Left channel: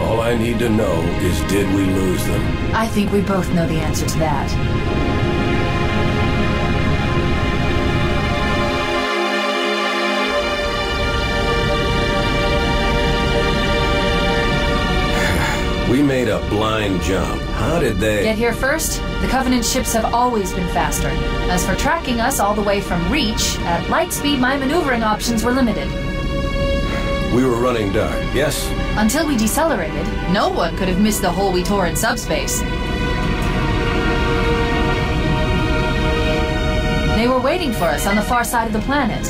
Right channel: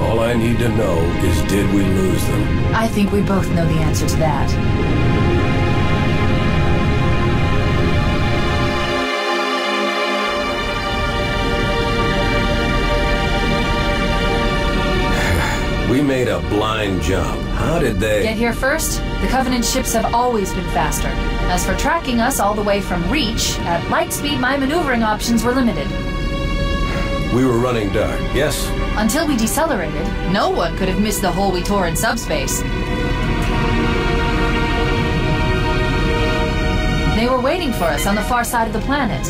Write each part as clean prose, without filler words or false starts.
All I need to know is, did we lose them? I think we both know the answer to that. We made a blind jump. How did they... Get here first? The Covenant ships have always been faster. As for tracking us all the way from Reach, at light speed my maneuvering options were limited. We were running dark, yes? Until we decelerated, no one could have missed the hole we tore in subspace. They were waiting for us on the far side of the planet.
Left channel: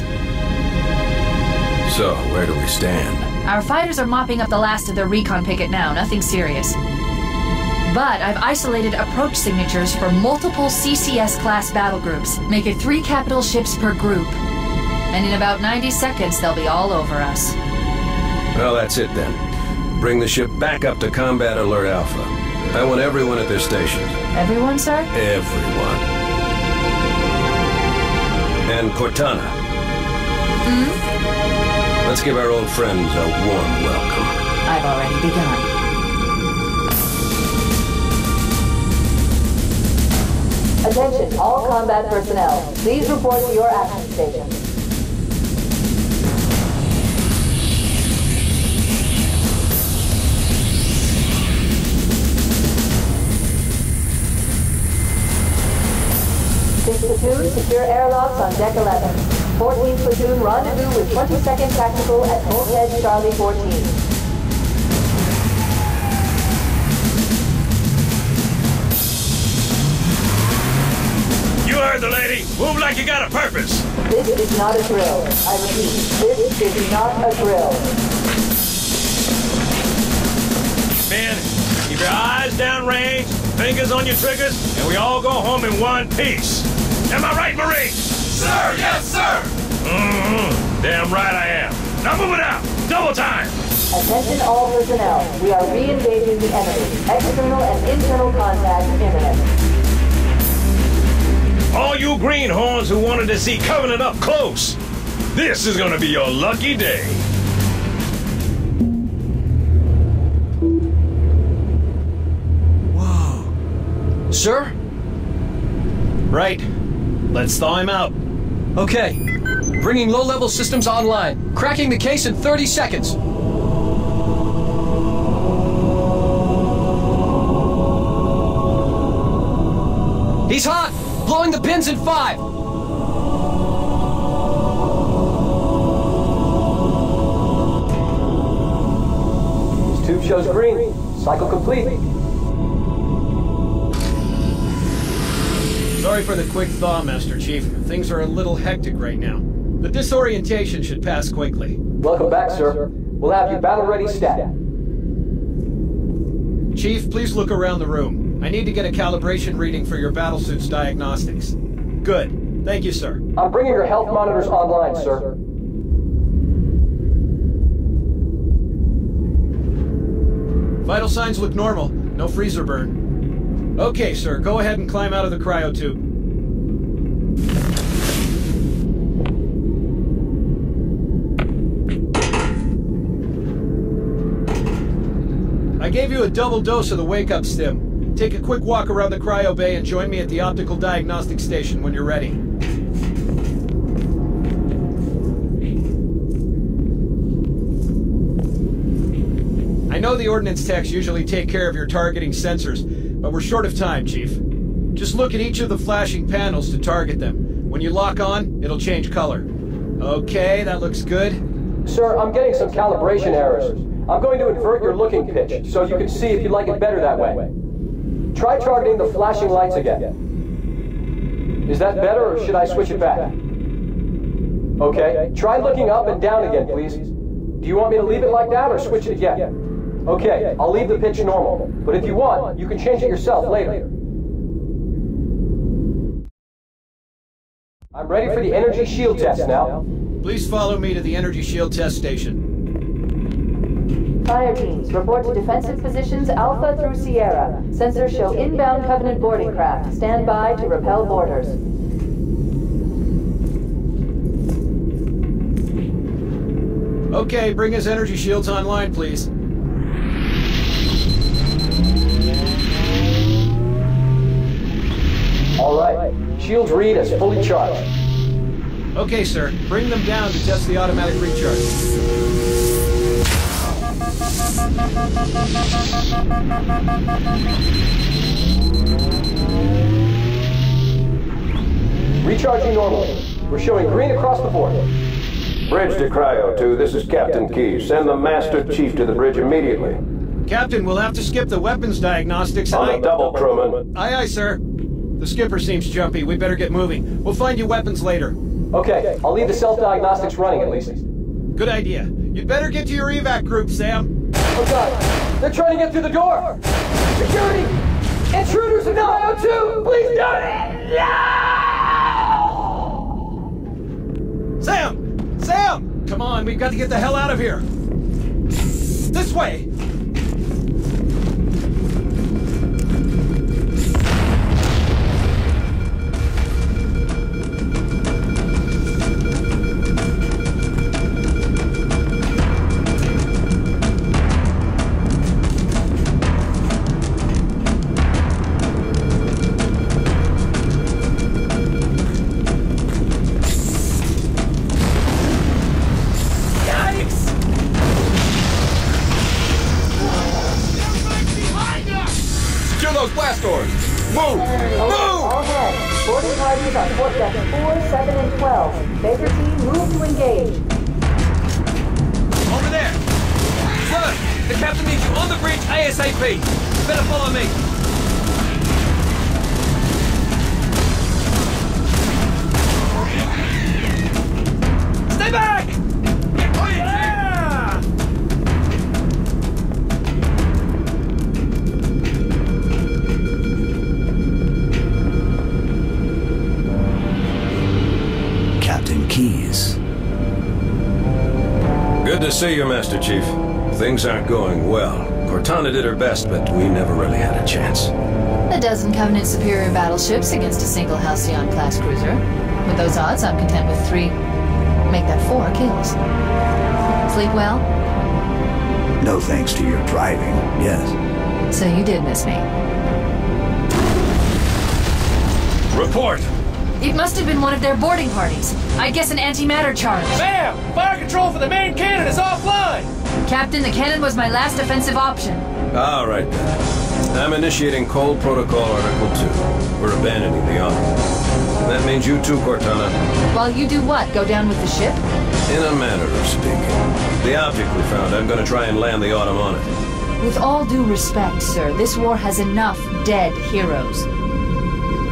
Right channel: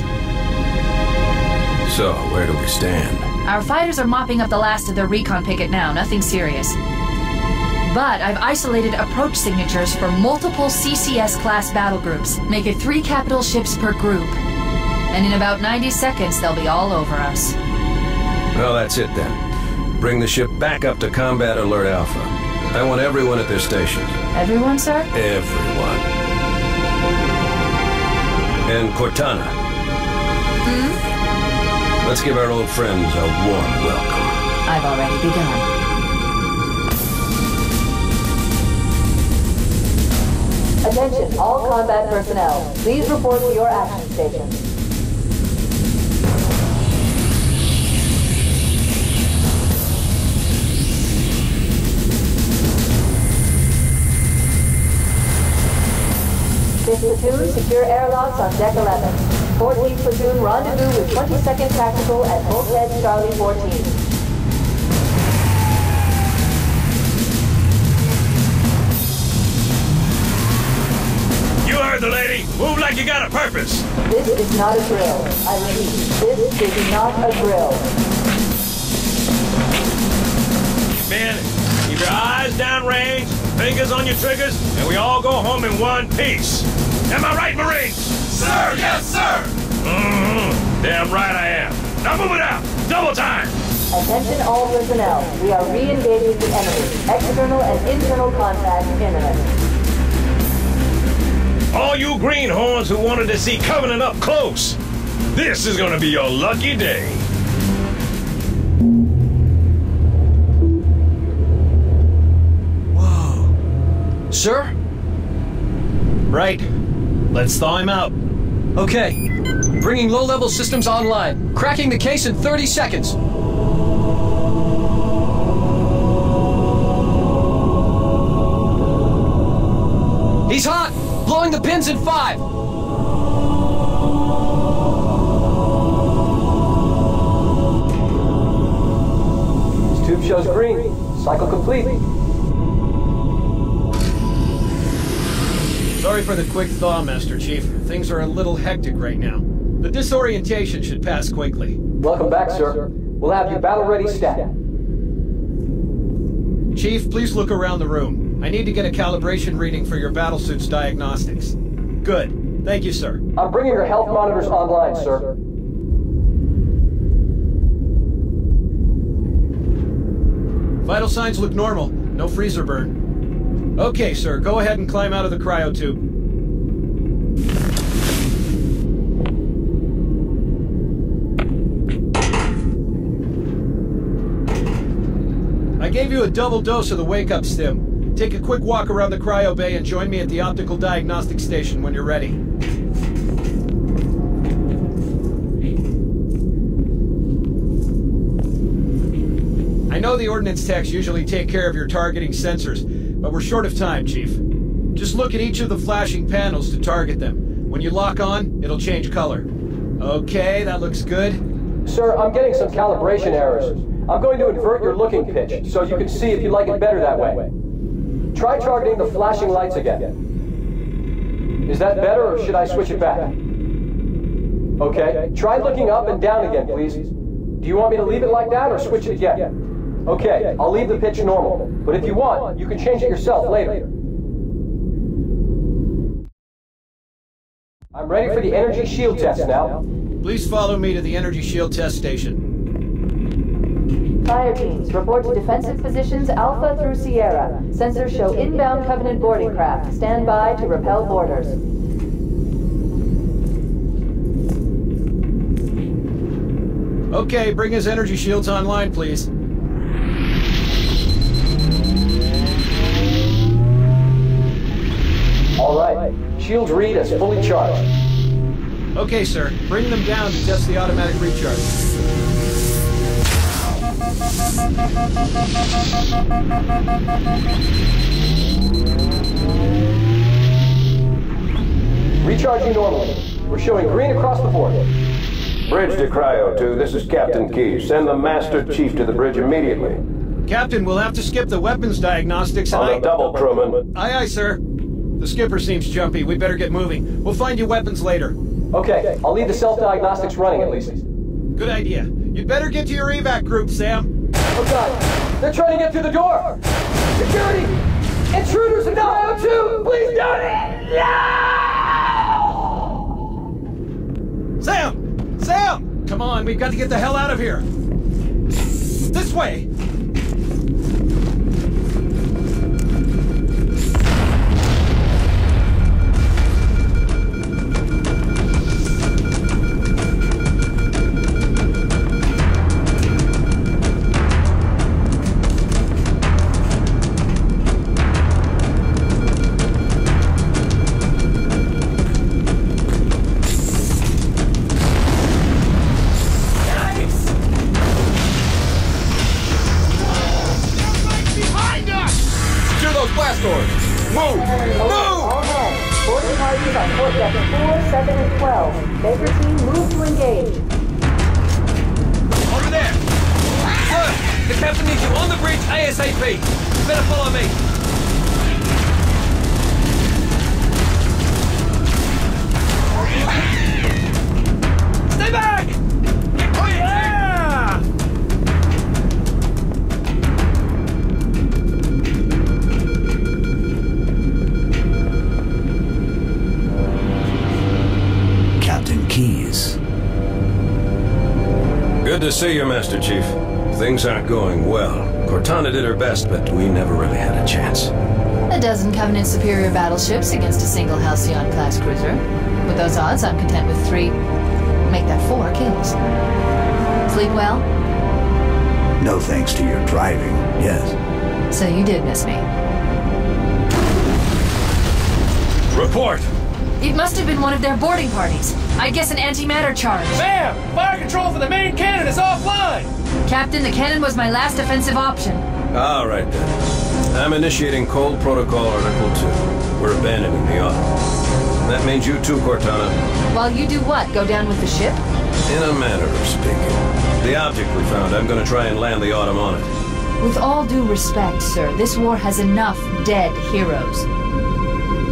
So, where do we stand? Our fighters are mopping up the last of their recon picket now, nothing serious. But I've isolated approach signatures for multiple CCS-class battle groups. Make it 3 capital ships per group. And in about 90 seconds, they'll be all over us. Well, that's it then. Bring the ship back up to Combat Alert Alpha. I want everyone at their stations. Everyone, sir? Everyone. And Cortana. Let's give our old friends a warm welcome. I've already begun. Attention, all combat personnel. Please report to your action stations. Platoon, secure airlocks on deck 11. 14th Platoon, rendezvous with 22nd Tactical at Bulkhead Charlie 14. You heard the lady. Move like you got a purpose. This is not a drill. I repeat, this is not a drill. Men, keep your eyes downrange, fingers on your triggers, and we all go home in one piece. Am I right, Marines? Sir, yes, sir! Damn right I am. Now move it out. Double time. Attention all personnel. We are re-engaging the enemy. External and internal contact imminent. All you greenhorns who wanted to see Covenant up close, this is gonna be your lucky day. Whoa. Sir? Right. Let's thaw him out. Okay. Bringing low-level systems online. Cracking the case in 30 seconds. He's hot! Blowing the pins in 5! This tube shows green. Cycle complete. Sorry for the quick thaw, Master Chief. Things are a little hectic right now. The disorientation should pass quickly. Welcome back, sir. We'll have you battle-ready stat. Chief, please look around the room. I need to get a calibration reading for your battlesuit's diagnostics. Good. Thank you, sir. I'm bringing your health monitors online, sir. Vital signs look normal. No freezer burn. Okay, sir. Go ahead and climb out of the cryotube. I gave you a double dose of the wake-up stim. Take a quick walk around the cryo bay and join me at the optical diagnostic station when you're ready. I know the ordnance techs usually take care of your targeting sensors, but we're short of time, Chief. Just look at each of the flashing panels to target them. When you lock on, it'll change color. Okay, that looks good. Sir, I'm getting some calibration errors. I'm going to invert your looking pitch, so you can see if you like it better that way. Try targeting the flashing lights again. Is that better, or should I switch it back? Okay, try looking up and down again, please. Do you want me to leave it like that, or switch it again? Okay, I'll leave the pitch normal, but if you want, you can change it yourself later. I'm ready for the energy shield test now. Please follow me to the energy shield test station. Fire teams, report to defensive positions Alpha through Sierra. Sensors show inbound Covenant boarding craft. Stand by to repel boarders. Okay, bring his energy shields online, please. All right. Shields read as fully charged. Okay, sir. Bring them down to test the automatic recharge. Recharging normally. We're showing green across the board. Bridge to Cryo 2, this is Captain Key. Send the Master Chief to the bridge immediately. Captain, we'll have to skip the weapons diagnostics and On the double, crewman. Aye, aye, sir. The skipper seems jumpy. We better get moving. We'll find you weapons later. Okay, I'll leave the self-diagnostics running at least. Good idea. You'd better get to your evac group, Sam. Oh God, they're trying to get through the door! Security! Intruders in the IO2! Please don't! No! Sam! Sam! Come on, we've got to get the hell out of here. This way! Good to see you, Master Chief. Things aren't going well. Cortana did her best, but we never really had a chance. A dozen Covenant superior battleships against a single Halcyon-class cruiser. With those odds, I'm content with 3. Make that 4 kills. Sleep well? No thanks to your driving, yes. So you did miss me. Report! It must have been one of their boarding parties. I guess an antimatter charge. Bam! Fire control for the main cannon is offline! Captain, the cannon was my last offensive option. All right, then. I'm initiating Cold Protocol Article 2. We're abandoning the Autumn. That means you too, Cortana. While you do what? Go down with the ship? In a manner of speaking. The object we found, I'm going to try and land the Autumn on it. With all due respect, sir, this war has enough dead heroes.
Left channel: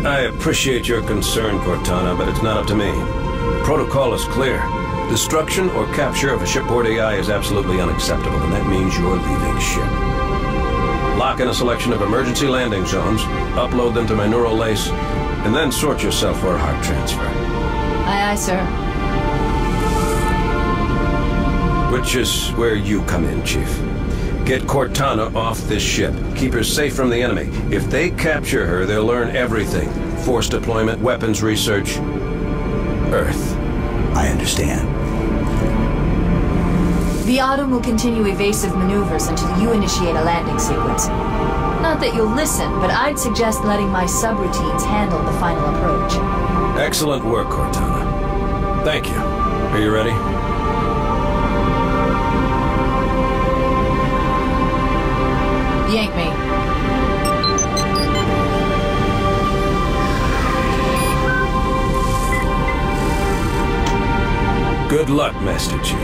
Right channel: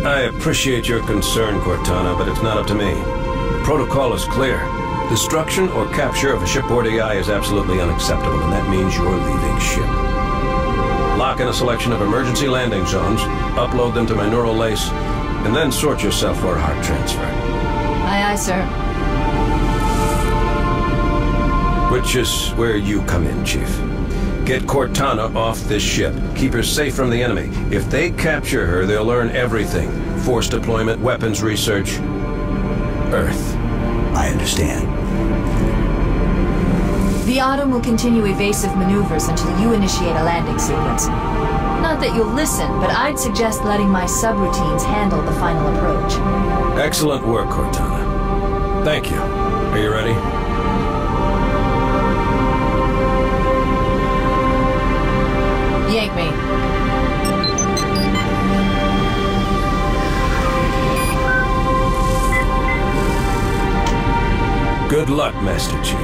I appreciate your concern, Cortana, but it's not up to me. Protocol is clear. Destruction or capture of a shipboard AI is absolutely unacceptable, and that means you're leaving ship. Lock in a selection of emergency landing zones, upload them to my neural lace, and then sort yourself for a heart transfer. Aye, aye, sir. Which is where you come in, Chief. Get Cortana off this ship. Keep her safe from the enemy. If they capture her, they'll learn everything. Force deployment, weapons research, Earth. I understand. The Autumn will continue evasive maneuvers until you initiate a landing sequence. Not that you'll listen, but I'd suggest letting my subroutines handle the final approach. Excellent work, Cortana. Thank you. Are you ready? Yank me. Good luck, Master Chief.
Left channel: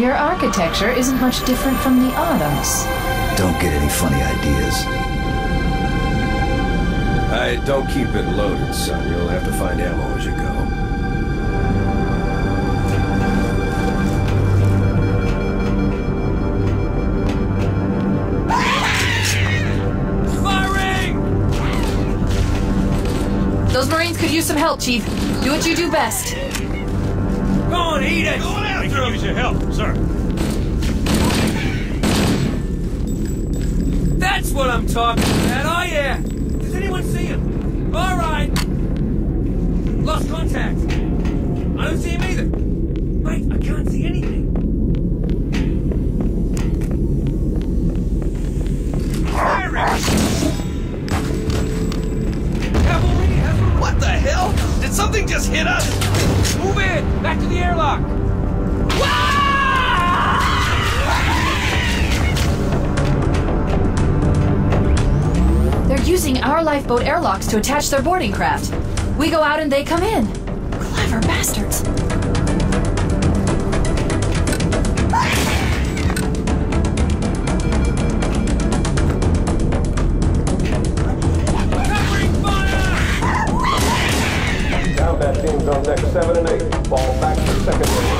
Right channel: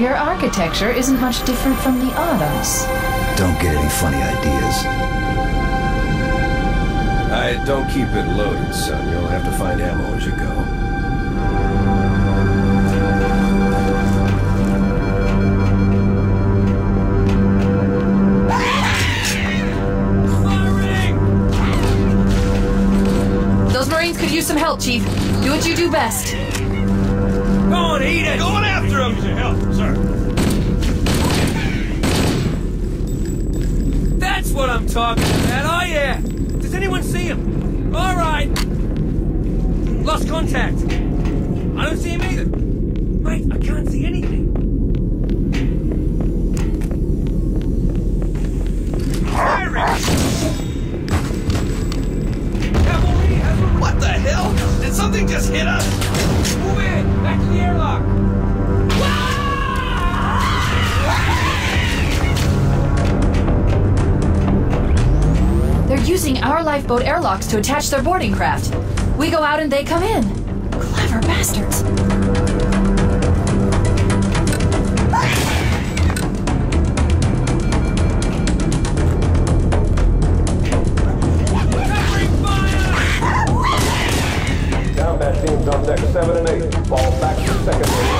Your architecture isn't much different from the Autumn's. Don't get any funny ideas. I don't keep it loaded, son. You'll have to find ammo as you go. Those Marines could use some help, Chief. Do what you do best. Go on, eat it! Going after him! Use your help, sir. That's what I'm talking about, oh yeah! Does anyone see him? All right! Lost contact. I don't see him either. Mate, I can't see anything. What the hell? Did something just hit us? Move in! Back to the airlock! They're using our lifeboat airlocks to attach their boarding craft. We go out and they come in. Clever bastards. Combat teams on deck 7 and 8. Fall back to secondary.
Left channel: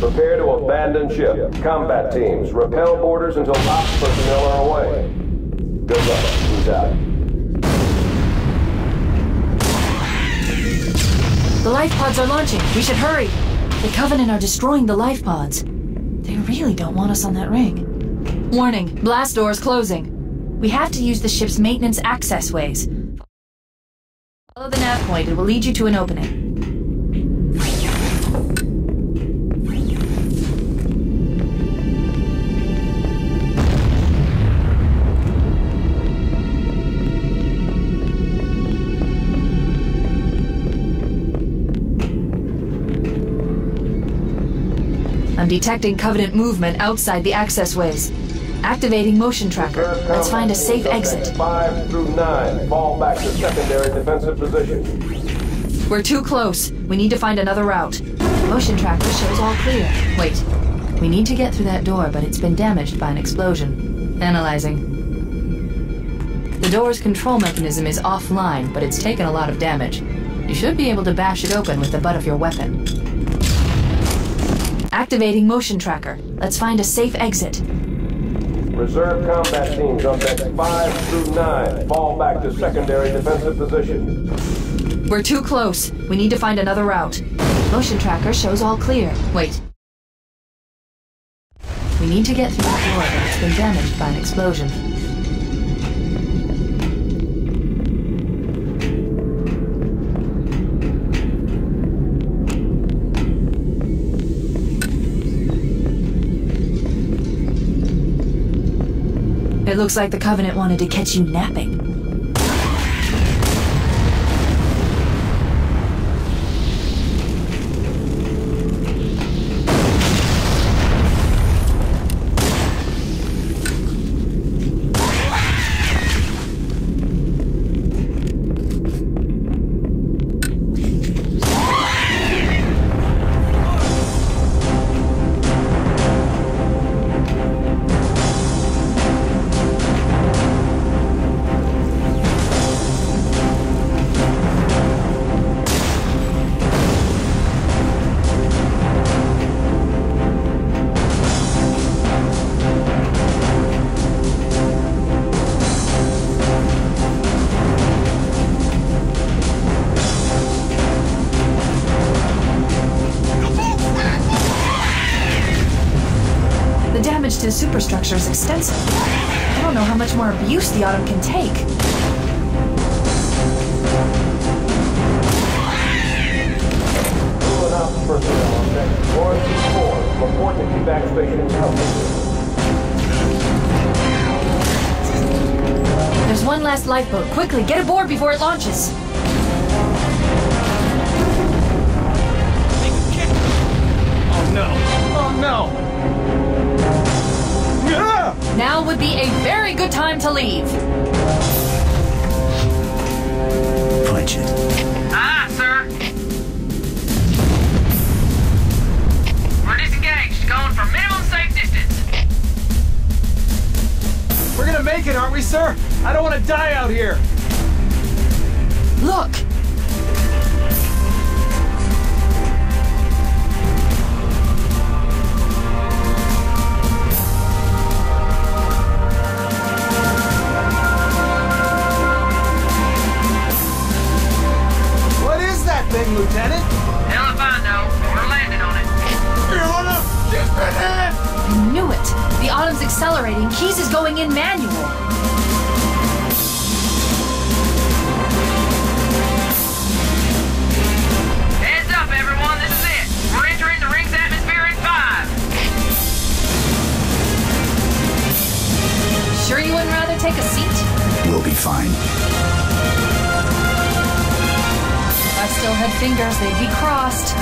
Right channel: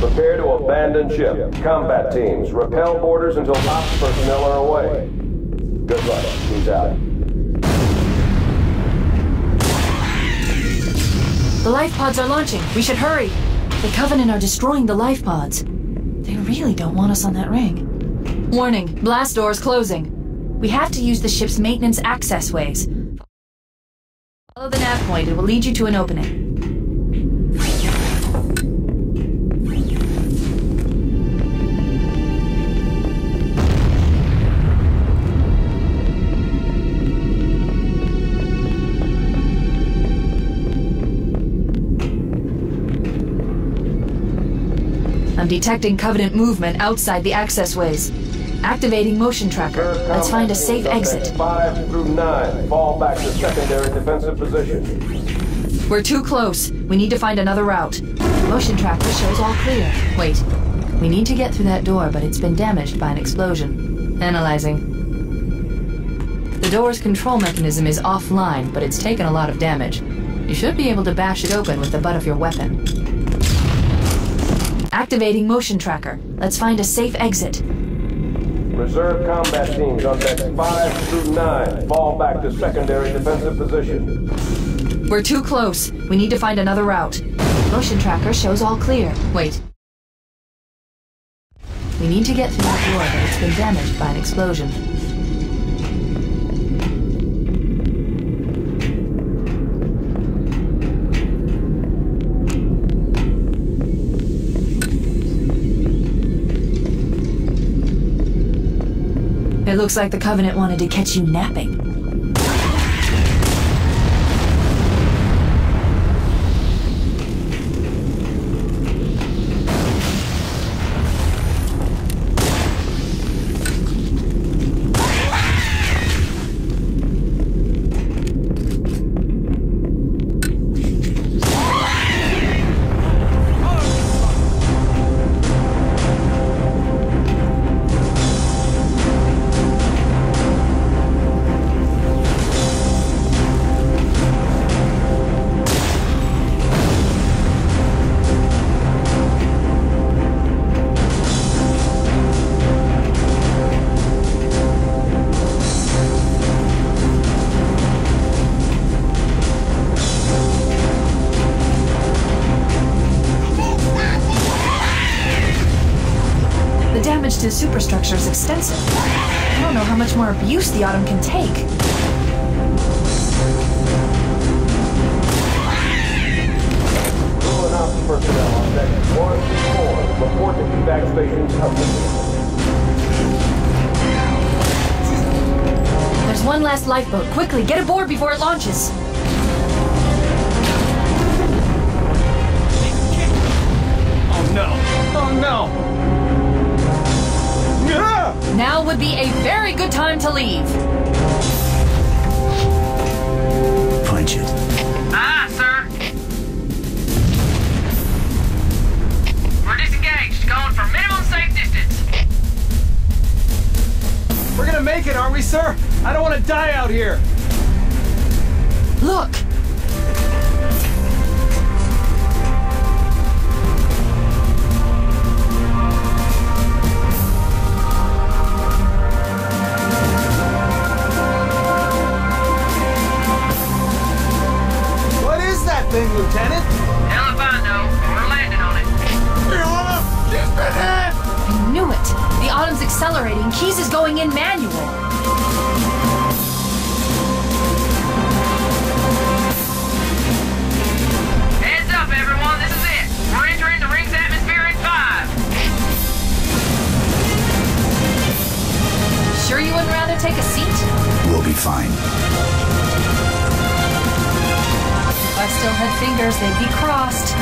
Prepare to abandon ship. Combat teams, repel boarders until ops personnel are away. Good luck. Who's out? The life pods are launching. We should hurry. The Covenant are destroying the life pods. They really don't want us on that ring. Warning, blast doors closing. We have to use the ship's maintenance access ways. Follow the nav point. It will lead you to an opening. I'm detecting Covenant movement outside the access ways. Activating motion tracker. Let's find a safe exit. 5 through 9. Fall back to secondary defensive position. We're too close. We need to find another route. Motion tracker shows all clear. Wait. We need to get through that door, but it's been damaged by an explosion. Analyzing. The door's control mechanism is offline, but it's taken a lot of damage. You should be able to bash it open with the butt of your weapon. Activating motion tracker. Let's find a safe exit. Reserve combat teams on decks 5 through 9. Fall back to secondary defensive position. We're too close. We need to find another route. Motion tracker shows all clear. Wait. We need to get through that door, but it's been damaged by an explosion. It looks like the Covenant wanted to catch you napping. superstructure is extensive. I don't know how much more abuse the Autumn can take. Personnel on deck 1 4. Report to evac station complete. There's one last lifeboat. Quickly, get aboard before it launches. Oh no! Oh no! Ah! Now would be a very good time to leave. Punch it. Ah, sir. We're disengaged, going for minimum safe distance. We're gonna make it, aren't we, sir? I don't want to die out here. Look! What is that thing, Lieutenant? Hell if I know, but we're landing on it. Your Honor, just ahead! I knew it. The Autumn's accelerating. Keys is going in manual. Heads up, everyone. This is it. We're entering the ring's atmosphere in 5. Sure you wouldn't rather take a seat? We'll be fine. If I still had fingers, they'd be crossed.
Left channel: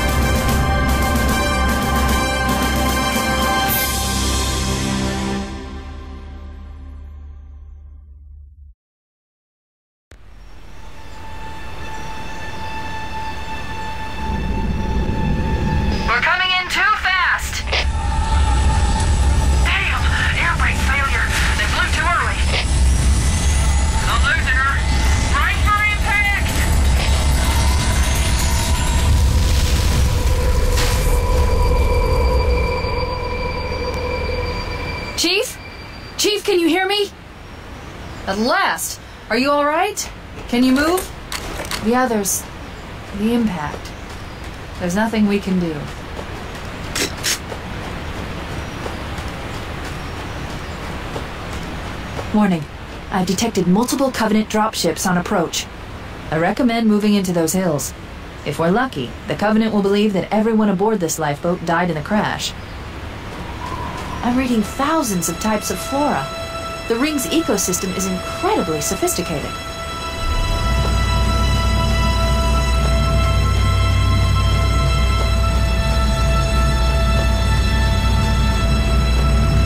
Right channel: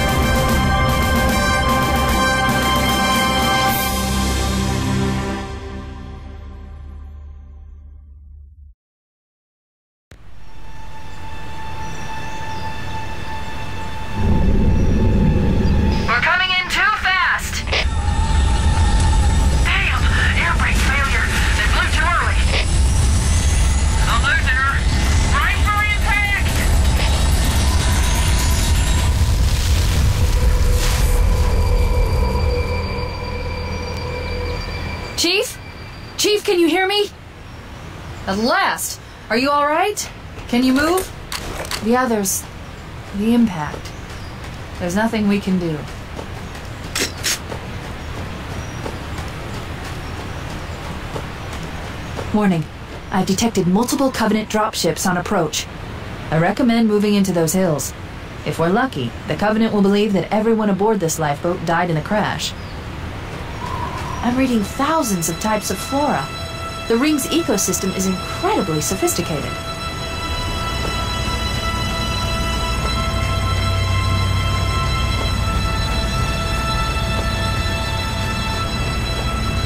We're coming in too fast. Damn! Air brake failure. They blew too early. I'm losing her. Brace for impact! Chief? Chief, can you hear me? At last! Are you alright? Can you move? The others. The impact. There's nothing we can do. Warning. I've detected multiple Covenant dropships on approach. I recommend moving into those hills. If we're lucky, the Covenant will believe that everyone aboard this lifeboat died in the crash. I'm reading thousands of types of flora. The ring's ecosystem is incredibly sophisticated.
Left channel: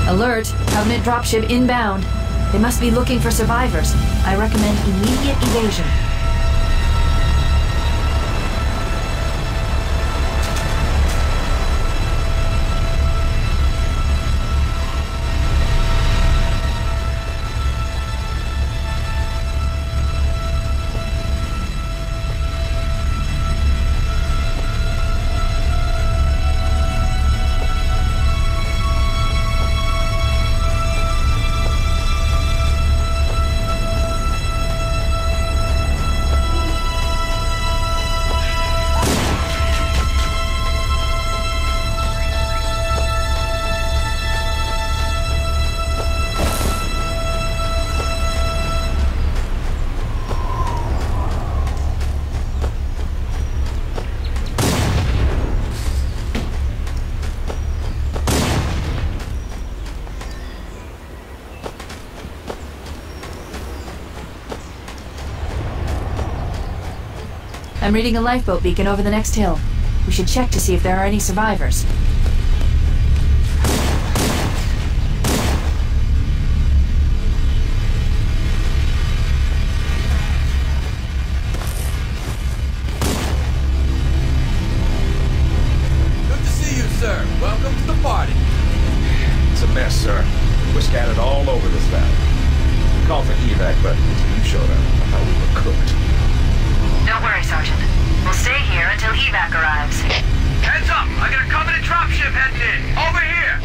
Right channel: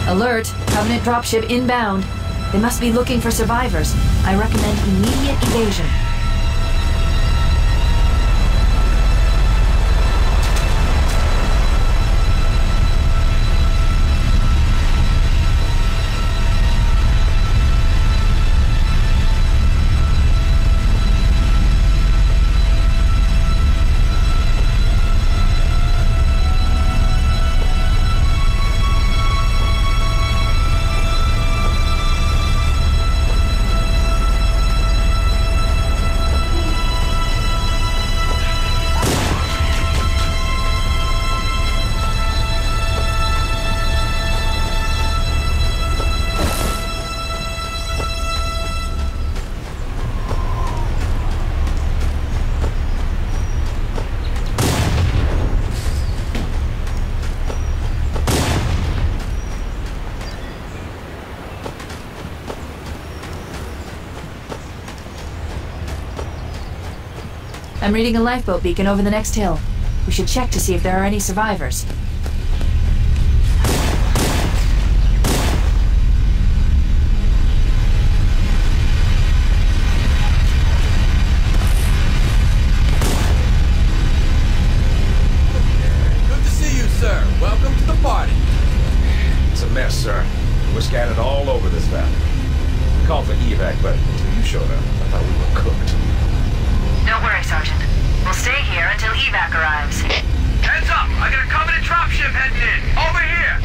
Alert! Covenant dropship inbound. They must be looking for survivors. I recommend immediate evasion. I'm reading a lifeboat beacon over the next hill. We should check to see if there are any survivors. Good to see you, sir. Welcome to the party. It's a mess, sir. We're scattered all over this valley. We called for evac, but until you showed up, I thought we were cooked. Don't worry, Sergeant. We'll stay here until evac arrives. Heads up! I got a Covenant dropship heading in. Over here!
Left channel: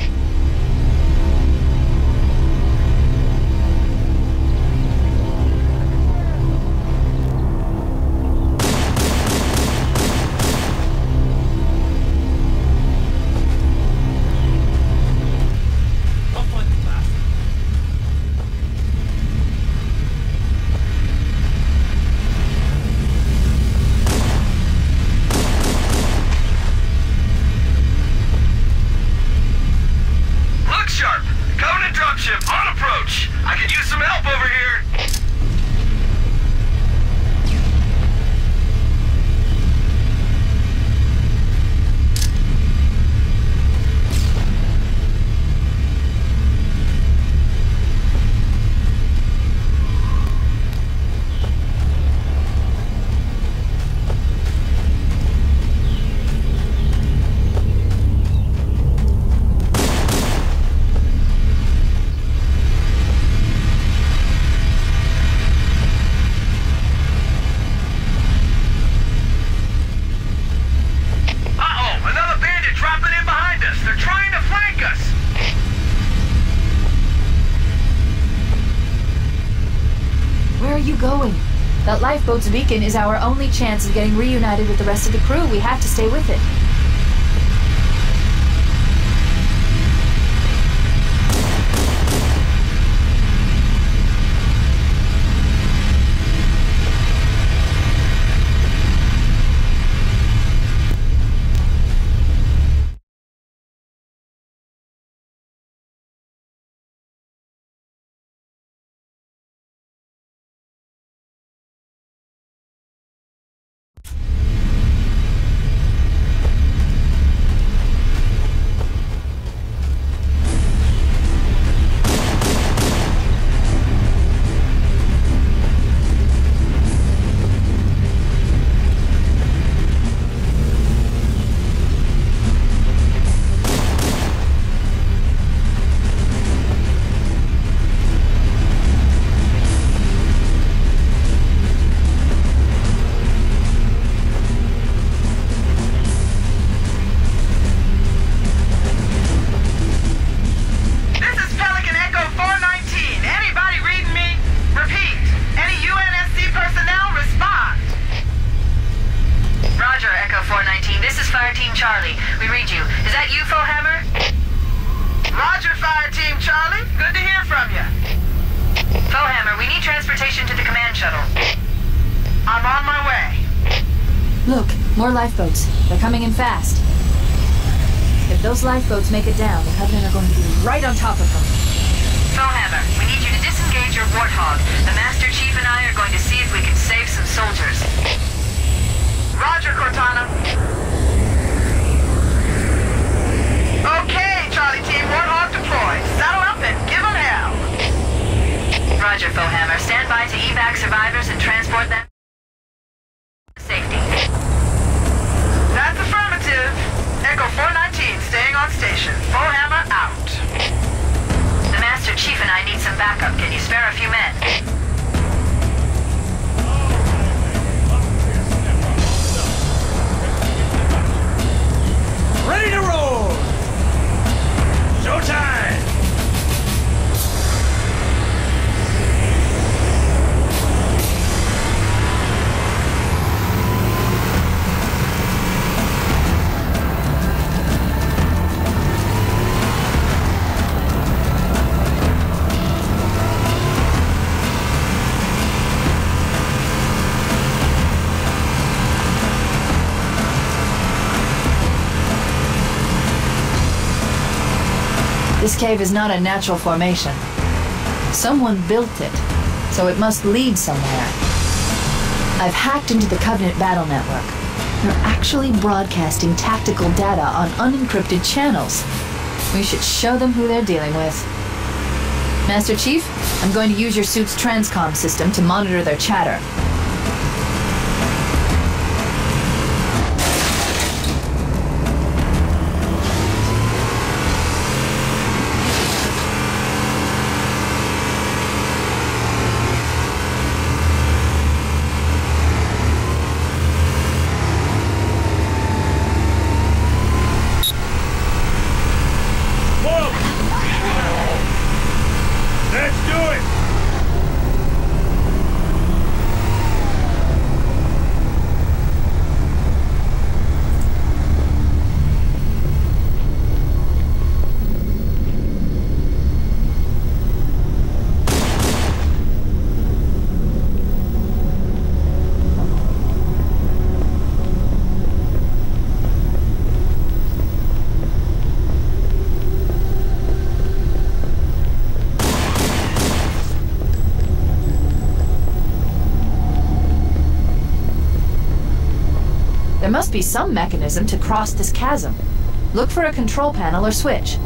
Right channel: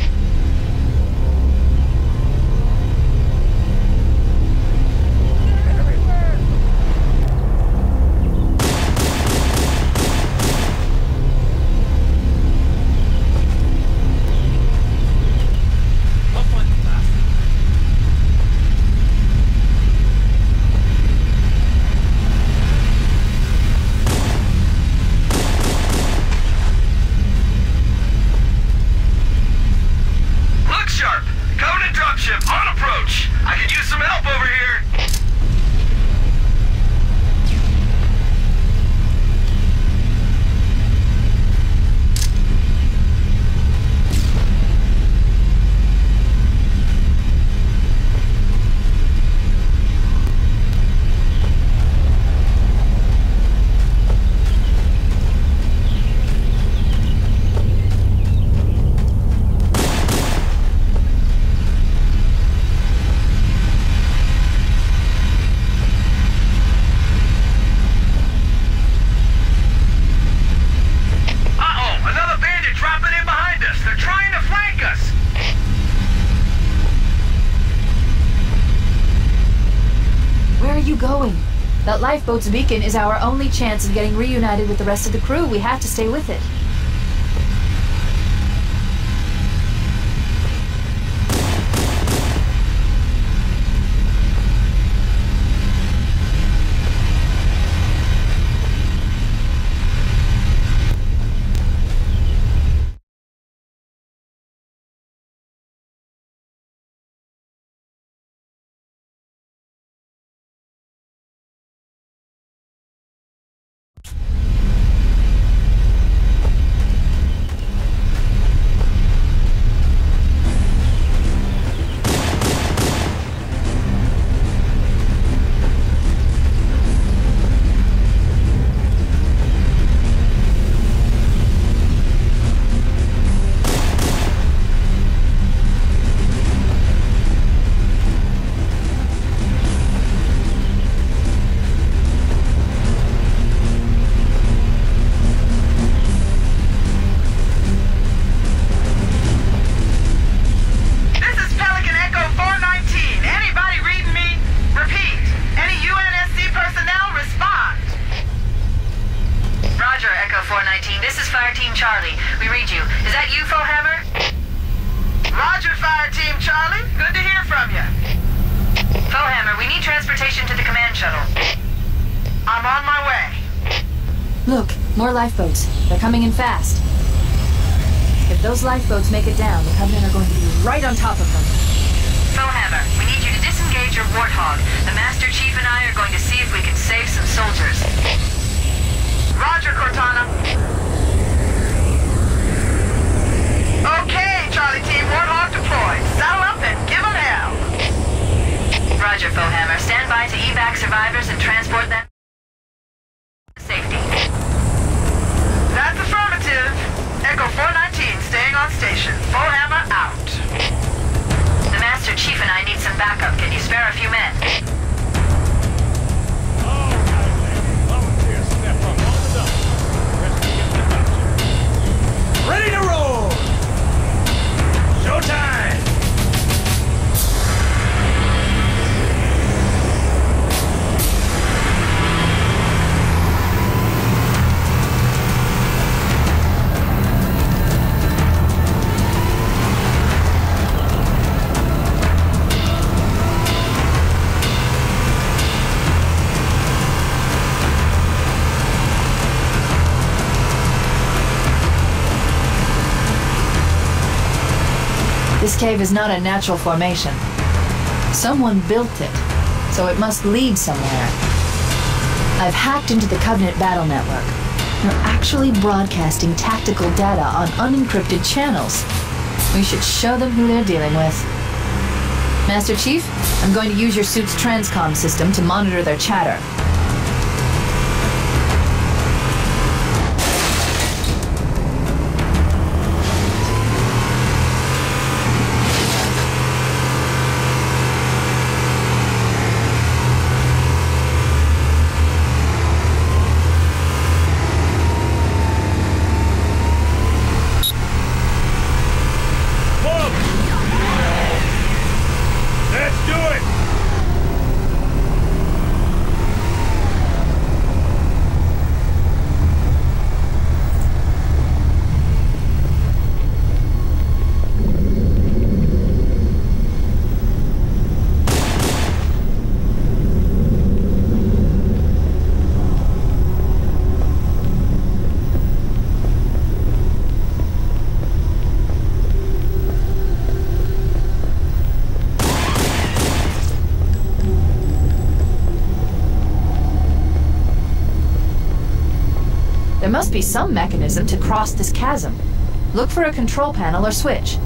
That lifeboat's beacon is our only chance of getting reunited with the rest of the crew. We have to stay with it. More lifeboats. They're coming in fast. If those lifeboats make it down, the Covenant are going to be right on top of them. Foehammer, we need you to disengage your Warthog. The Master Chief and I are going to see if we can save some soldiers. Roger, Cortana. Okay, Charlie Team, Warthog deployed. Saddle up and give them hell. Roger, Foehammer. Stand by to evac survivors and transport them to safety. That's affirmative. Echo 419 staying on station. Foehammer out. The Master Chief and I need some backup. Can you spare a few men? Ready to roll! Showtime! This cave is not a natural formation. Someone built it, so it must lead somewhere. I've hacked into the Covenant battle network. They're actually broadcasting tactical data on unencrypted channels. We should show them who they're dealing with. Master Chief, I'm going to use your suit's transcom system to monitor their chatter. There must be some mechanism to cross this chasm. Look for a control panel or switch.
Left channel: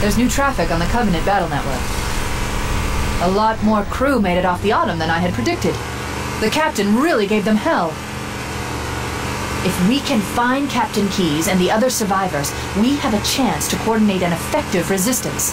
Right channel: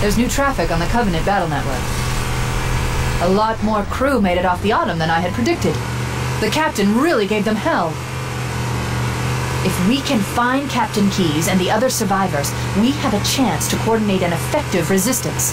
There's new traffic on the Covenant battle network. A lot more crew made it off the Autumn than I had predicted. The captain really gave them hell. If we can find Captain Keyes and the other survivors, we have a chance to coordinate an effective resistance.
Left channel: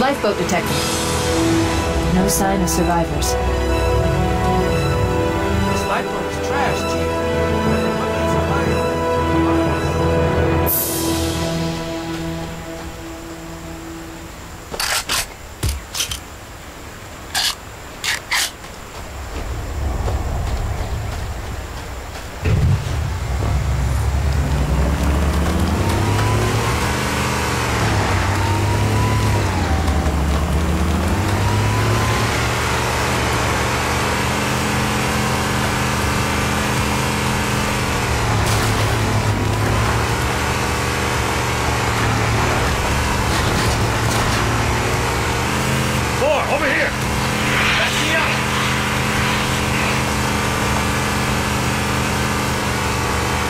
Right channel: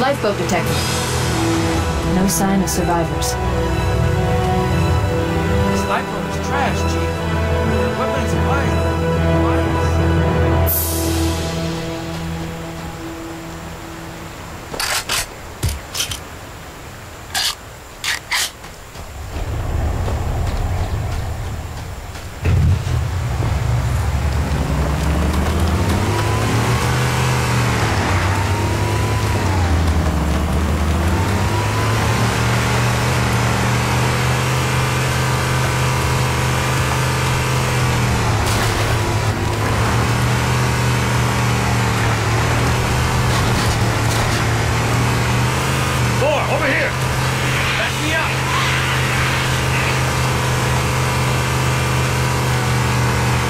Lifeboat detected. No sign of survivors. This lifeboat is trash, Chief. Their equipment is away.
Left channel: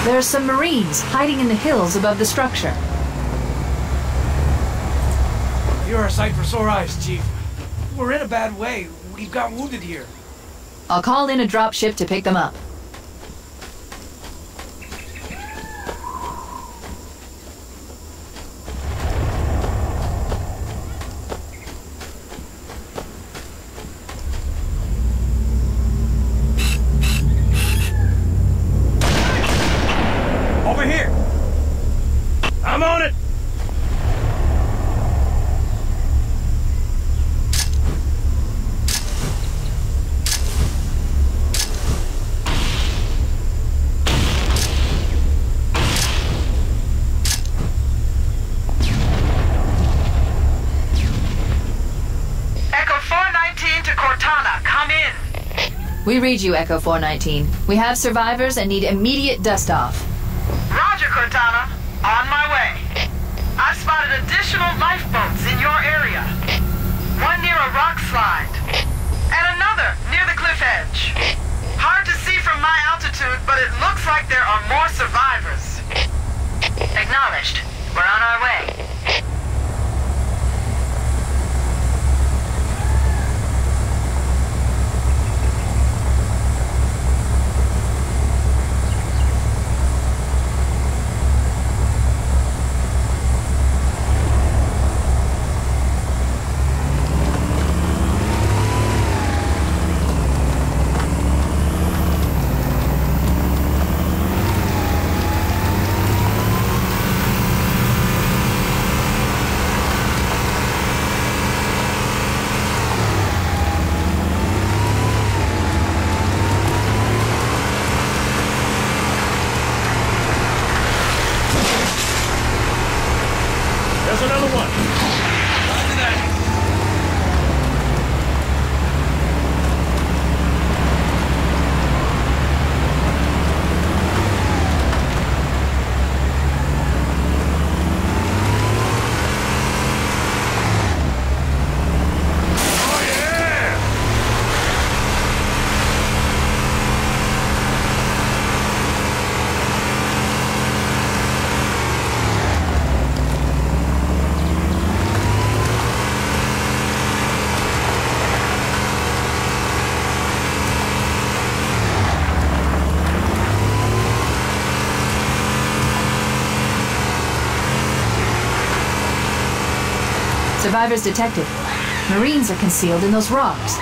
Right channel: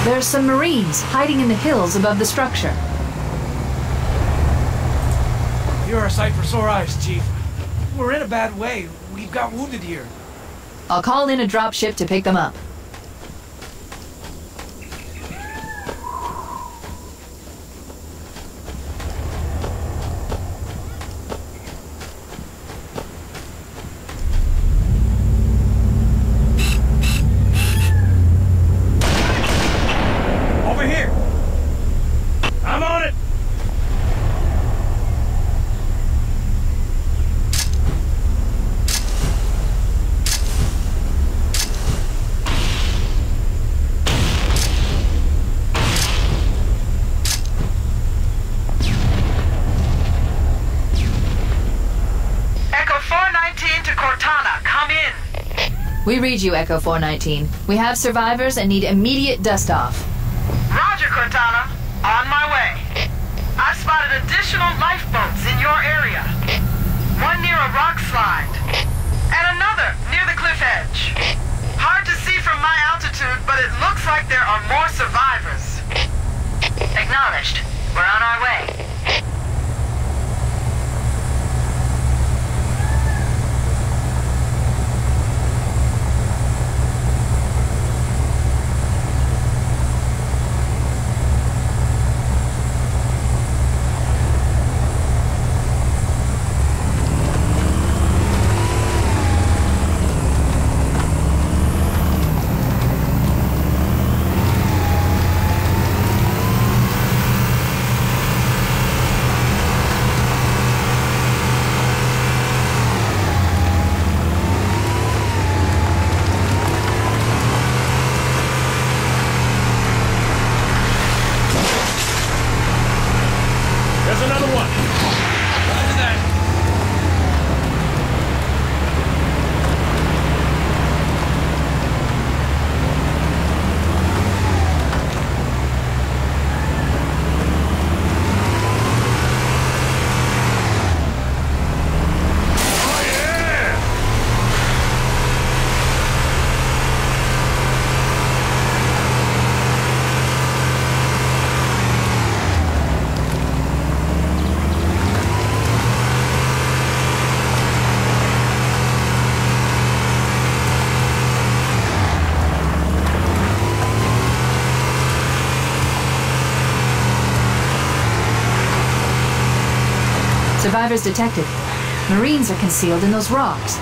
There are some Marines hiding in the hills above the structure. You're a sight for sore eyes, Chief. We're in a bad way. We've got wounded here. I'll call in a dropship to pick them up. We read you, Echo 419. We have survivors and need immediate dust-off. Roger, Cortana. On my way. I've spotted additional lifeboats in your area. One near a rock slide, and another near the cliff edge. Hard to see from my altitude, but it looks like there are more survivors. Acknowledged. We're on our way. Survivors detected. Marines are concealed in those rocks.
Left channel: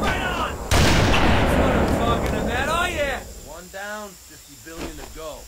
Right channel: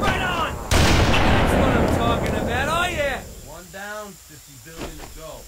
Right on! That's what I'm talking about, oh yeah! One down, 50 billion to go.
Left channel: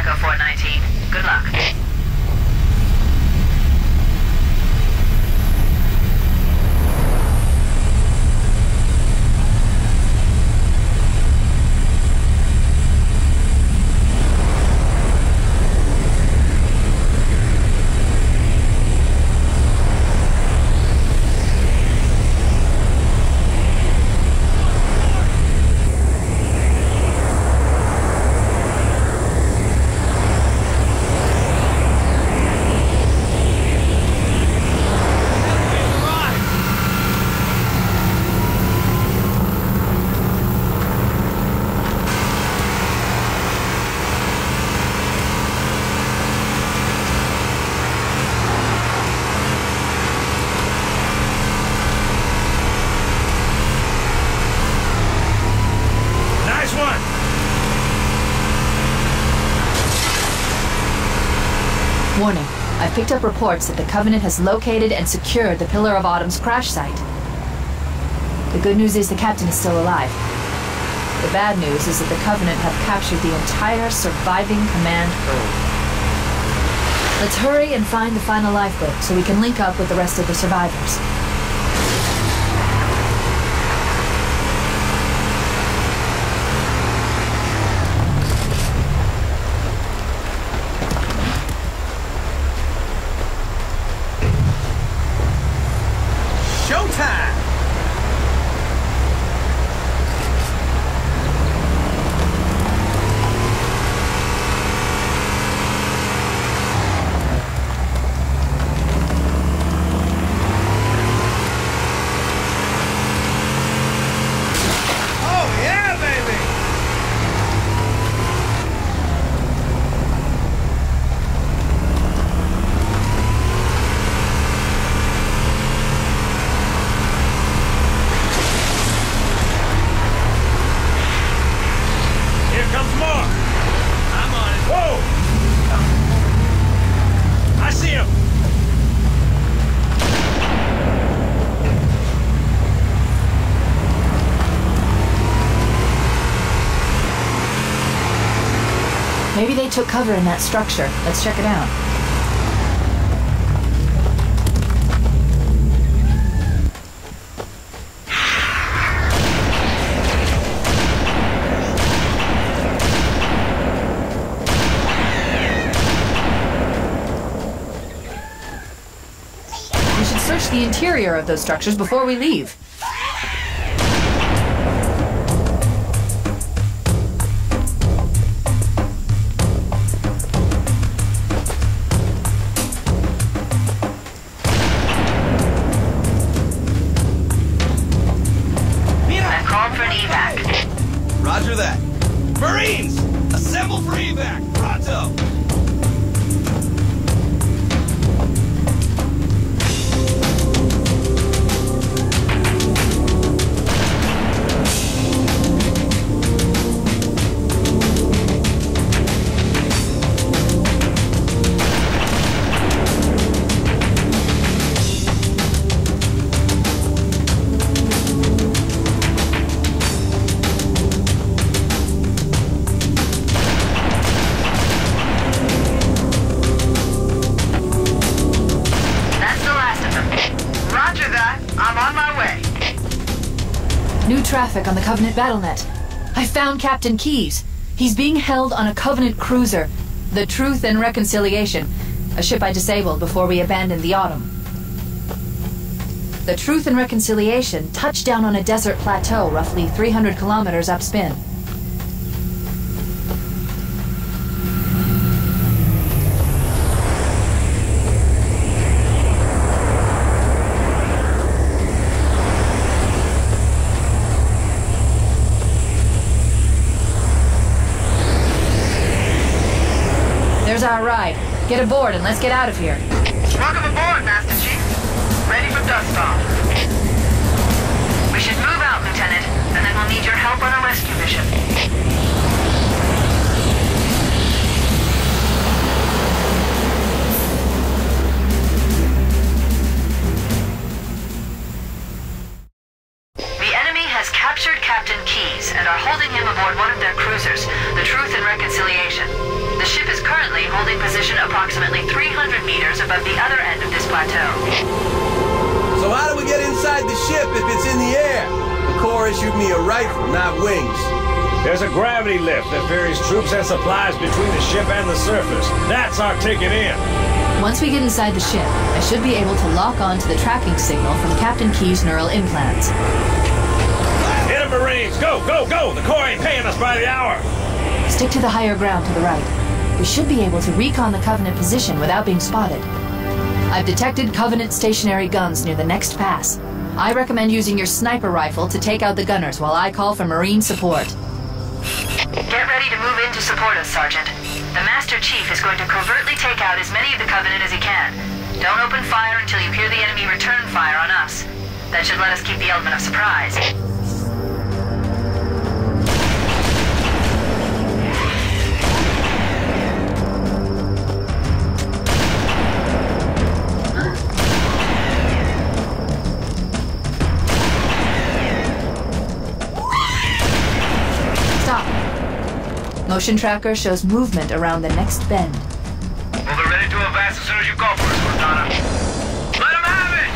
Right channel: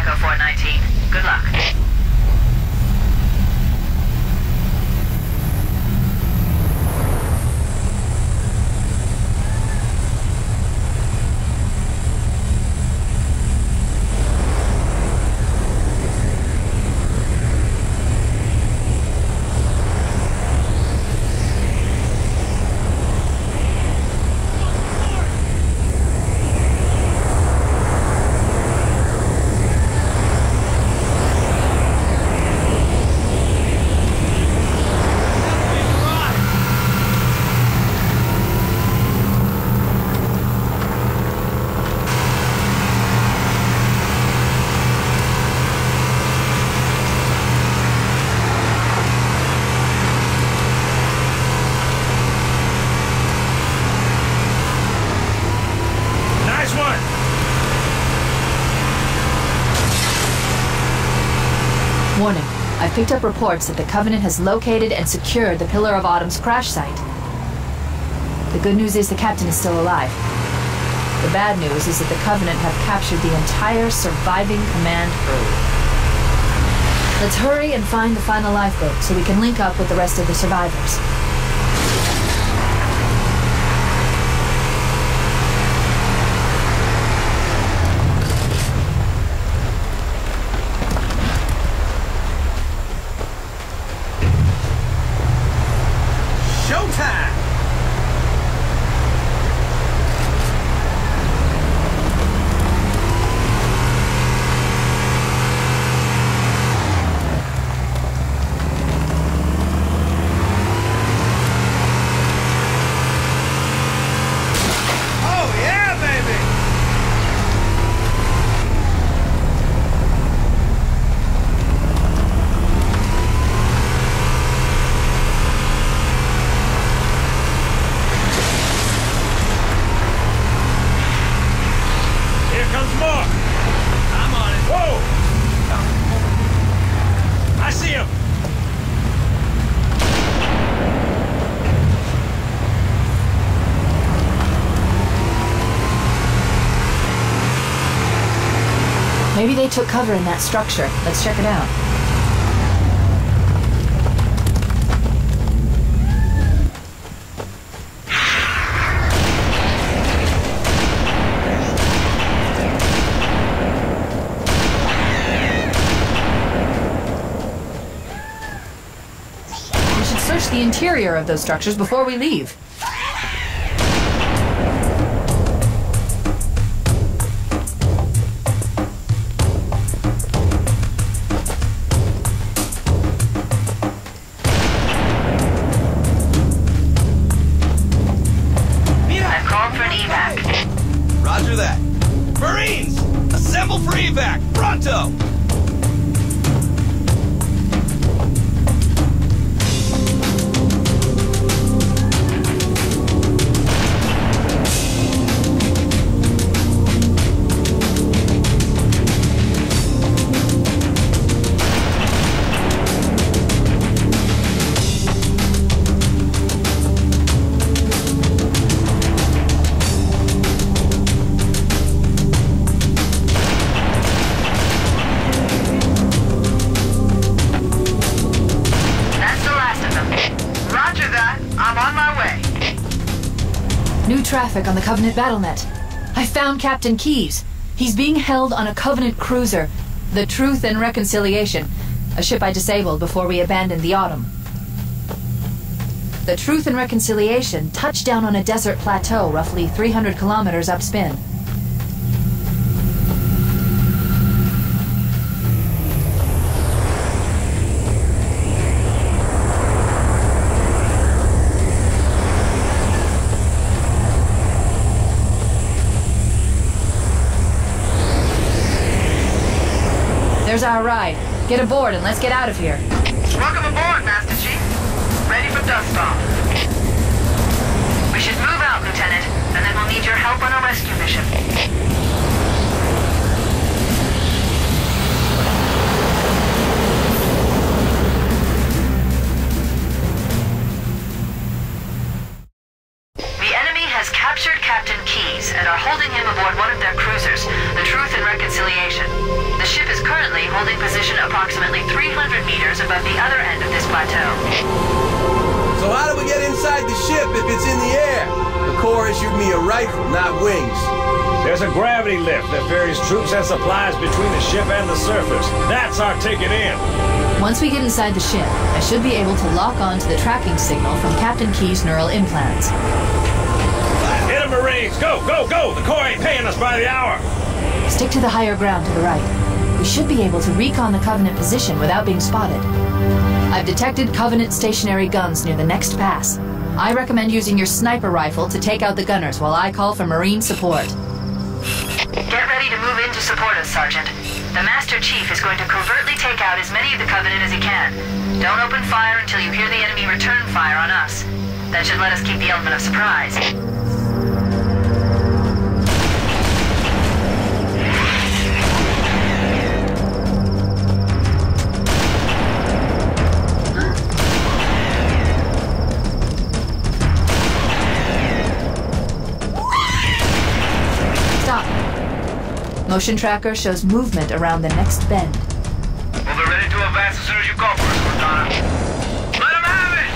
Echo 419. Good luck. Warning. I've picked up reports that the Covenant has located and secured the Pillar of Autumn's crash site. The good news is the captain is still alive. The bad news is that the Covenant have captured the entire surviving command crew. Let's hurry and find the final lifeboat so we can link up with the rest of the survivors. Maybe they took cover in that structure. Let's check it out. We should search the interior of those structures before we leave. Roger that. Marines! Assemble for evac! Pronto! New traffic on the Covenant BattleNet. I found Captain Keyes. He's being held on a Covenant cruiser, the Truth and Reconciliation, a ship I disabled before we abandoned the Autumn. The Truth and Reconciliation touched down on a desert plateau roughly 300 kilometers upspin. There's our ride. Get aboard and let's get out of here. Welcome aboard, Master Chief. Ready for dust off. We should move out, Lieutenant, and then we'll need your help on a rescue mission. The enemy has captured Captain Keyes and are holding him aboard one of their cruisers, the Truth and Reconciliation. The ship is holding position approximately 300 meters above the other end of this plateau. So how do we get inside the ship if it's in the air? The Corps issued me a rifle, not wings. There's a gravity lift that ferries troops and supplies between the ship and the surface. That's our ticket in. Once we get inside the ship, I should be able to lock on to the tracking signal from Captain Key's neural implants. Hit 'em, Marines! Go, go, go! The Corps ain't paying us by the hour! Stick to the higher ground to the right. We should be able to recon the Covenant position without being spotted. I've detected Covenant stationary guns near the next pass. I recommend using your sniper rifle to take out the gunners while I call for Marine support. Get ready to move in to support us, Sergeant. The Master Chief is going to covertly take out as many of the Covenant as he can. Don't open fire until you hear the enemy return fire on us. That should let us keep the element of surprise. Motion tracker shows movement around the next bend. Well, they're ready to advance as soon as you call for us, Cortana. Let them have it!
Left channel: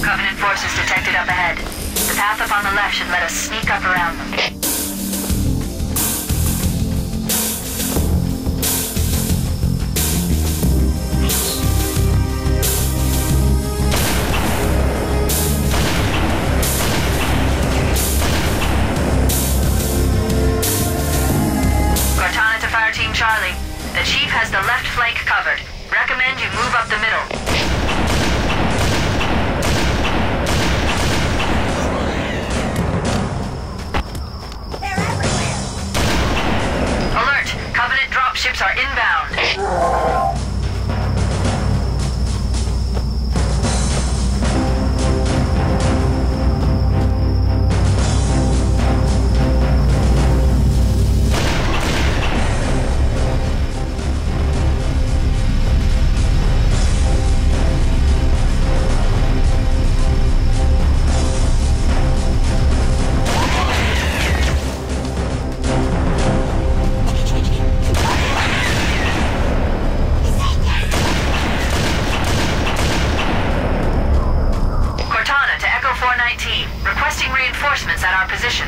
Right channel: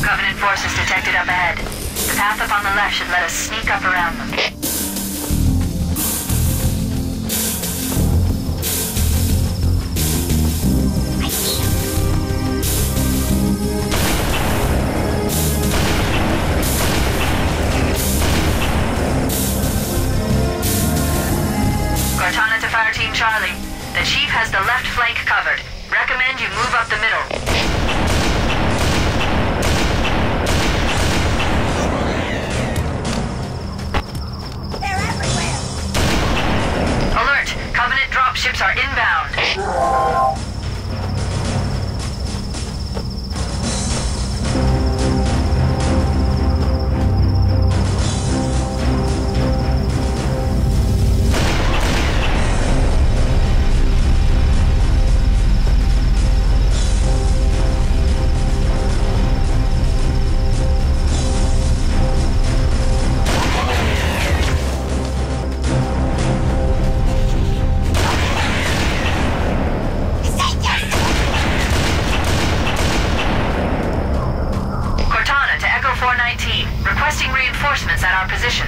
Covenant forces detected up ahead. The path up on the left should let us sneak up around them. Team Charlie, the Chief has the left flank covered. Recommend you move up the middle. They're everywhere! Alert! Covenant dropships are inbound. Requesting reinforcements at our position.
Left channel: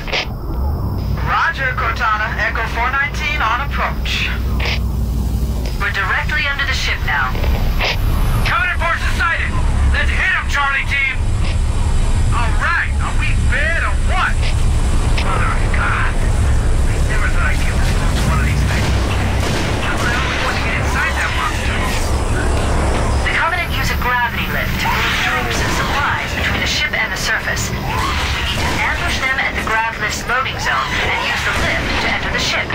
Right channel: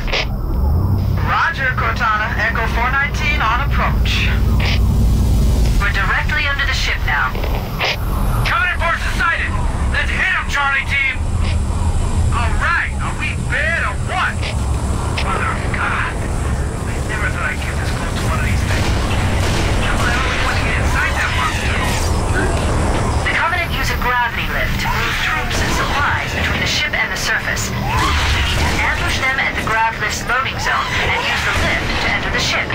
Roger, Cortana. Echo 419 on approach. We're directly under the ship now. Covenant forces sighted! Let's hit them, Charlie team! Alright, are we bad or what? Mother of God. I never thought I'd get this close to one of these things. How the hell are we going to get inside that monster? The Covenant use a gravity lift to move troops and supplies between the ship and the surface. We need to ambush them at the grav lift's loading zone and use the lift to enter the ship.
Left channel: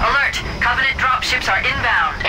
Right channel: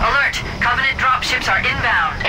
Alert! Covenant dropships are inbound.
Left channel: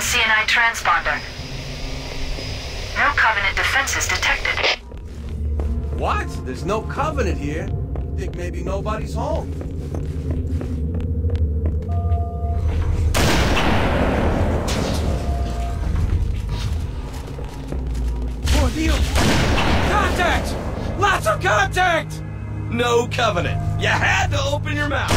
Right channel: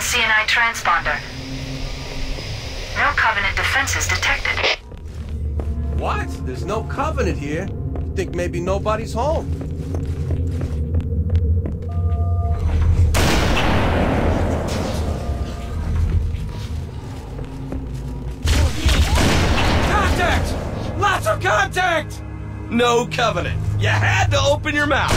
CNI transponder. No Covenant defenses detected. What? There's no Covenant here. I think maybe nobody's home. Contact! Lots of contact! No Covenant. You had to open your mouth.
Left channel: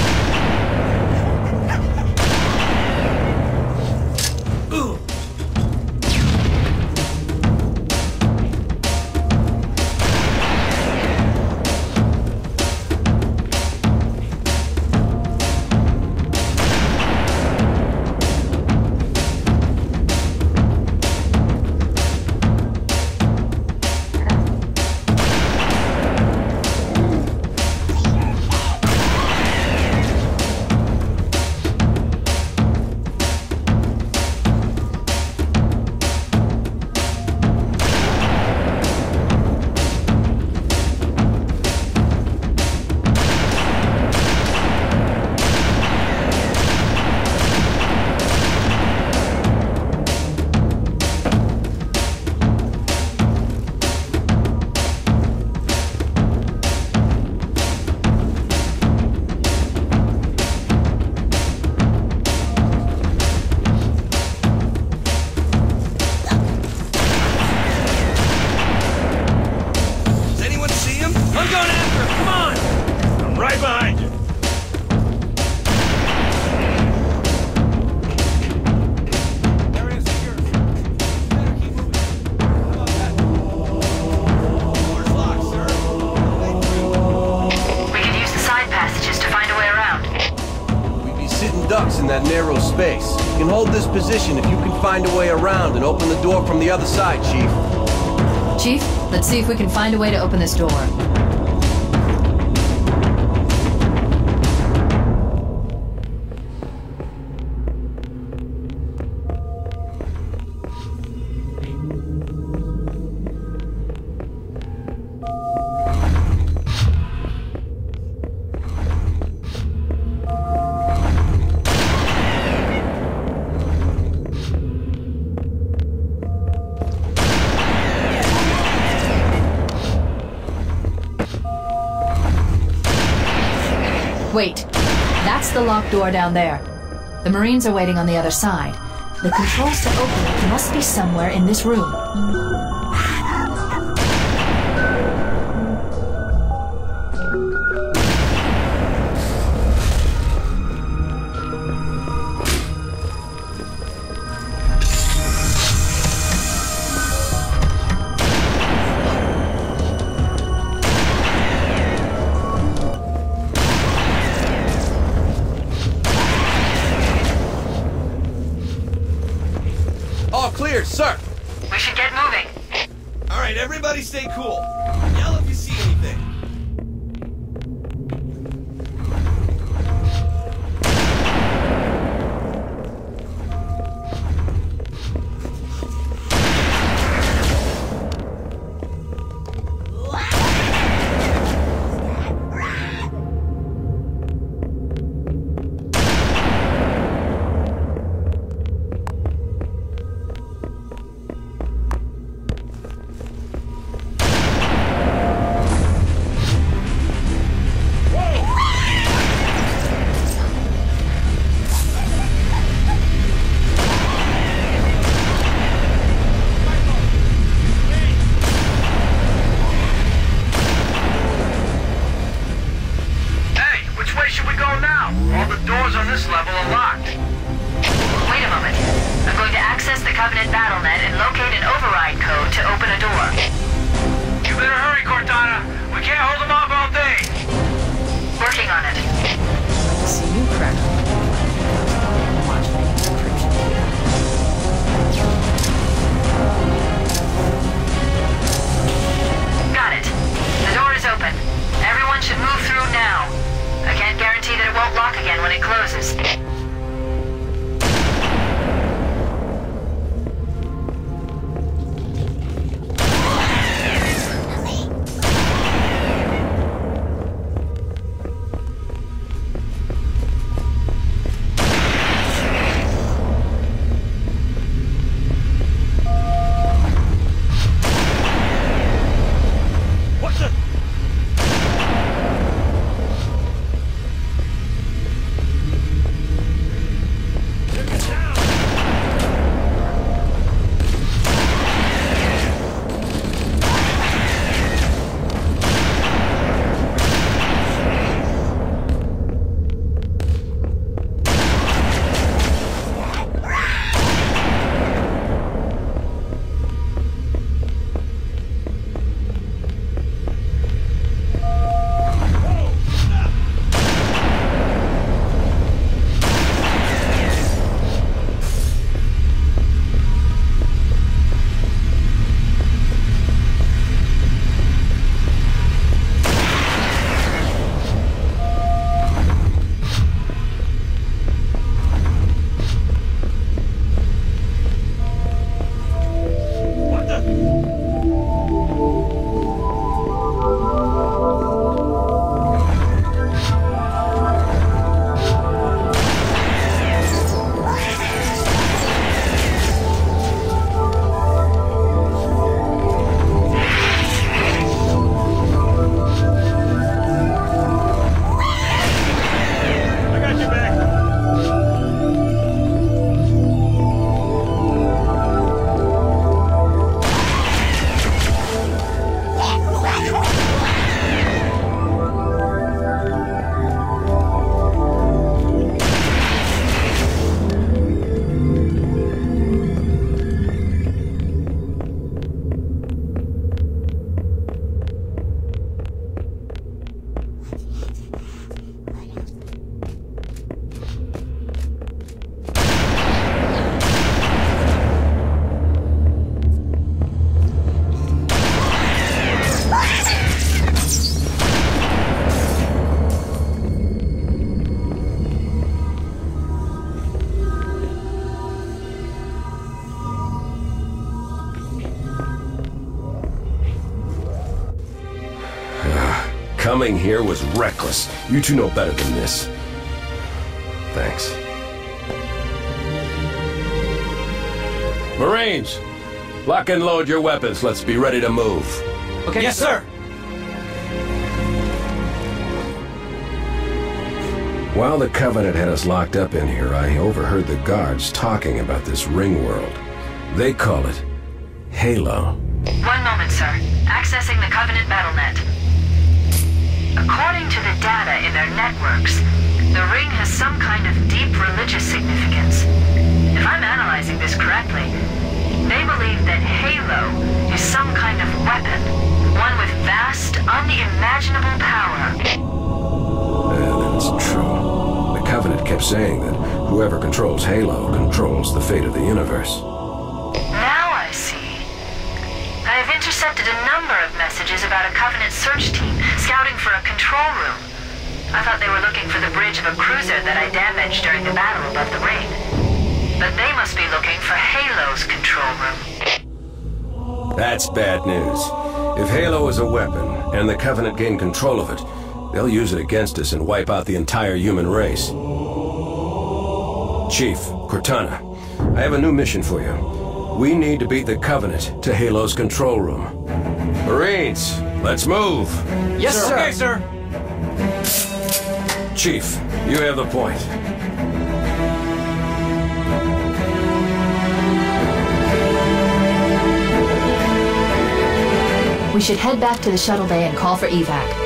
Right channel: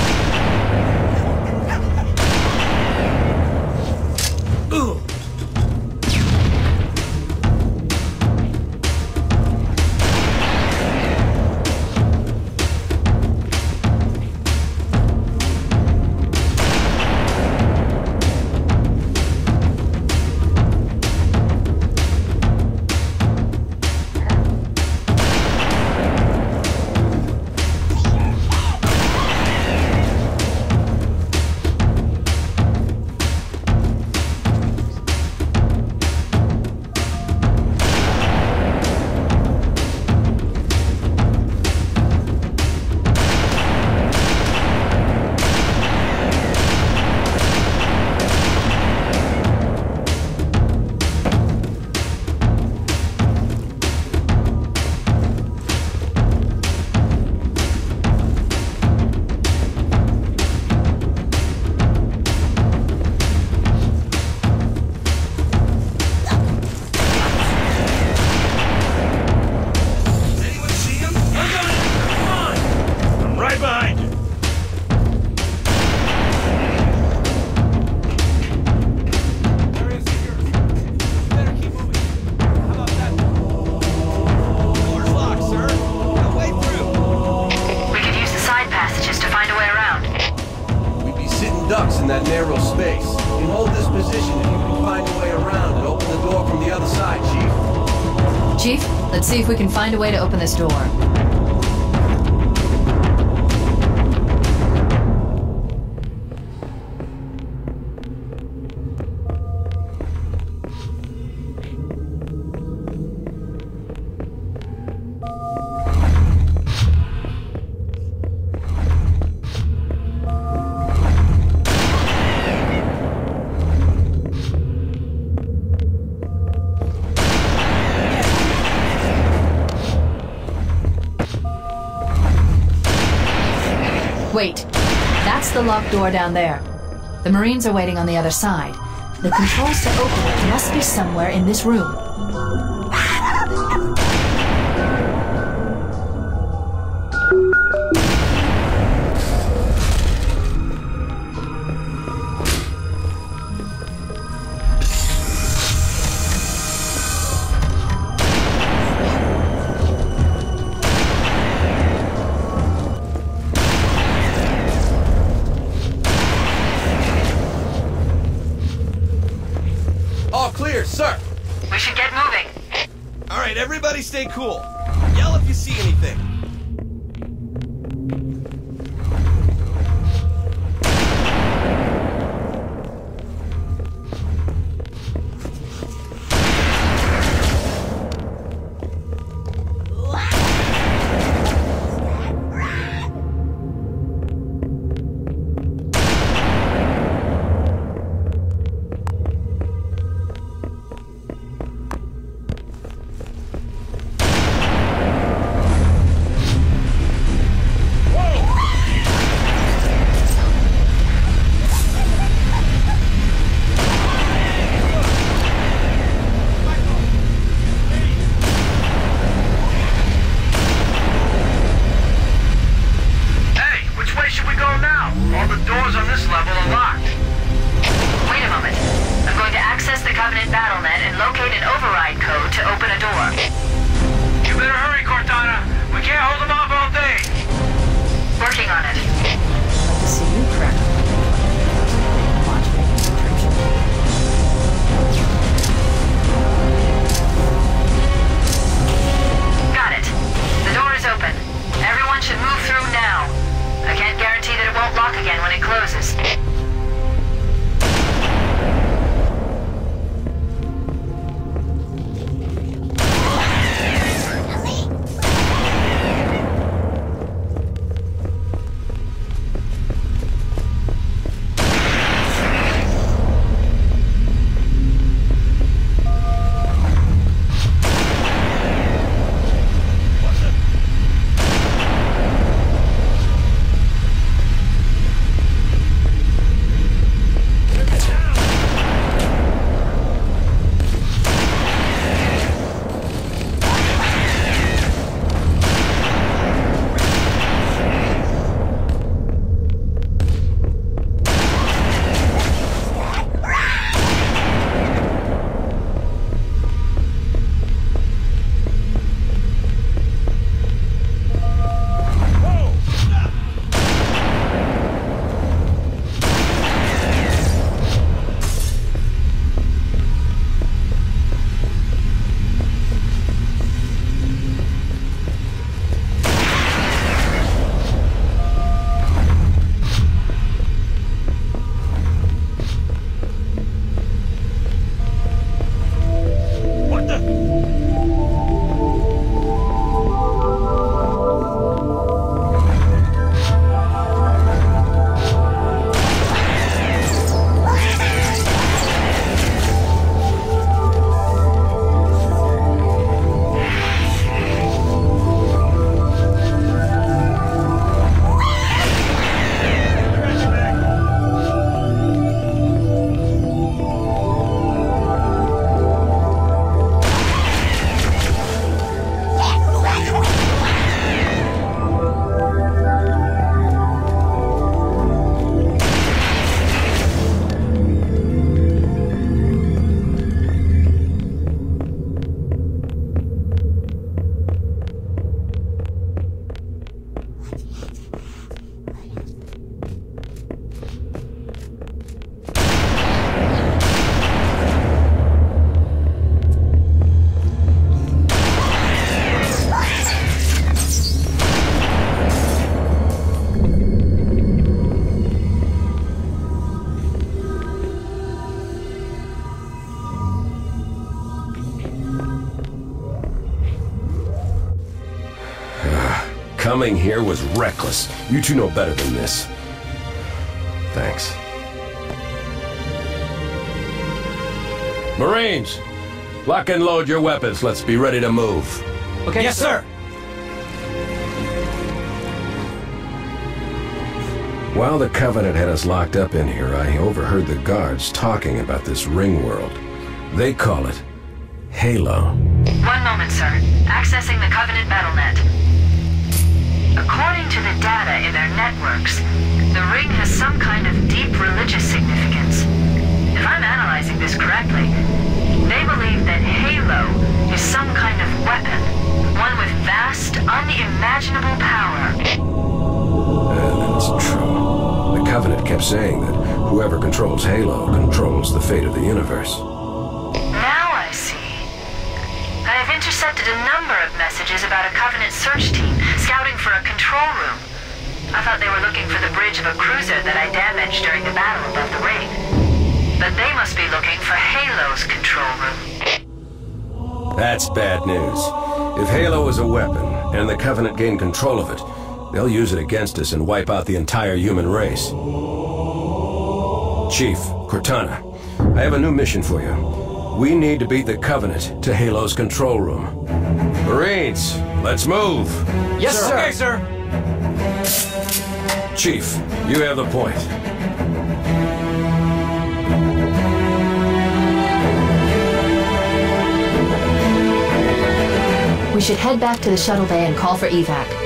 find a way around and open the door from the other side, Chief. Chief, let's see if we can find a way to open this door. Wait, that's the locked door down there. The Marines are waiting on the other side. The controls to open it must be somewhere in this room. Sir! We should get moving. All right, everybody stay cool. Yell if you see anything. Coming here was reckless. You two know better than this. Thanks. Marines, lock and load your weapons. Let's be ready to move. Okay, yes, sir. While the Covenant had us locked up in here, I overheard the guards talking about this ring world. They call it Halo. 1 moment, sir. Accessing the Covenant BattleNet. According to the data in their networks, the ring has some kind of deep religious significance. If I'm analyzing this correctly, they believe that Halo is some kind of weapon, one with vast, unimaginable power. That's true. The Covenant kept saying that whoever controls Halo controls the fate of the universe. Now I see. I have intercepted a number of messages about a Covenant search team scouting for a control room. I thought they were looking for the bridge of a cruiser that I damaged during the battle above the ring. But they must be looking for Halo's control room. That's bad news. If Halo is a weapon, and the Covenant gain control of it, they'll use it against us and wipe out the entire human race. Chief, Cortana, I have a new mission for you. We need to beat the Covenant to Halo's control room. Marines, let's move. Yes, sir. Okay, sir. Chief, you have the point. We should head back to the shuttle bay and call for evac.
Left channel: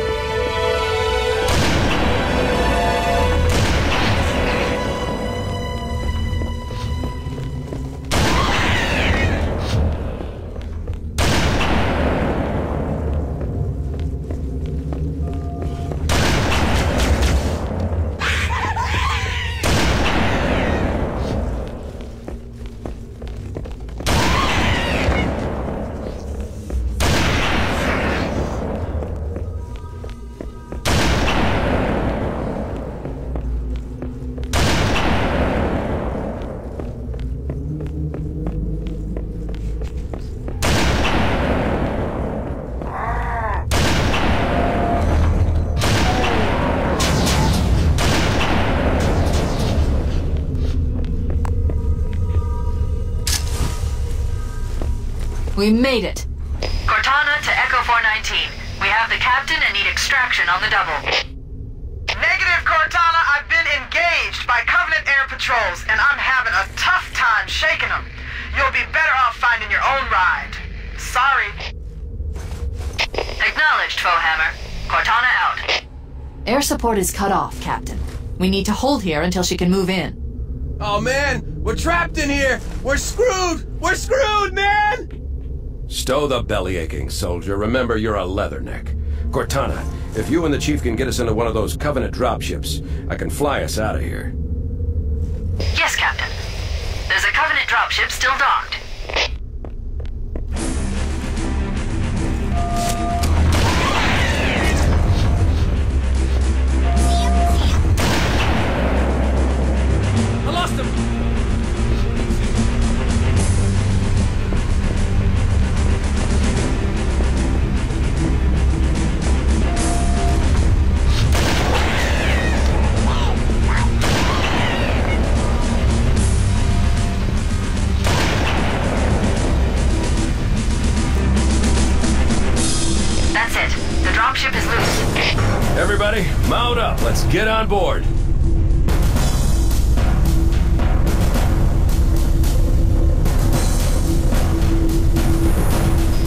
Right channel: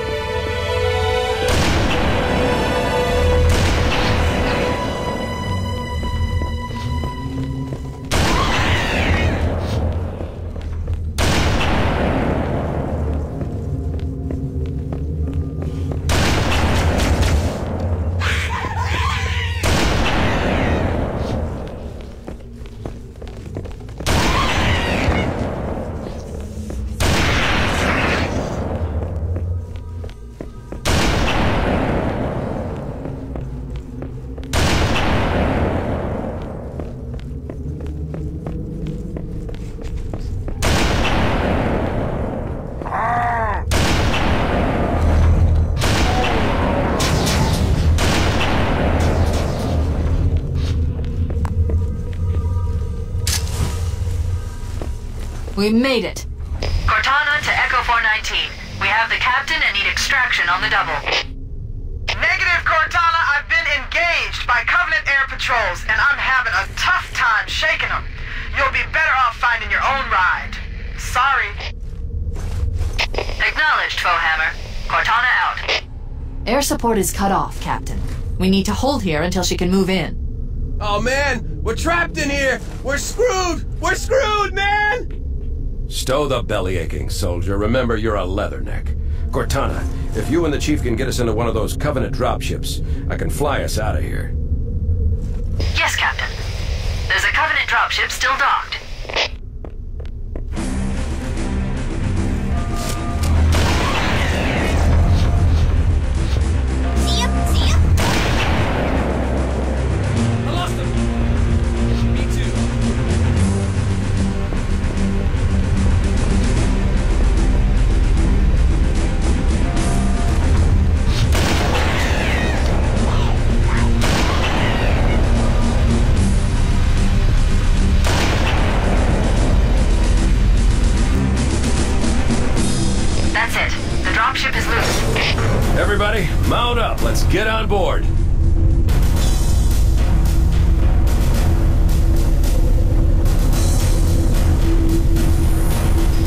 We made it! Cortana to Echo 419. We have the captain and need extraction on the double. Negative, Cortana. I've been engaged by Covenant air patrols, and I'm having a tough time shaking them. You'll be better off finding your own ride. Sorry. Acknowledged, Foehammer. Cortana out. Air support is cut off, Captain. We need to hold here until she can move in. Oh, man! We're trapped in here! We're screwed! We're screwed, man! Stow the belly-aching, soldier. Remember, you're a leatherneck. Cortana, if you and the Chief can get us into one of those Covenant dropships, I can fly us out of here. Yes, Captain. There's a Covenant dropship still docked. I lost him! Me too. That's it. The dropship is loose. Everybody, mount up. Let's get on board.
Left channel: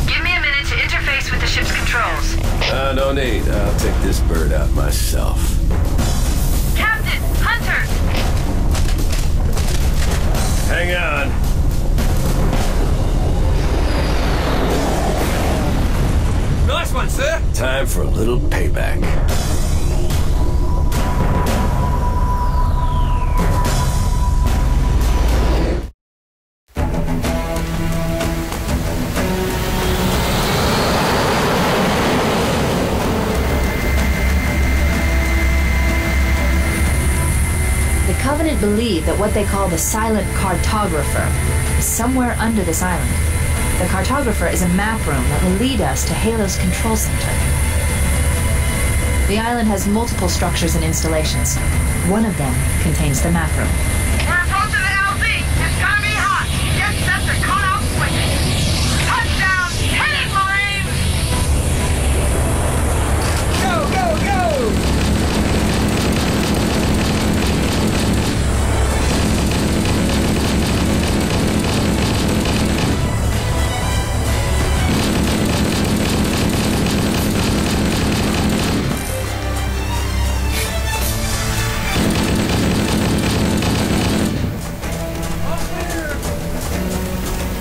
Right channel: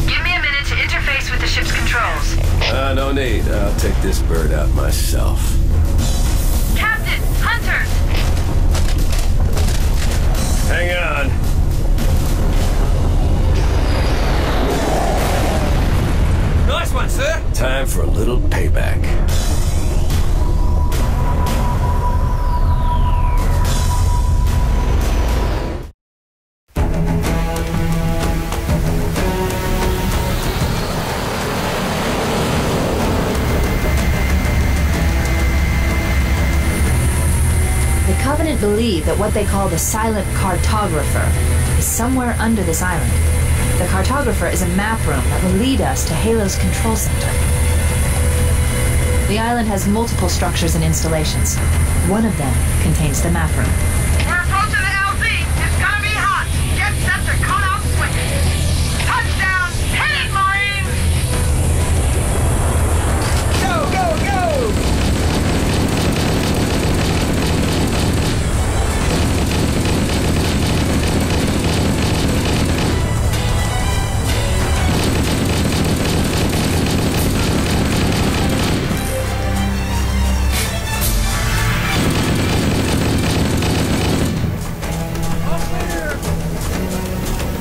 Give me a minute to interface with the ship's controls. No need. I'll take this bird out myself. Captain! Hunters! Hang on. Nice one, sir! Time for a little payback. The Covenant believe that what they call the silent Cartographer is somewhere under this island. The Cartographer is a map room that will lead us to Halo's control center. The island has multiple structures and installations. One of them contains the map room. We're approaching the LZ. It's gonna be hot. Get set to come out swinging. Touchdown! Hit it, Marines! Go, go, go!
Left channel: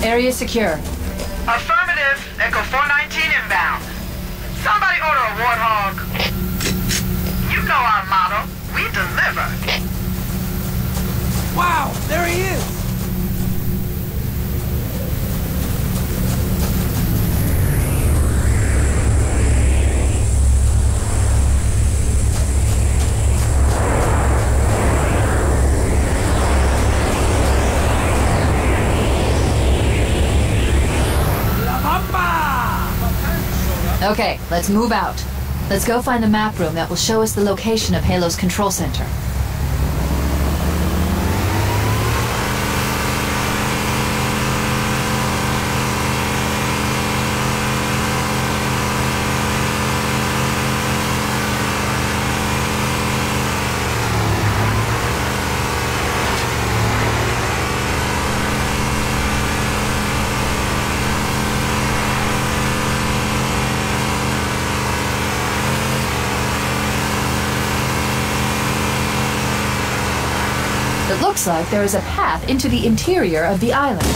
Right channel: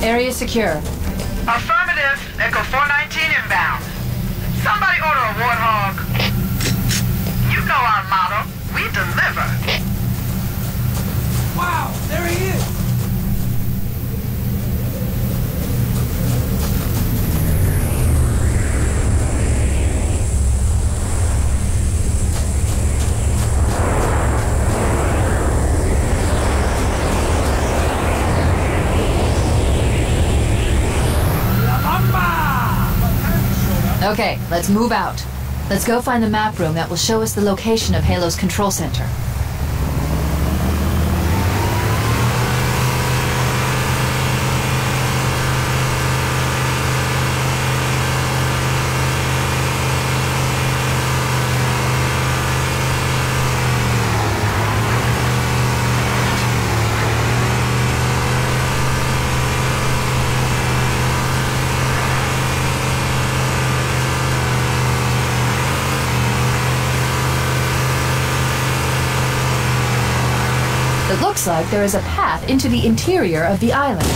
Area secure. Affirmative. Echo 419 inbound. Somebody order a warthog. You know our motto. We deliver. Wow, there he is! Okay, let's move out. Let's go find the map room that will show us the location of Halo's control center. It looks like there is a path into the interior of the island.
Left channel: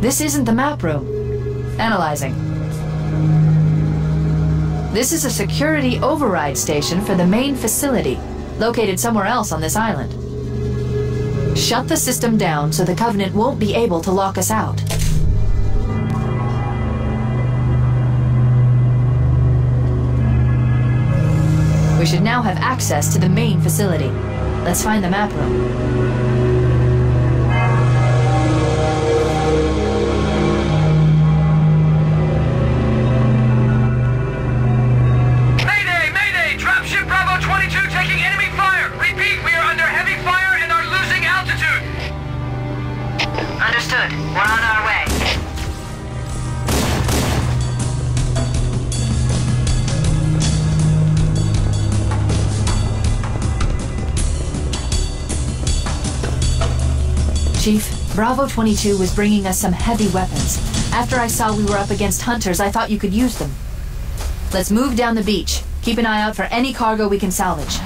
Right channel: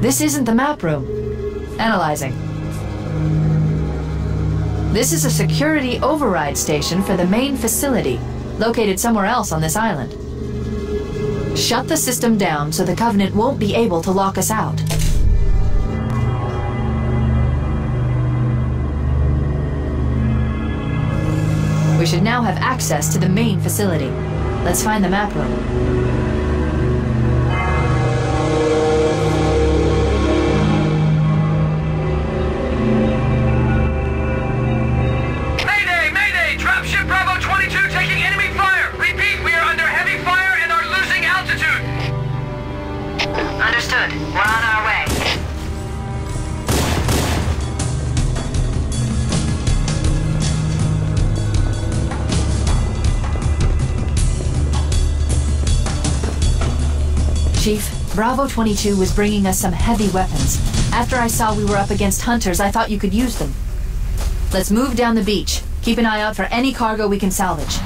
This isn't the map room. Analyzing. This is a security override station for the main facility, located somewhere else on this island. Shut the system down so the Covenant won't be able to lock us out. We should now have access to the main facility. Let's find the map room. Understood. We're on our way. Chief, Bravo 22 was bringing us some heavy weapons. After I saw we were up against hunters, I thought you could use them. Let's move down the beach. Keep an eye out for any cargo we can salvage.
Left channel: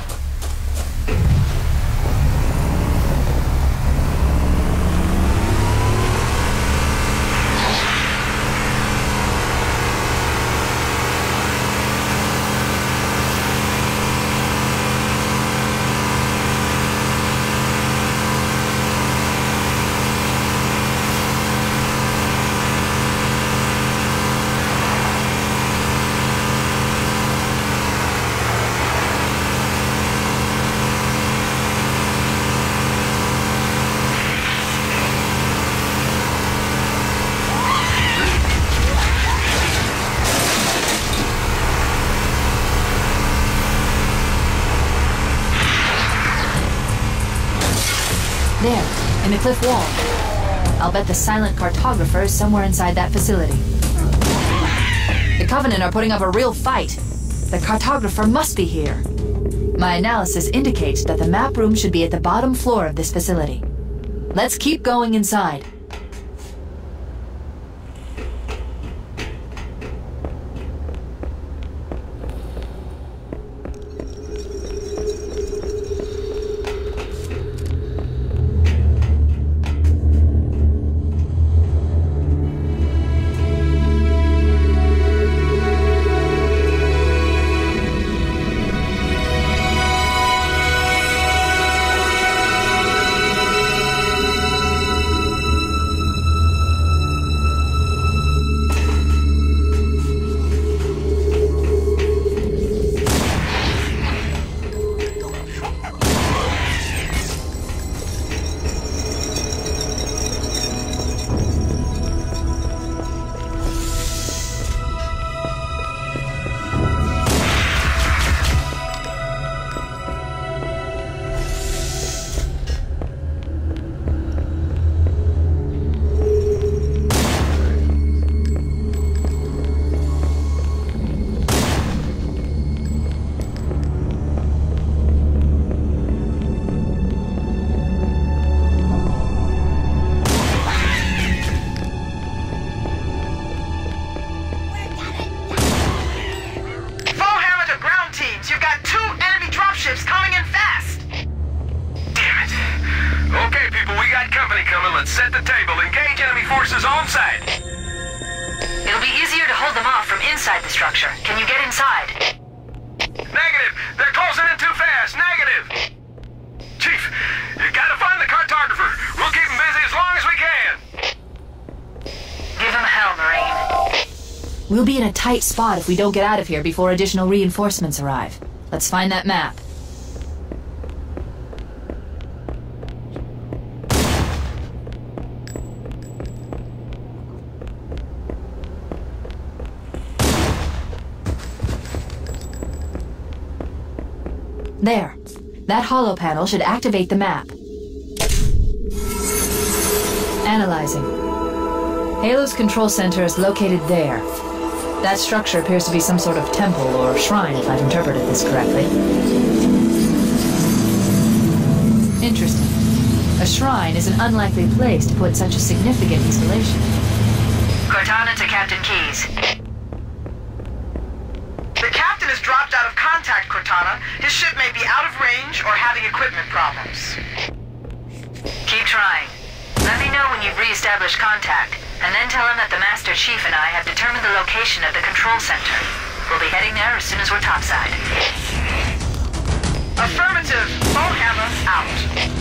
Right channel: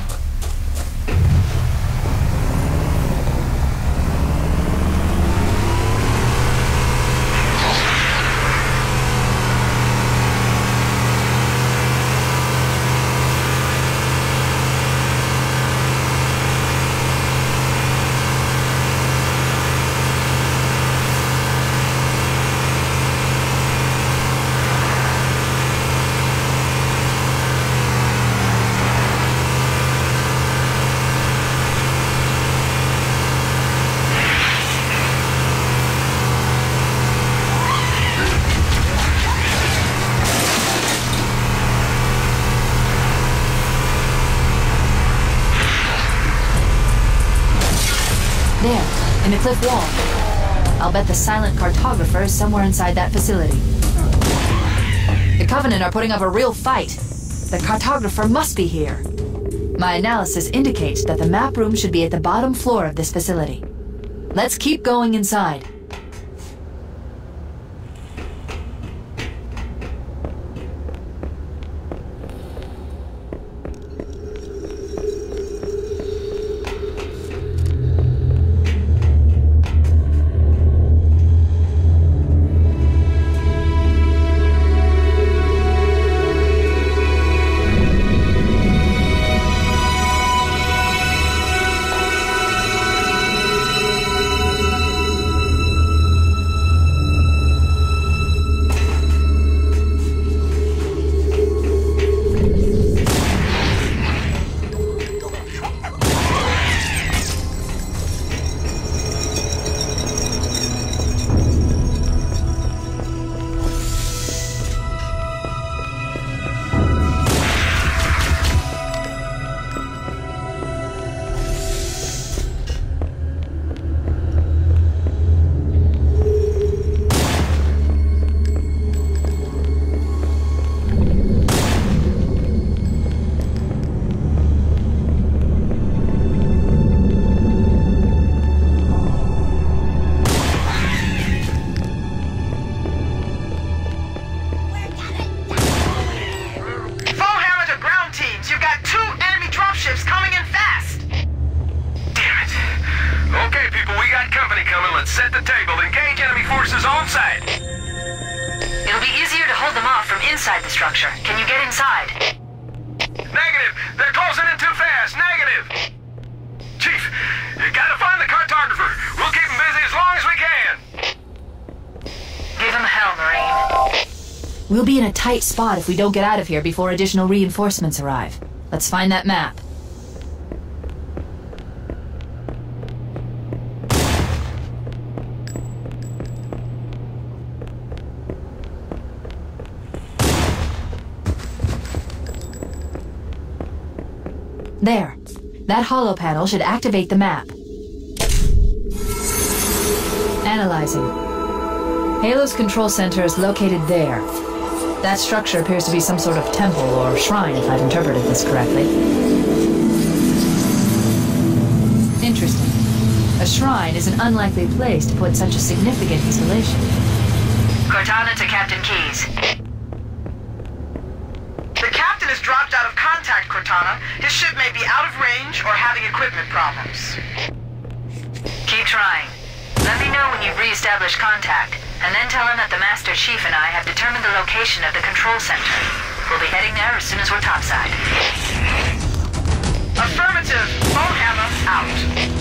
the cliff wall. I'll bet the silent cartographer is somewhere inside that facility. The Covenant are putting up a real fight. The cartographer must be here. My analysis indicates that the map room should be at the bottom floor of this facility. Let's keep going inside. We'll be in a tight spot if we don't get out of here before additional reinforcements arrive. Let's find that map. There. That holo panel should activate the map. Analyzing. Halo's control center is located there. That structure appears to be some sort of temple or shrine, if I've interpreted this correctly. Interesting. A shrine is an unlikely place to put such a significant installation. Cortana to Captain Keyes. The captain has dropped out of contact, Cortana. His ship may be out of range or having equipment problems. Keep trying. Let me know when you've re-established contact. And then tell him that the Master Chief and I have determined the location of the control center. We'll be heading there as soon as we're topside. Affirmative. Bonehammer out.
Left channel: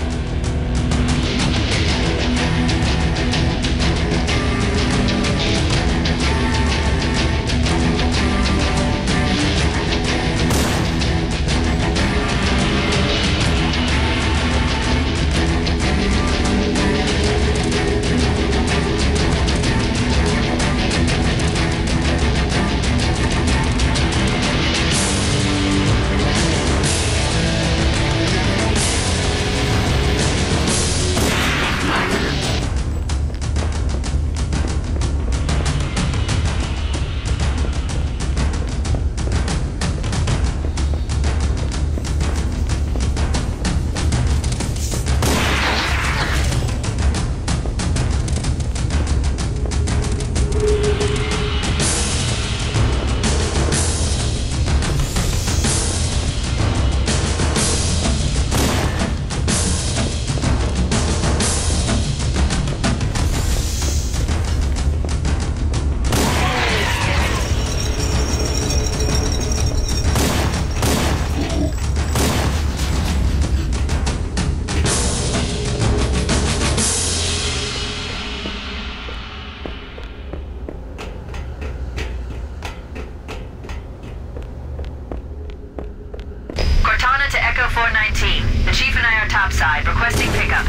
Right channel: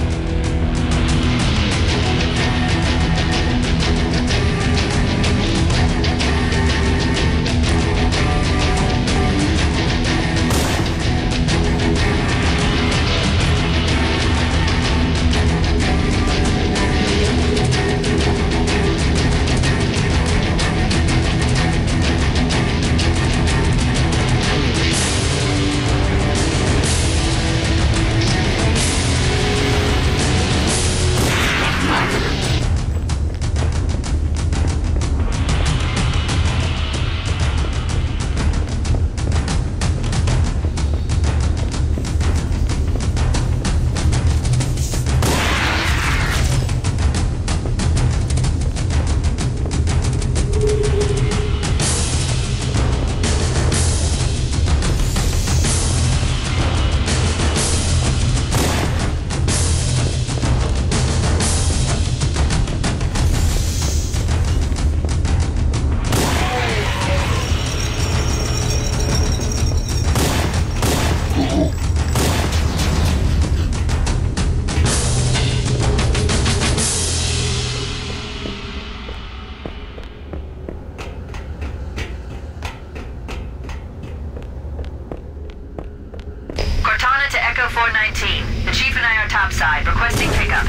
Requesting pickup.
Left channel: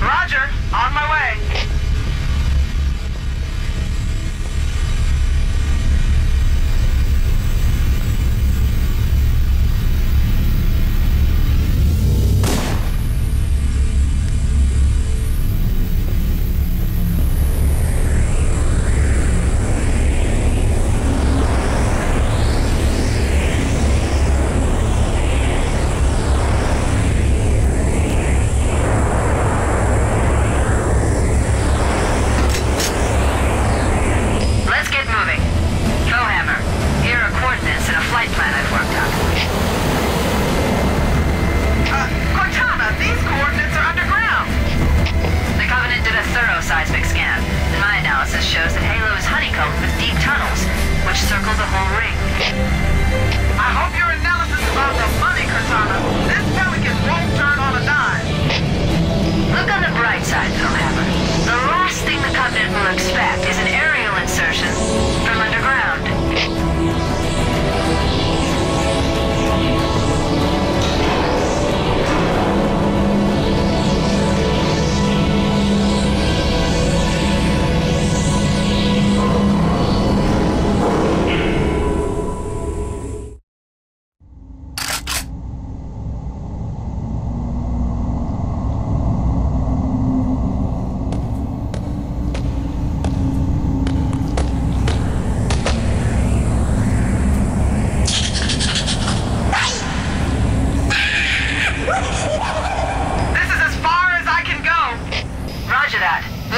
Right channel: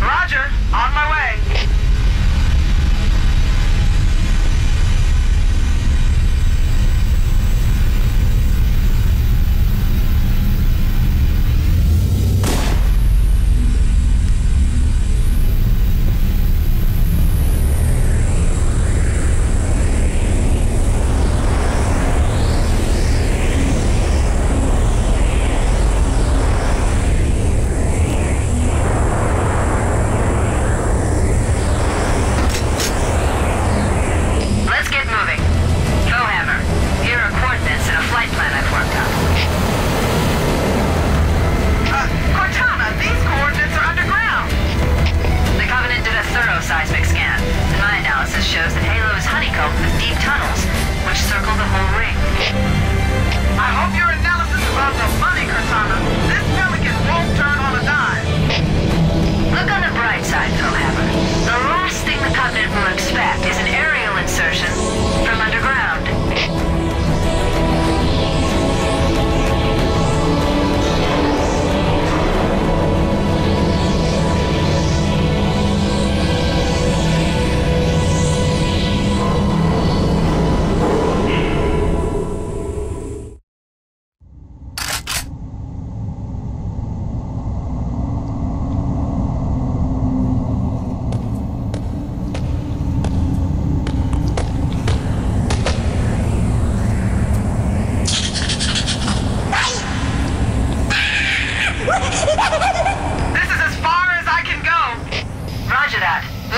Roger. On my way.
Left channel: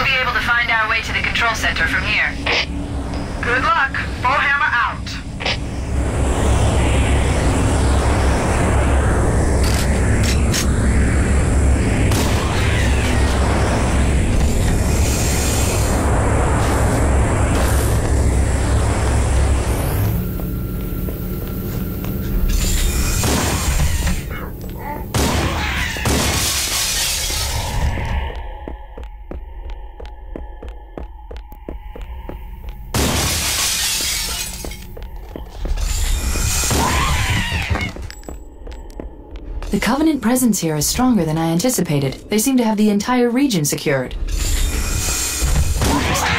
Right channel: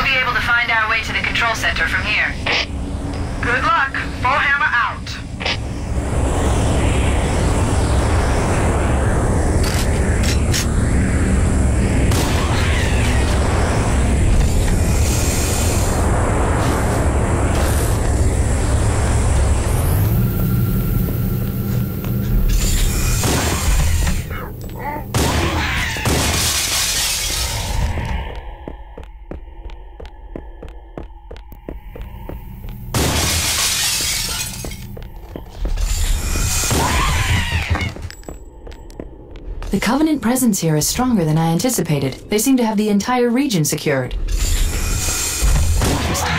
be able to find our way to the control center from here. Good luck. Bowhammer out. The Covenant presence here is stronger than I anticipated. They seem to have the entire region secured. Interesting.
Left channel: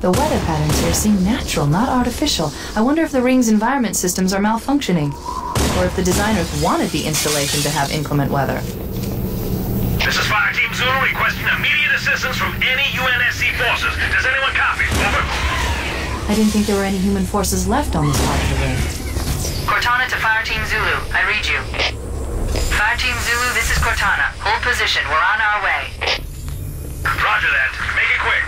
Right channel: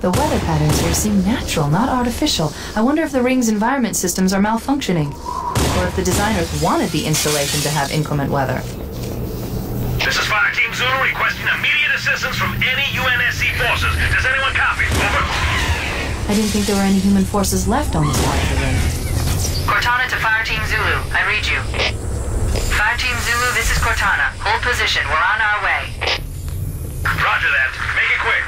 The weather patterns here seem natural, not artificial. I wonder if the ring's environment systems are malfunctioning, or if the designers wanted the installation to have inclement weather. This is Fire Team Zulu requesting immediate assistance from any UNSC forces. Does anyone copy? Over. I didn't think there were any human forces left on this part of the ring. Cortana to Fire Team Zulu. I read you. Fire Team Zulu, this is Cortana. Hold position. We're on our way. Roger that. Make it quick.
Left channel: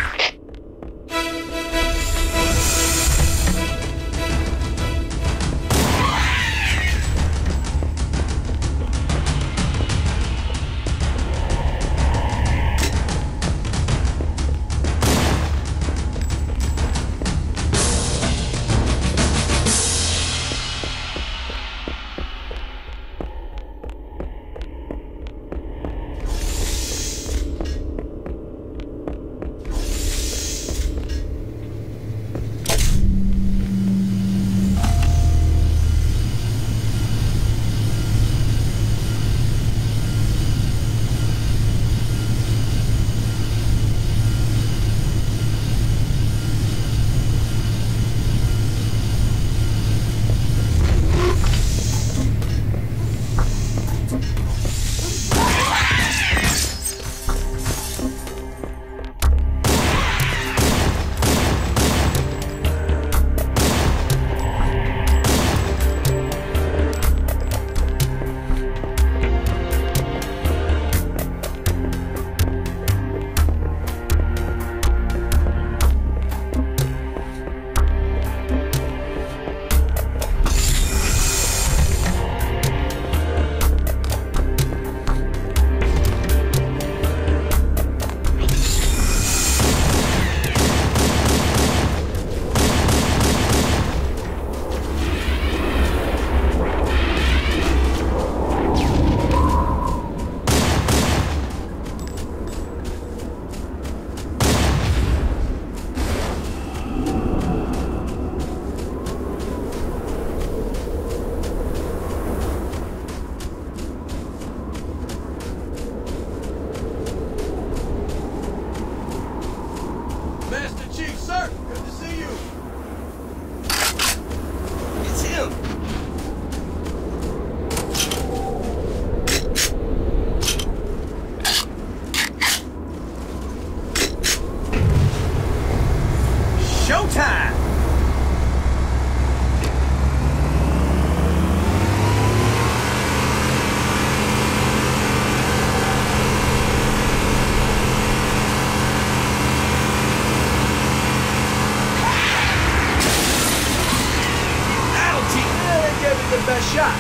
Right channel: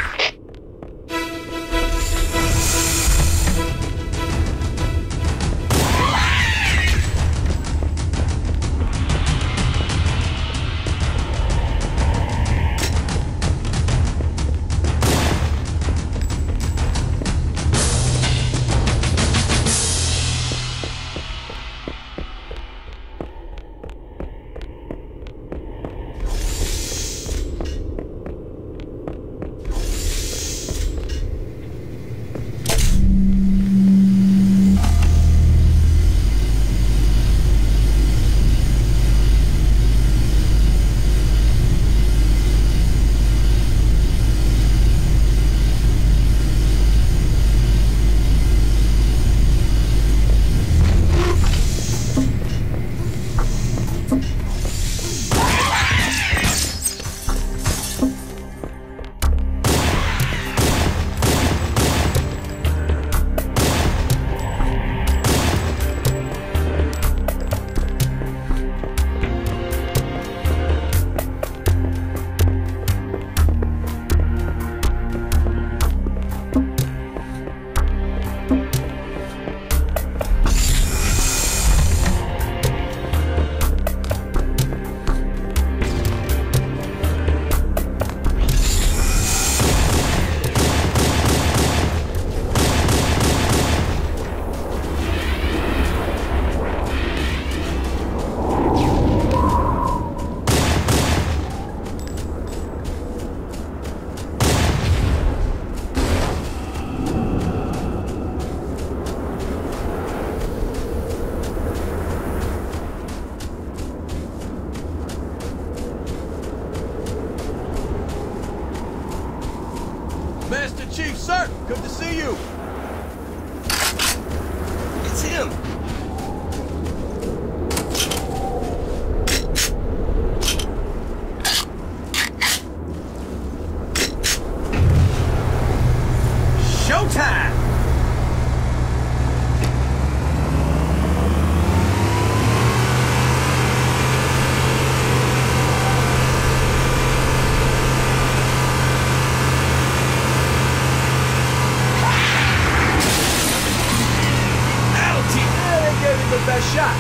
Shot.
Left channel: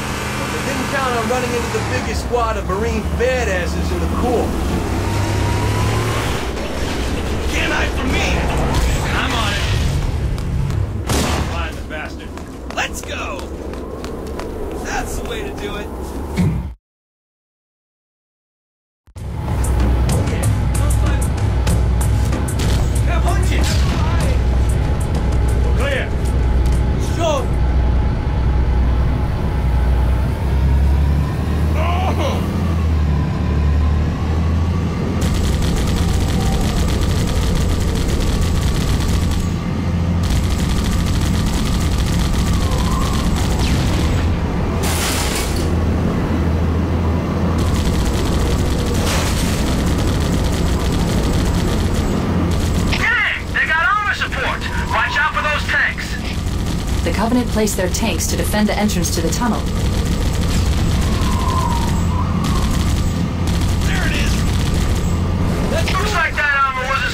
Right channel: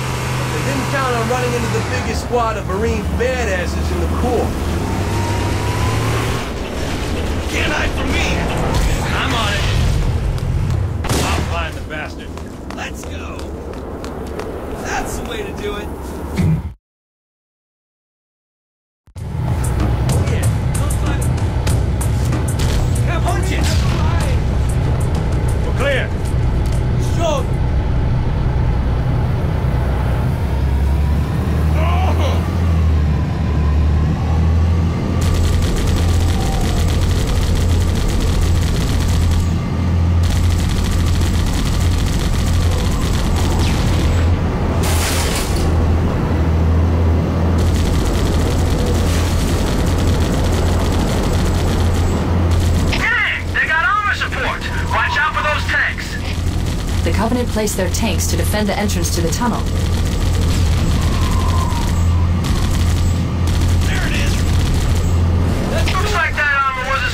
They didn't count on running into the biggest squad of Marine badasses in the Corps. Can't hide from me! I'm on it. I'll find the bastard. Let's go! That's the way to do it. Yeah, punch it! We're clear. Sure. The Covenant placed their tanks to defend the entrance to the tunnel. There it is! Looks like that armor wasn't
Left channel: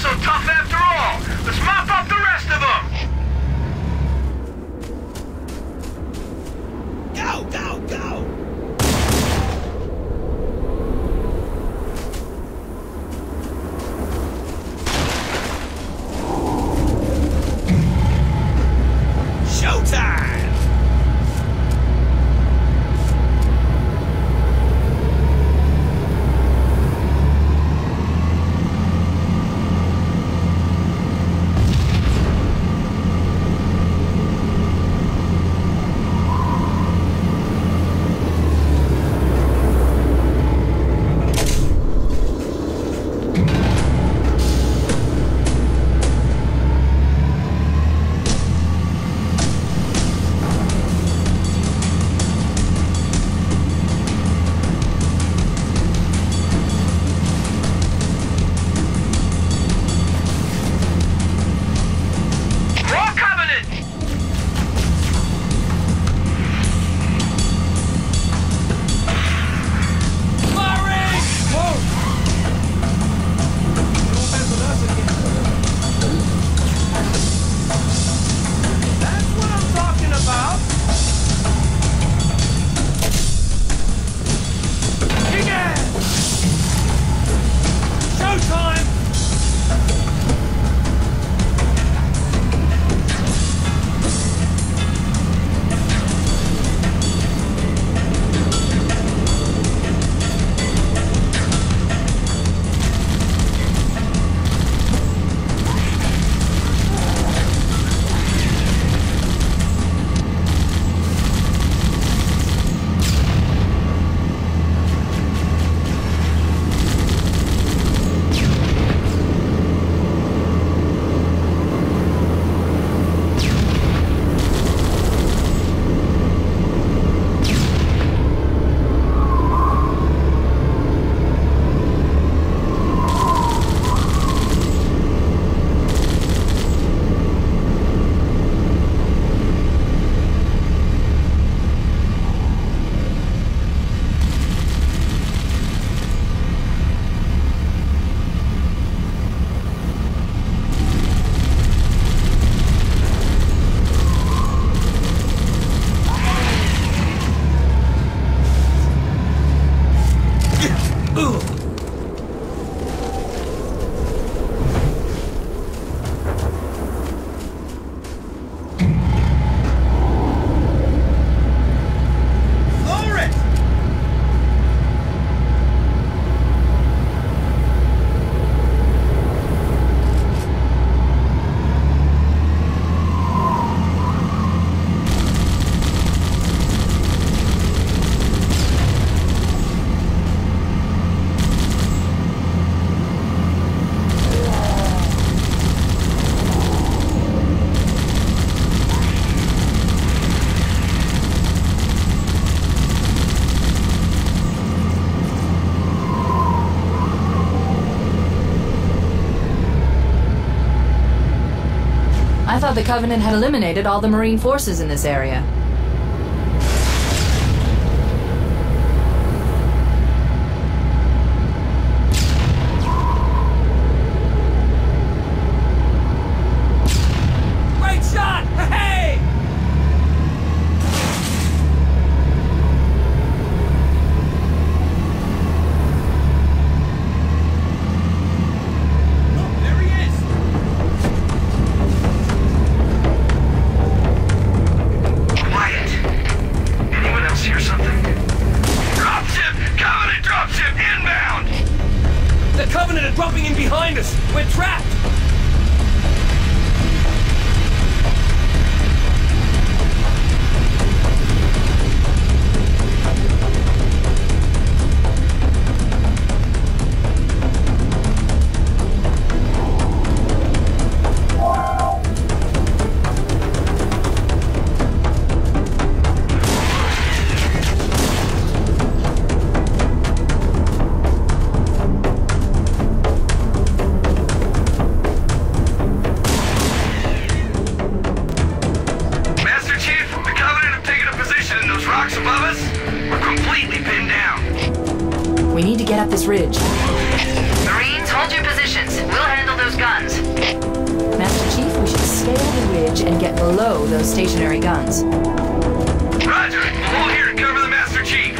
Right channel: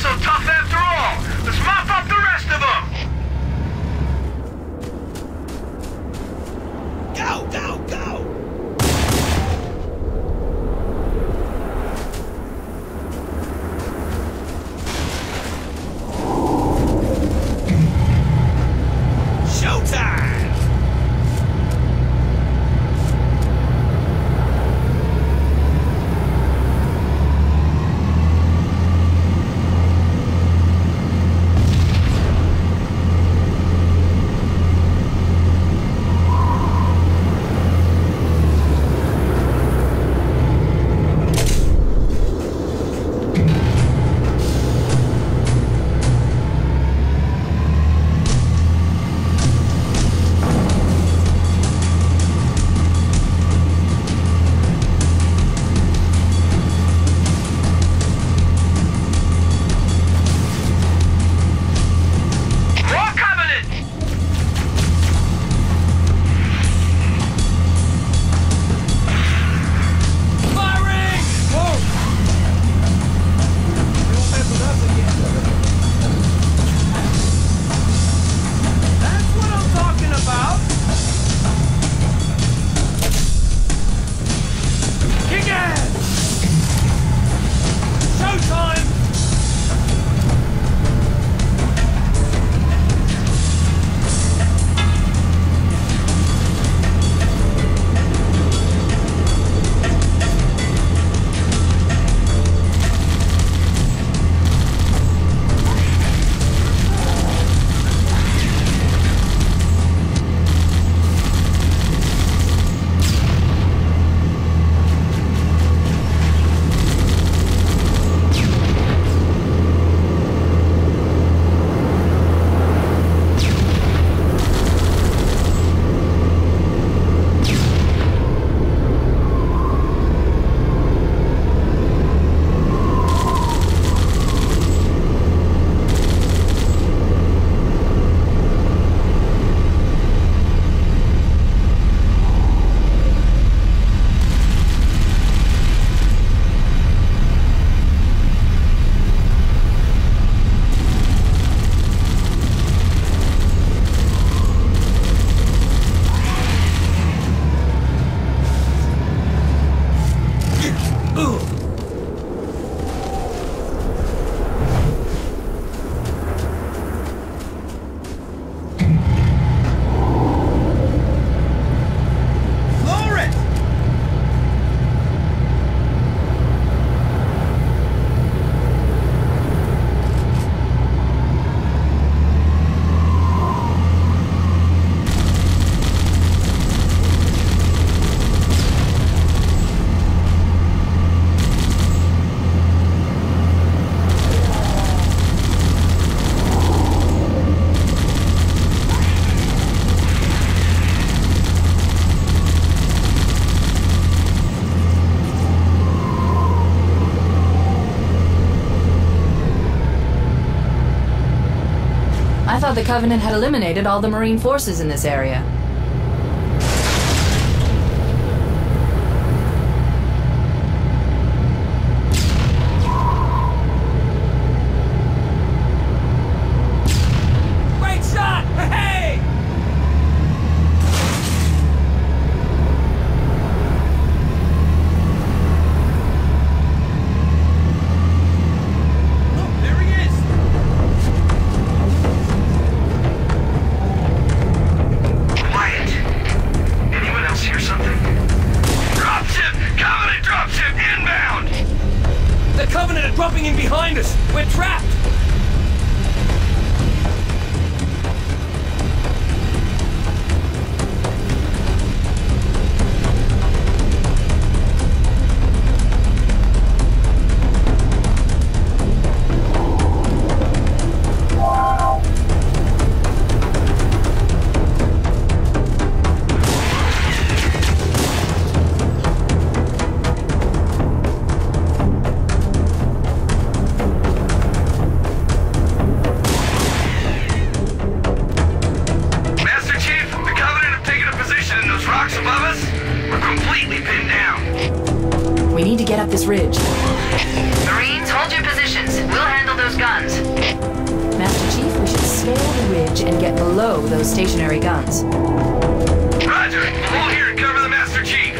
thought the Covenant had eliminated all the Marine forces in this area. Great shot! Hey! Dropping in behind us! We're trapped! Ridge. Marines, hold your positions. We'll handle those guns. Master Chief, we should scale the ridge and get below those stationary guns. Roger. We'll hold here and cover the Master Chief.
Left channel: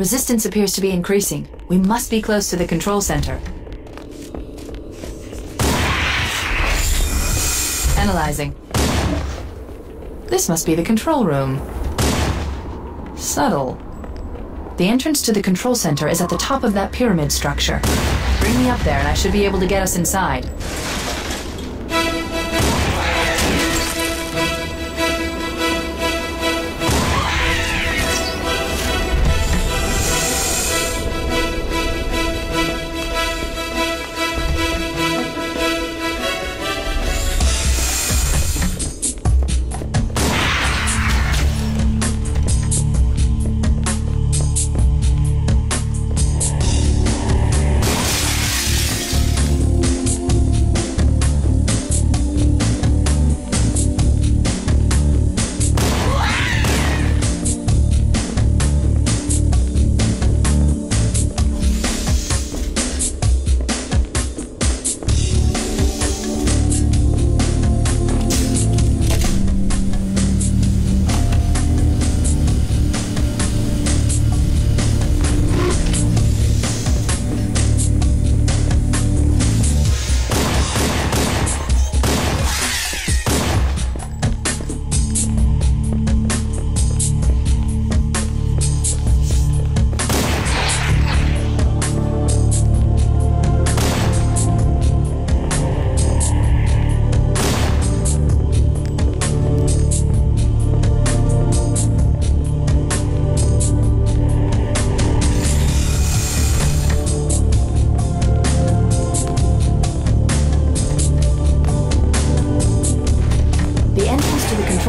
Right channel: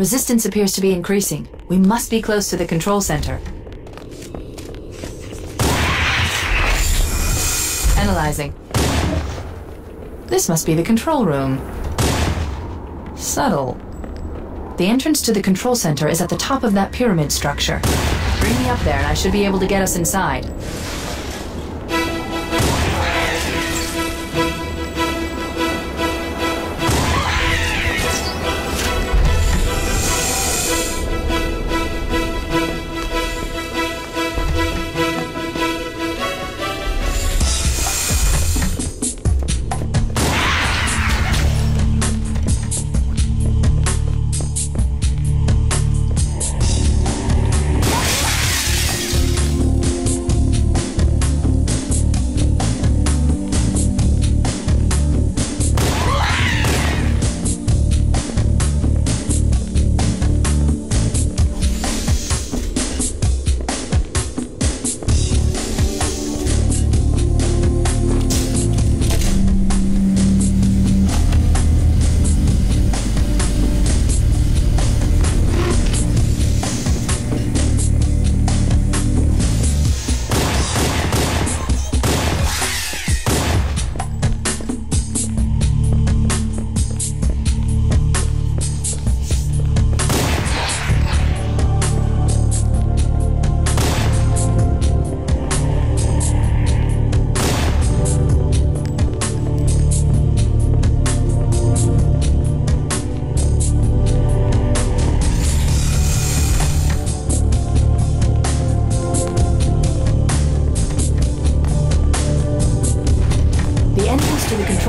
Resistance appears to be increasing. We must be close to the control center. Analyzing. This must be the control room. Subtle. The entrance to the control center is at the top of that pyramid structure. Bring me up there and I should be able to get us inside.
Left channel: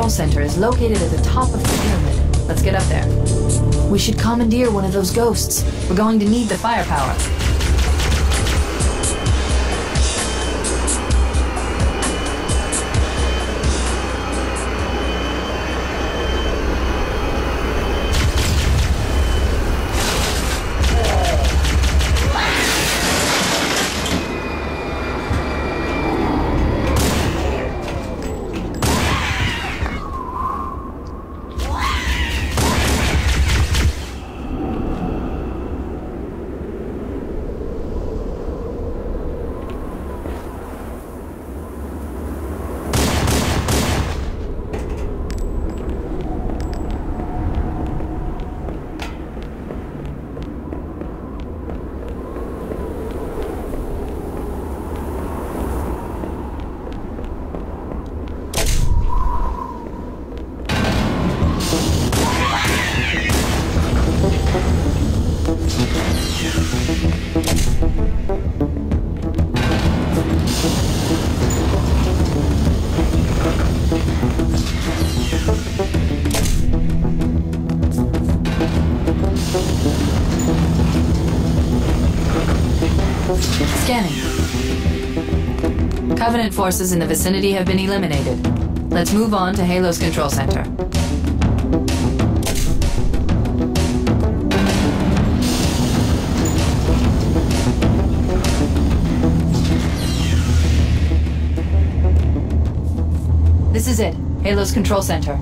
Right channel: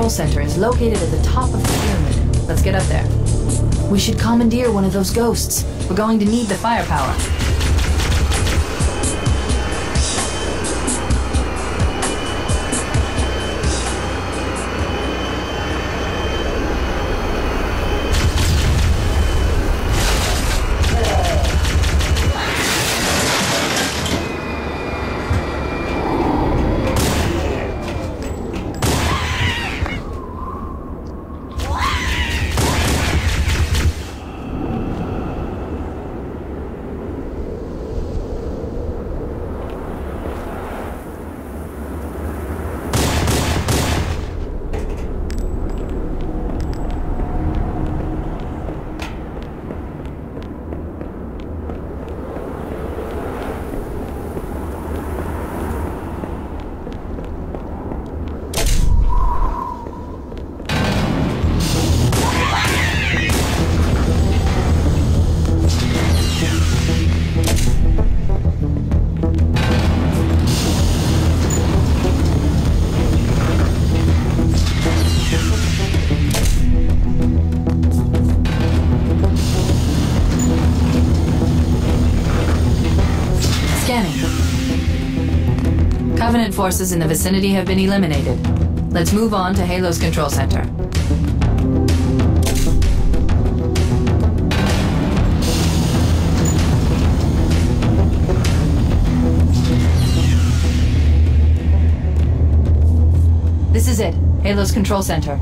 Center is located at the top of the pyramid. Let's get up there. We should commandeer one of those ghosts. We're going to need the firepower. Covenant forces in the vicinity have been eliminated. Let's move on to Halo's control center. This is it, Halo's control center.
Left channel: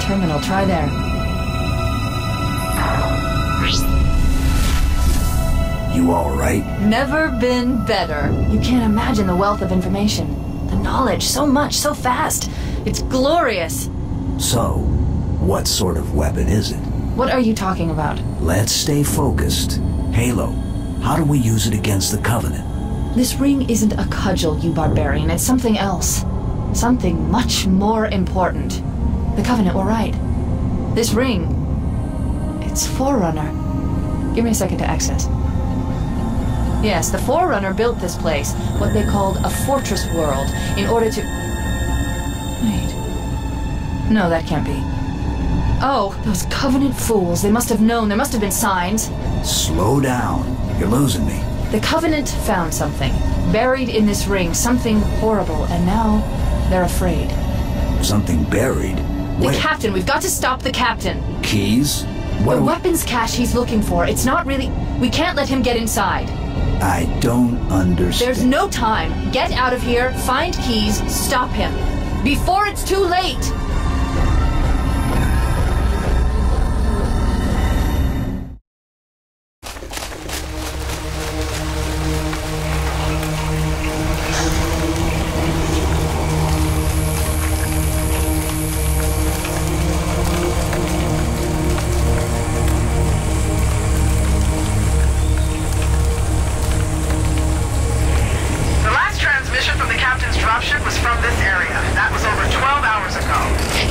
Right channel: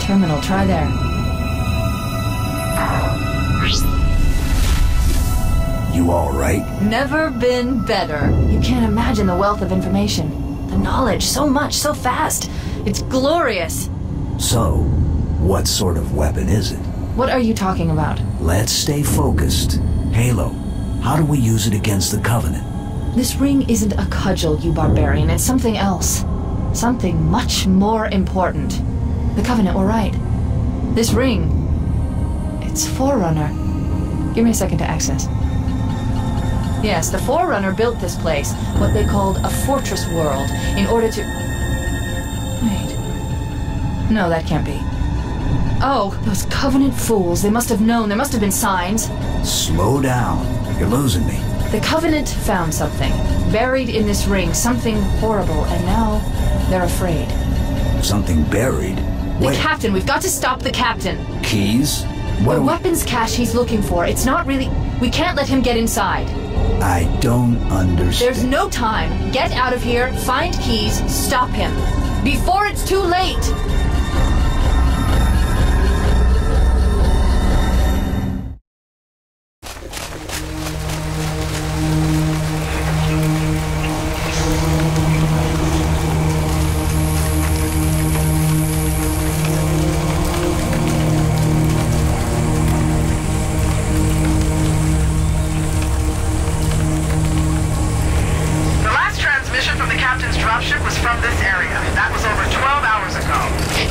Terminal, try there. You all right? Never been better. You can't imagine the wealth of information. The knowledge, so much, so fast. It's glorious. So, what sort of weapon is it? What are you talking about? Let's stay focused. Halo, how do we use it against the Covenant? This ring isn't a cudgel, you barbarian. It's something else. Something much more important. The Covenant were right. This ring, it's Forerunner. Give me a second to access. Yes, the Forerunner built this place, what they called a fortress world, in order to... Wait. No, that can't be. Oh, those Covenant fools. They must have known. There must have been signs. Slow down. You're losing me. The Covenant found something. Buried in this ring. Something horrible. And now they're afraid. Something buried? The captain. We've got to stop the captain. Keys? What The weapons cache he's looking for. It's not really... We can't let him get inside. I don't understand. There's no time. Get out of here, find keys, stop him. Before it's too late! The last transmission from the captain's dropship was from this area. That was over 12 hours ago.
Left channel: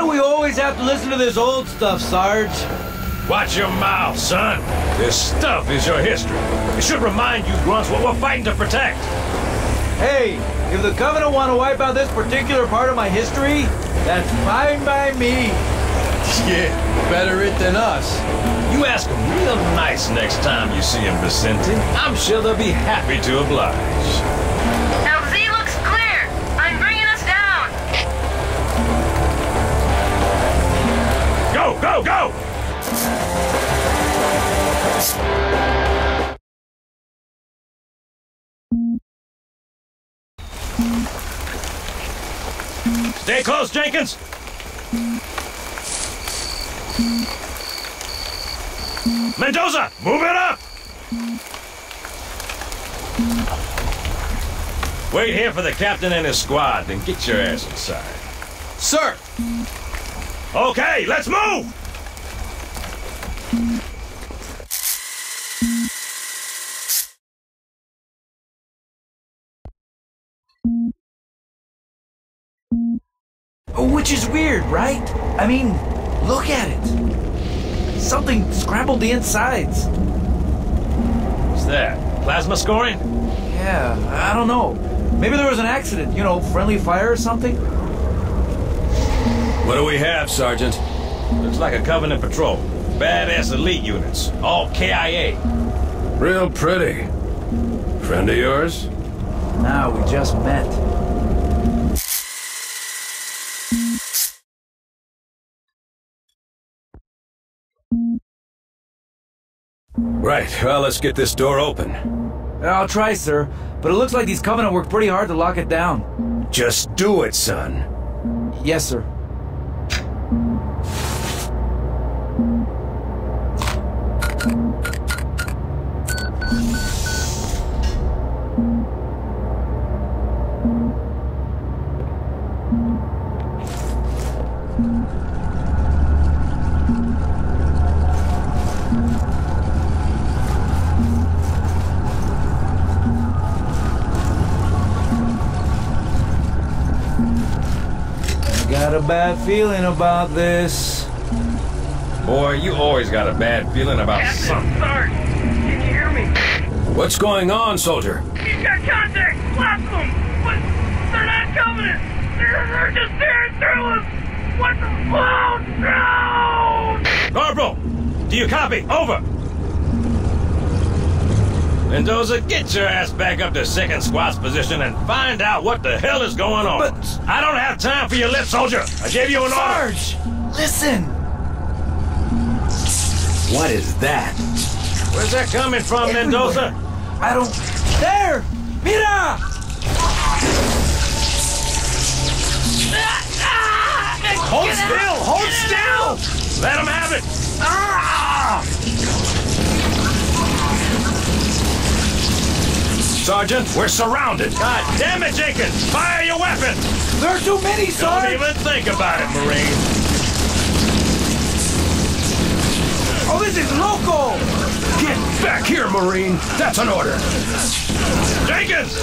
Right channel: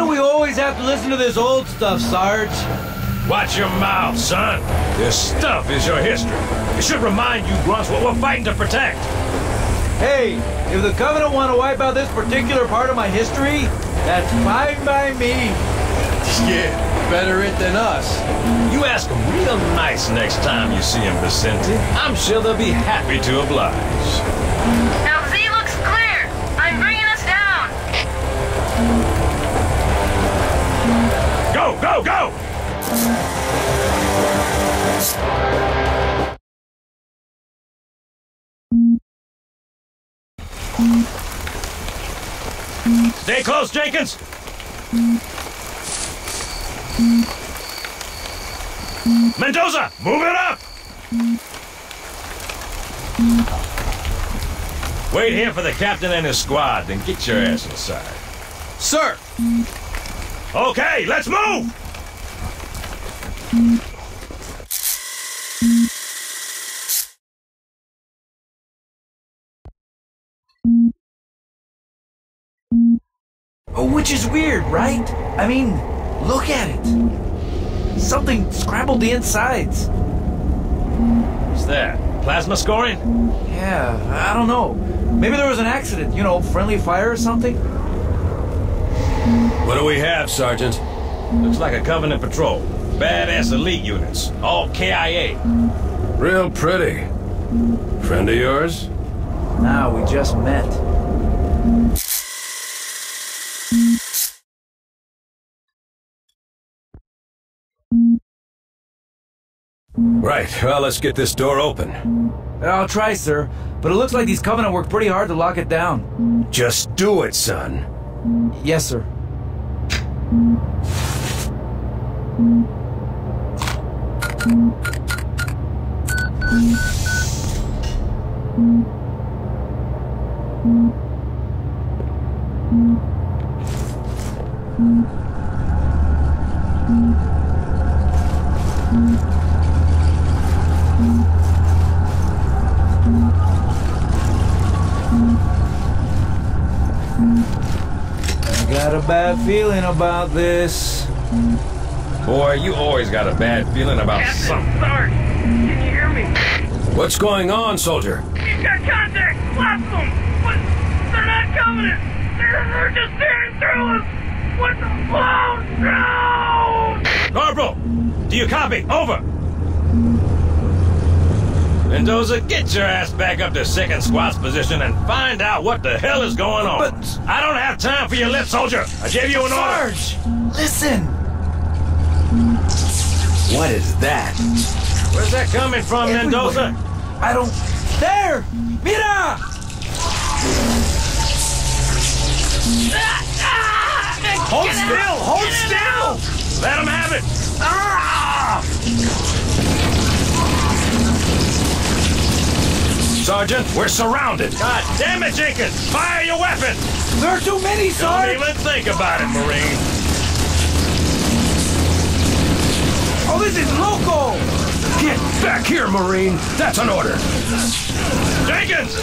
do we always have to listen to this old stuff, Sarge? Watch your mouth, son. This stuff is your history. It should remind you grunts what we're fighting to protect. Hey, if the Covenant want to wipe out this particular part of my history, that's fine by me. Yeah, better it than us. You ask them real nice next time you see them, Vicente. I'm sure they'll be happy to oblige. Now Z looks clear. I'm bringing us down. Go, go, go! Stay close, Jenkins! Mendoza, move it up! Wait here for the captain and his squad, then get your ass inside. Sir! Okay, let's move! Which is weird, right? I mean, look at it. Something scrambled the insides. What's that? Plasma scoring? Yeah, I don't know. Maybe there was an accident, you know, friendly fire or something? What do we have, Sergeant? Looks like a Covenant patrol. Badass elite units. All KIA. Real pretty. Friend of yours? Nah, we just met. Right, well, let's get this door open. I'll try, sir, but it looks like these Covenant worked pretty hard to lock it down. Just do it, son. Yes, sir. Got a bad feeling about this. Boy, you always got a bad feeling about something. Sarge, can you hear me? What's going on, soldier? You've got contact, lots of them, but they're not Covenant. They're just tearing through us. What the? Oh, no! Corporal, do you copy? Over. Mendoza, get your ass back up to second squad's position and find out what the hell is going on. But I don't have time for your lip, soldier. I gave you an order. Sarge, listen. What is that? Where's that coming from, Everywhere. Mendoza? I don't... There! Mira! Hold still! Hold still! Let him have it! Sergeant, we're surrounded. God damn it, Jenkins! Fire your weapon! There are too many, Sarge! Don't even think about it, Marine. Oh, this is local! Get back here, Marine. That's an order. Jenkins!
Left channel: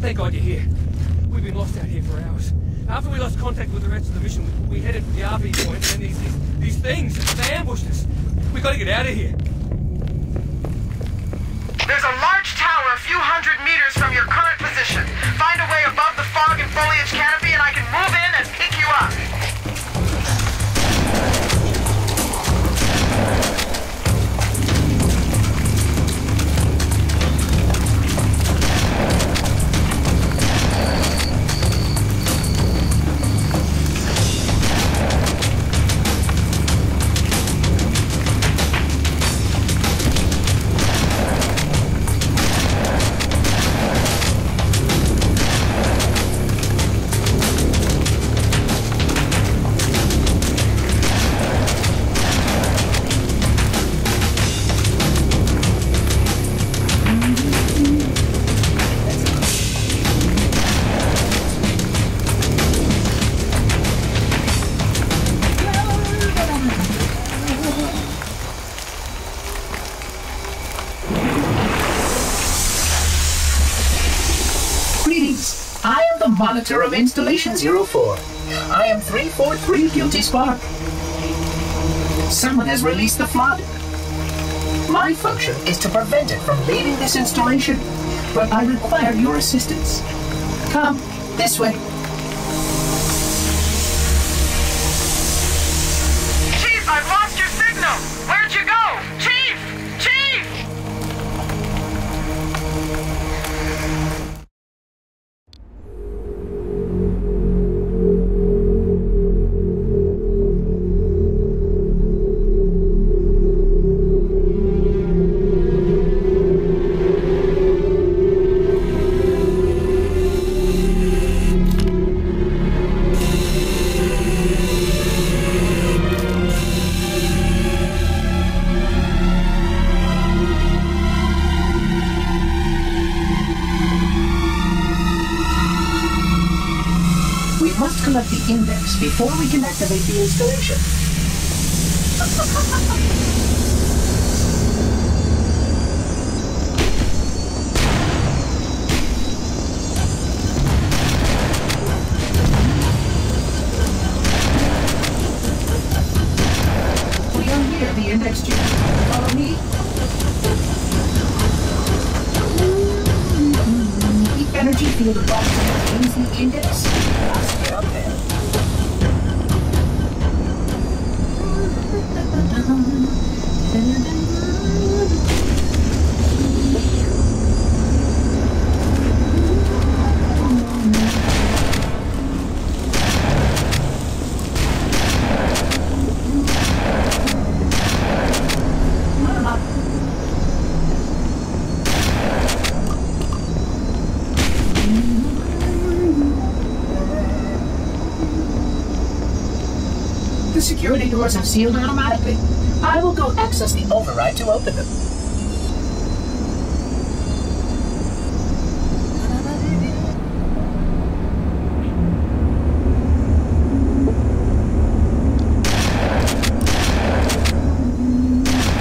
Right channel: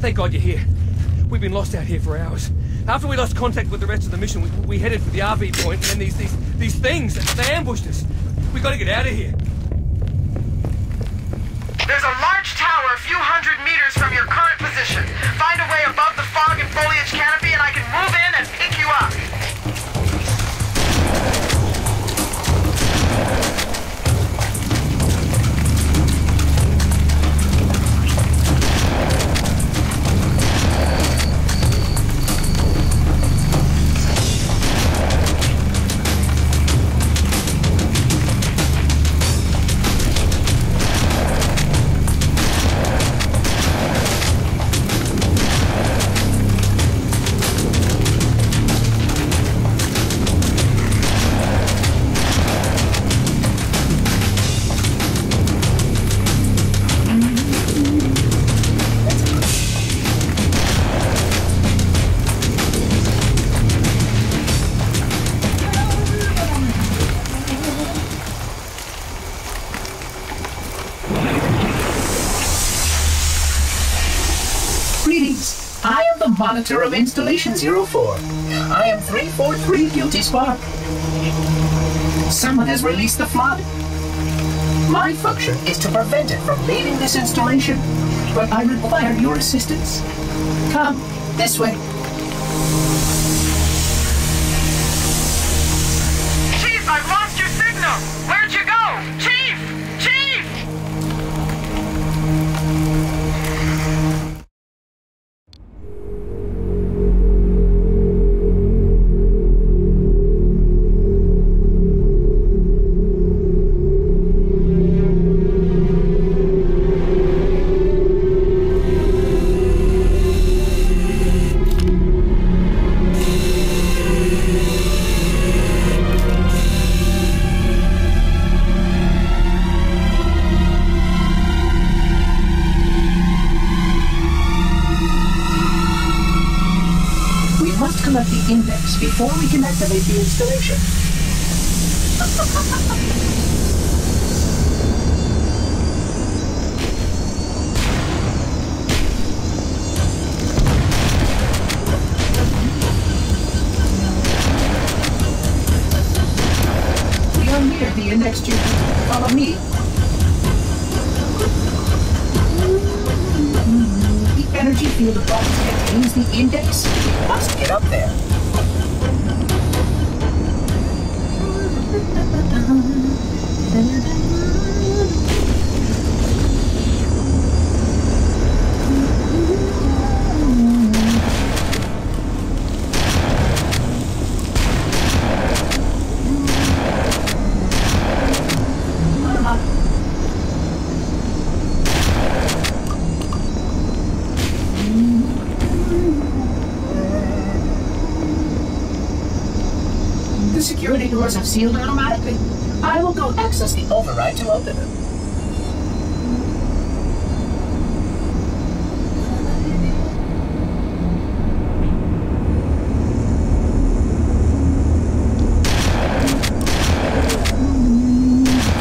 Thank God you're here. We've been lost out here for hours. After we lost contact with the rest of the mission, we headed for the RV point, and these things, they ambushed us. We gotta get out of here. There's a large tower a few hundred meters from your current position. Find a way above the fog and foliage canopy, and I can move in and pick you up. Monitor of Installation 04. I am 343 Guilty Spark. Someone has released the flood. My function is to prevent it from leaving this installation, but I require your assistance. Come, this way. Chief, I've lost your signal! Where'd you go? Chief! Chief! Collect the index before we can activate the installation. We are near the index tube. Follow me. The energy field box contains the index. Must get up there. The security doors have sealed automatically. I will go access the override to open them.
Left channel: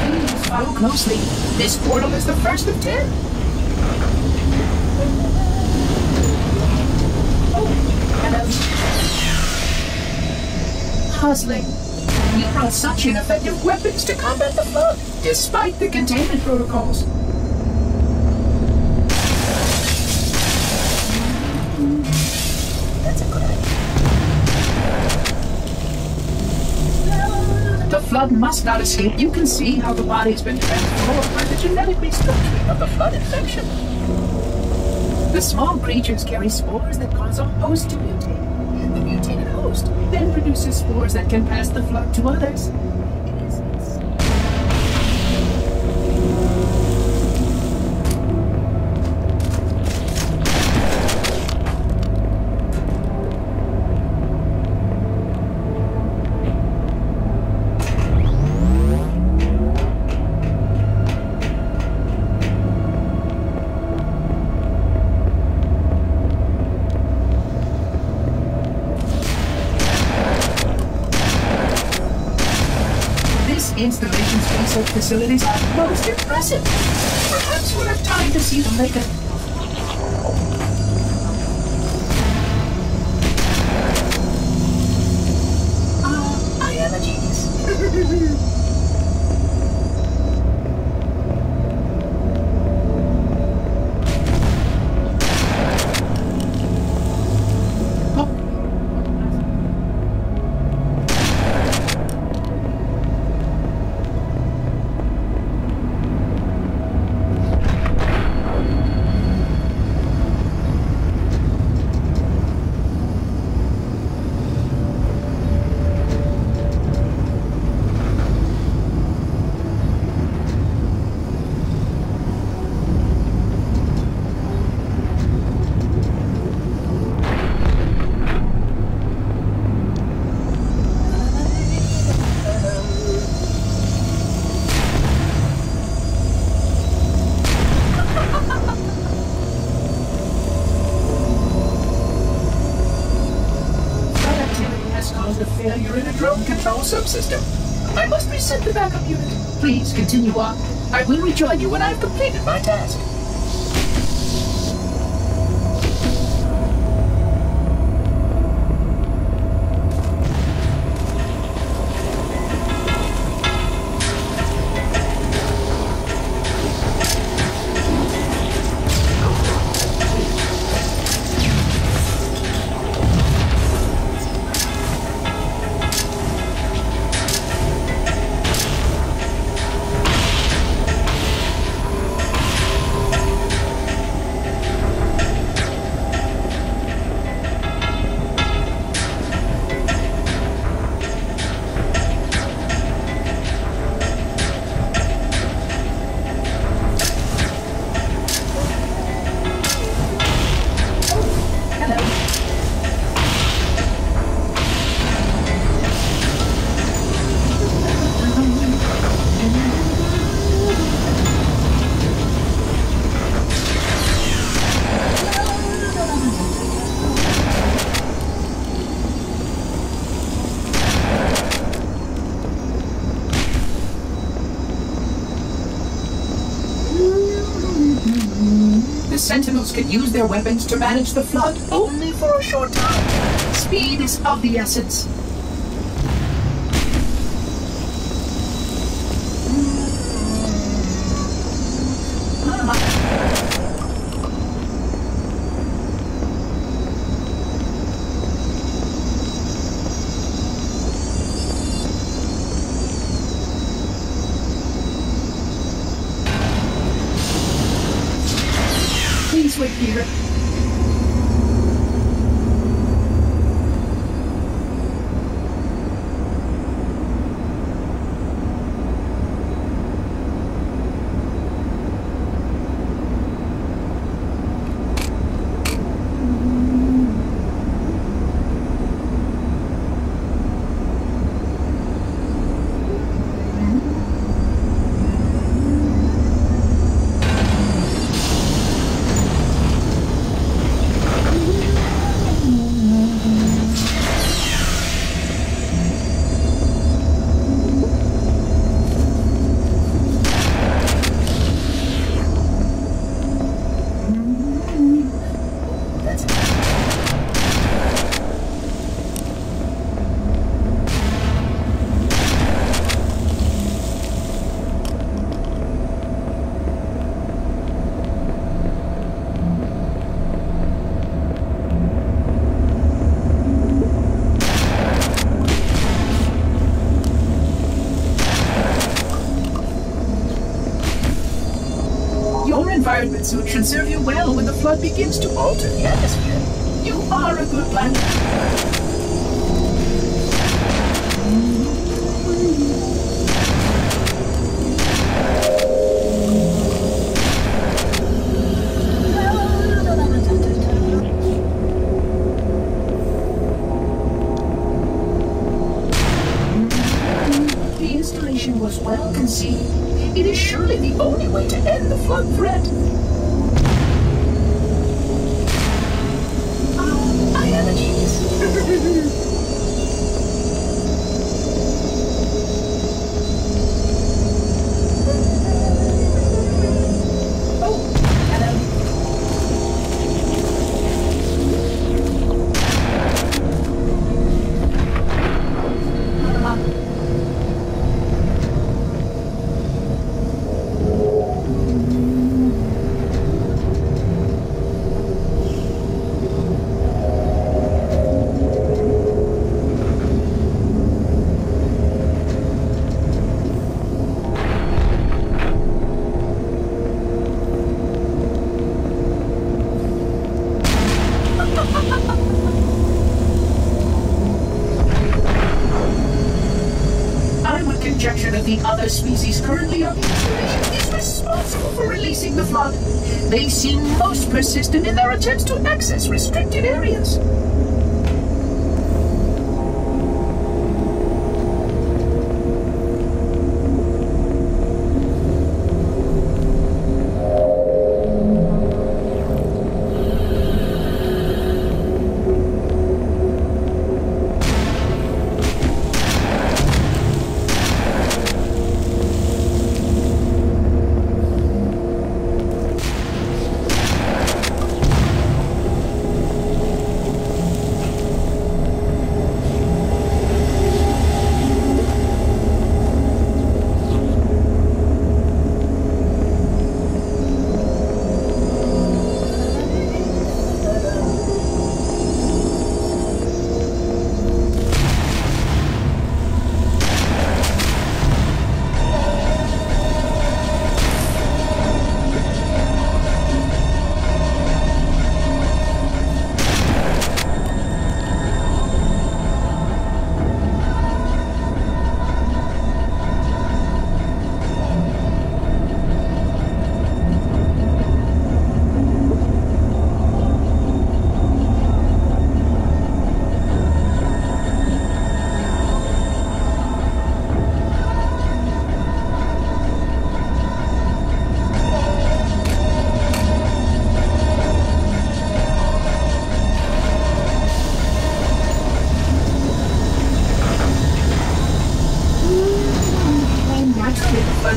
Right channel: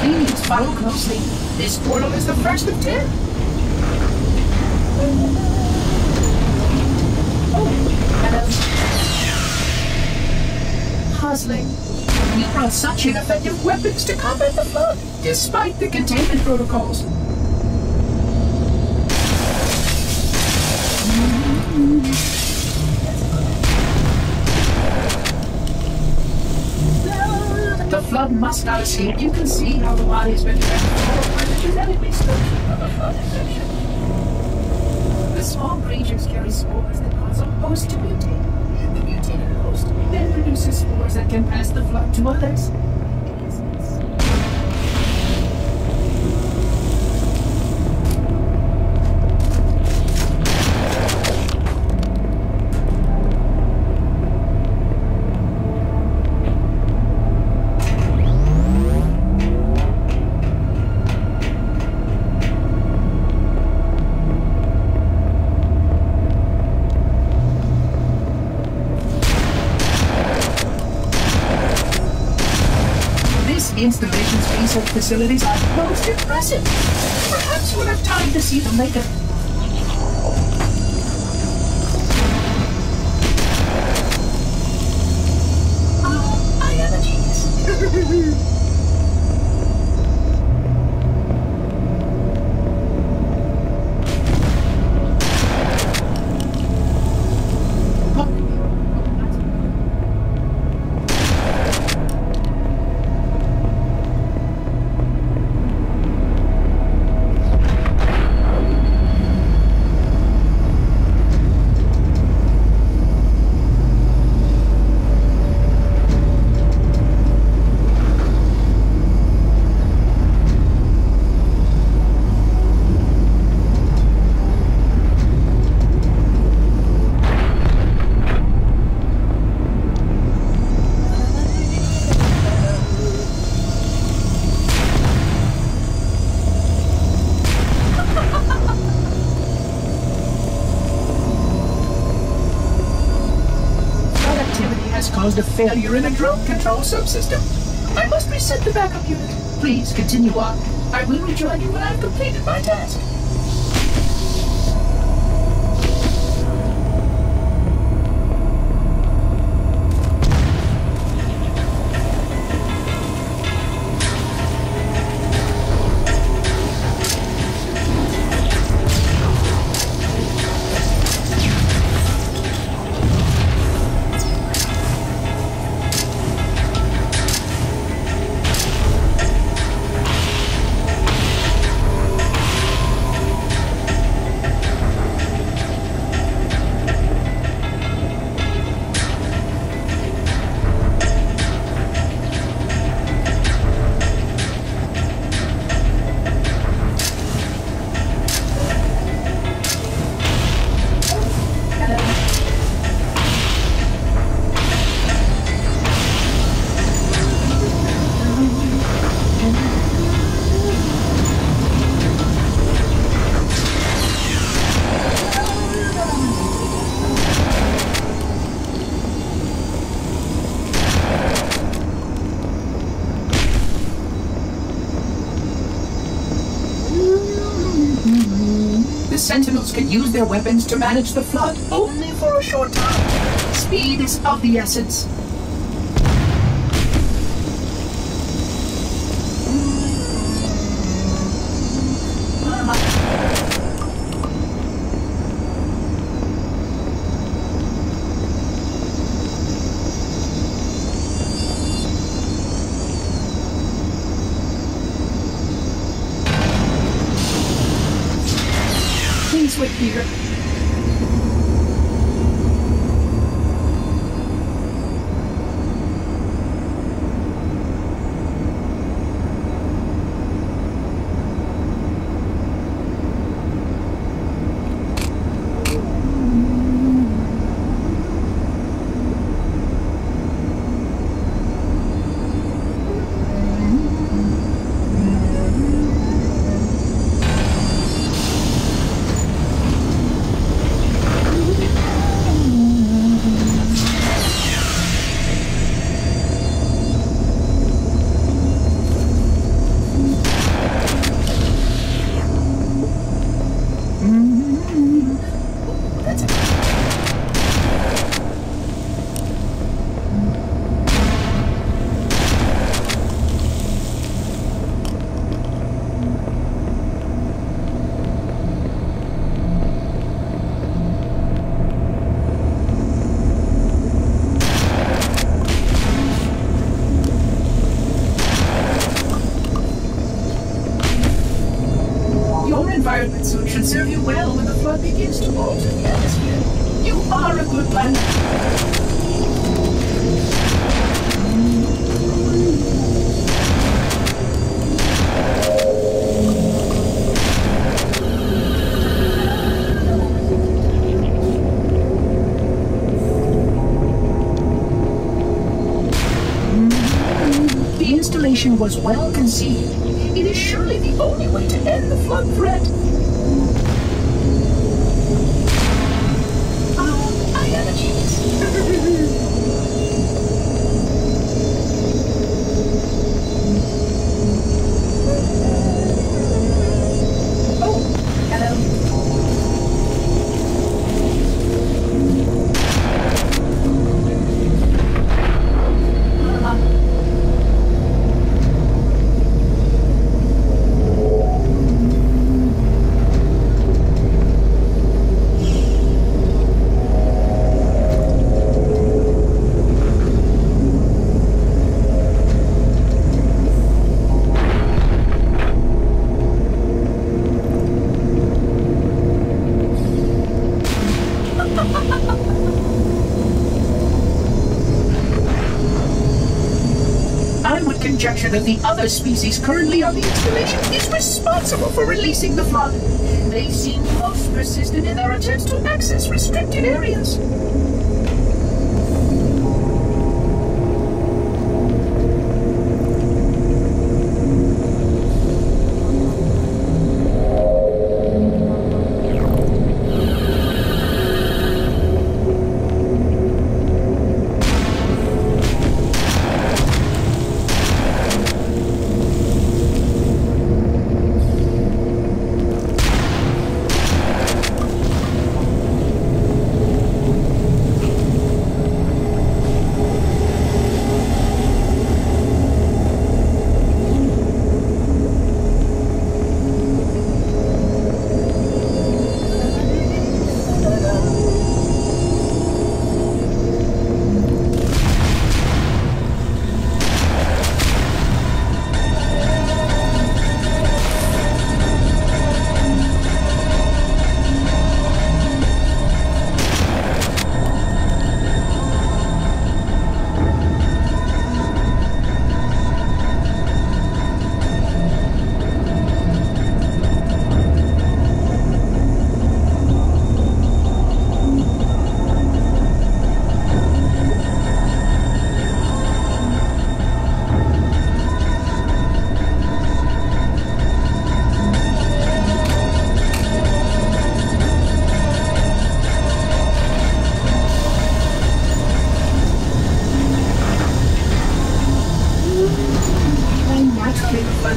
Please follow closely. This portal is the first of 10. Oh, hello. Puzzling. We brought such ineffective weapons to combat the flood, despite the containment protocols. The flood must not escape. You can see how the body has been transformed by the genetic restructuring of the flood infection. The small creatures carry spores that cause a host to mutate. The mutated host then produces spores that can pass the flood to others. Installation's research facilities are most impressive. Perhaps we'll have time to see them later. A failure in a drone control subsystem. I must reset the backup unit. Please continue on. I will rejoin you when I've completed my task. Sentinels can use their weapons to manage the flood only for a short time. Speed is of the essence. Wait here. Environment suit should serve you well when the flood begins to alter the atmosphere. You are a good planner. The installation was well conceived. It is surely the only way to end the flood threat. I am a genius. Oh, hello. creature that the other species currently on the installation is responsible for releasing the flood. They seem most persistent in their attempts to access restricted areas.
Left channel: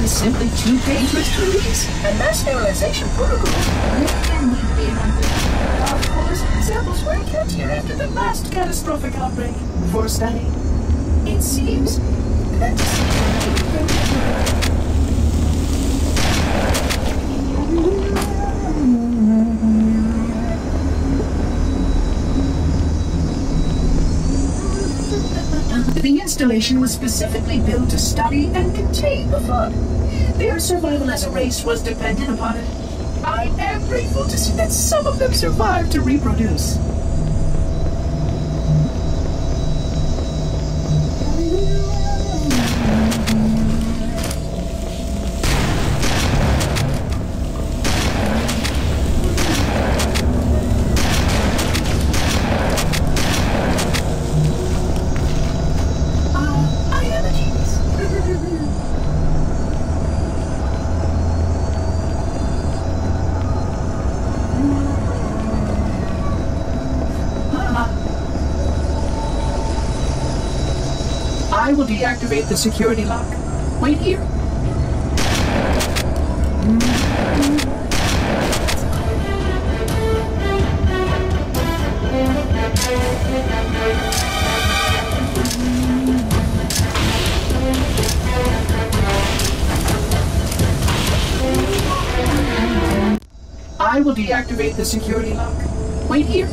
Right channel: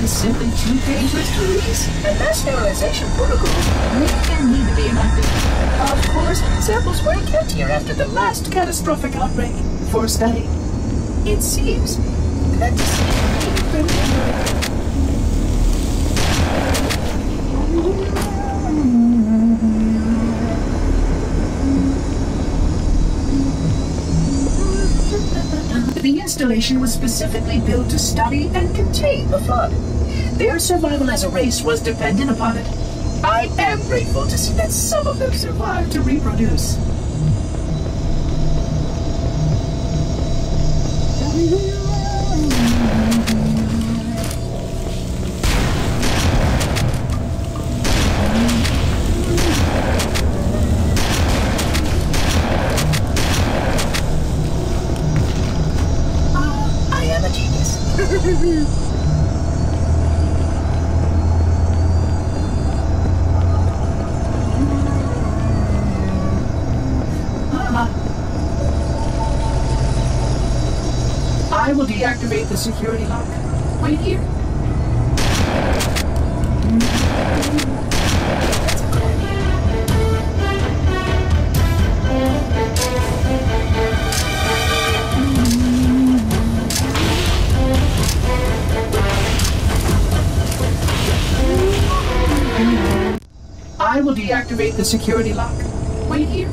Simply too dangerous to release, and mass sterilization protocols may need to be amended. Of course, samples were kept here after the last catastrophic outbreak for study. It seems that the installation was specifically built to study and contain the flood. Their survival as a race was dependent upon it. I am grateful to see that some of them survived to reproduce. I am a genius. I will deactivate the security lock. Wait here. I will deactivate the security lock. Wait here.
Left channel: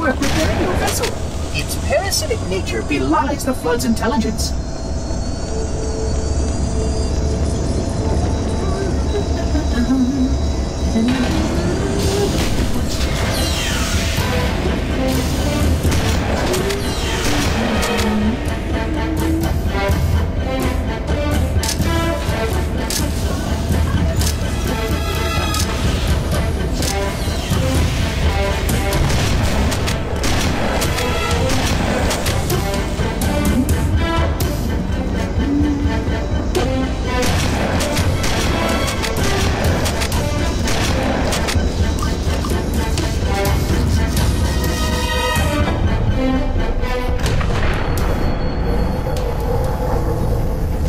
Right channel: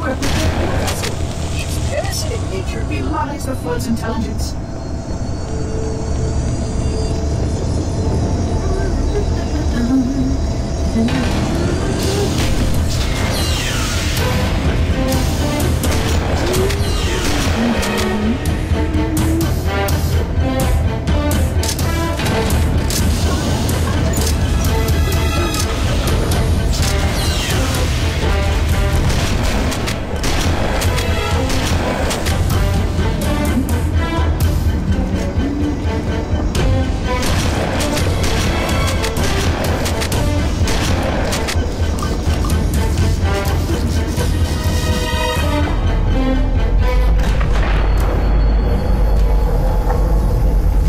We're preparing your vessel. Its parasitic nature belies the flood's intelligence.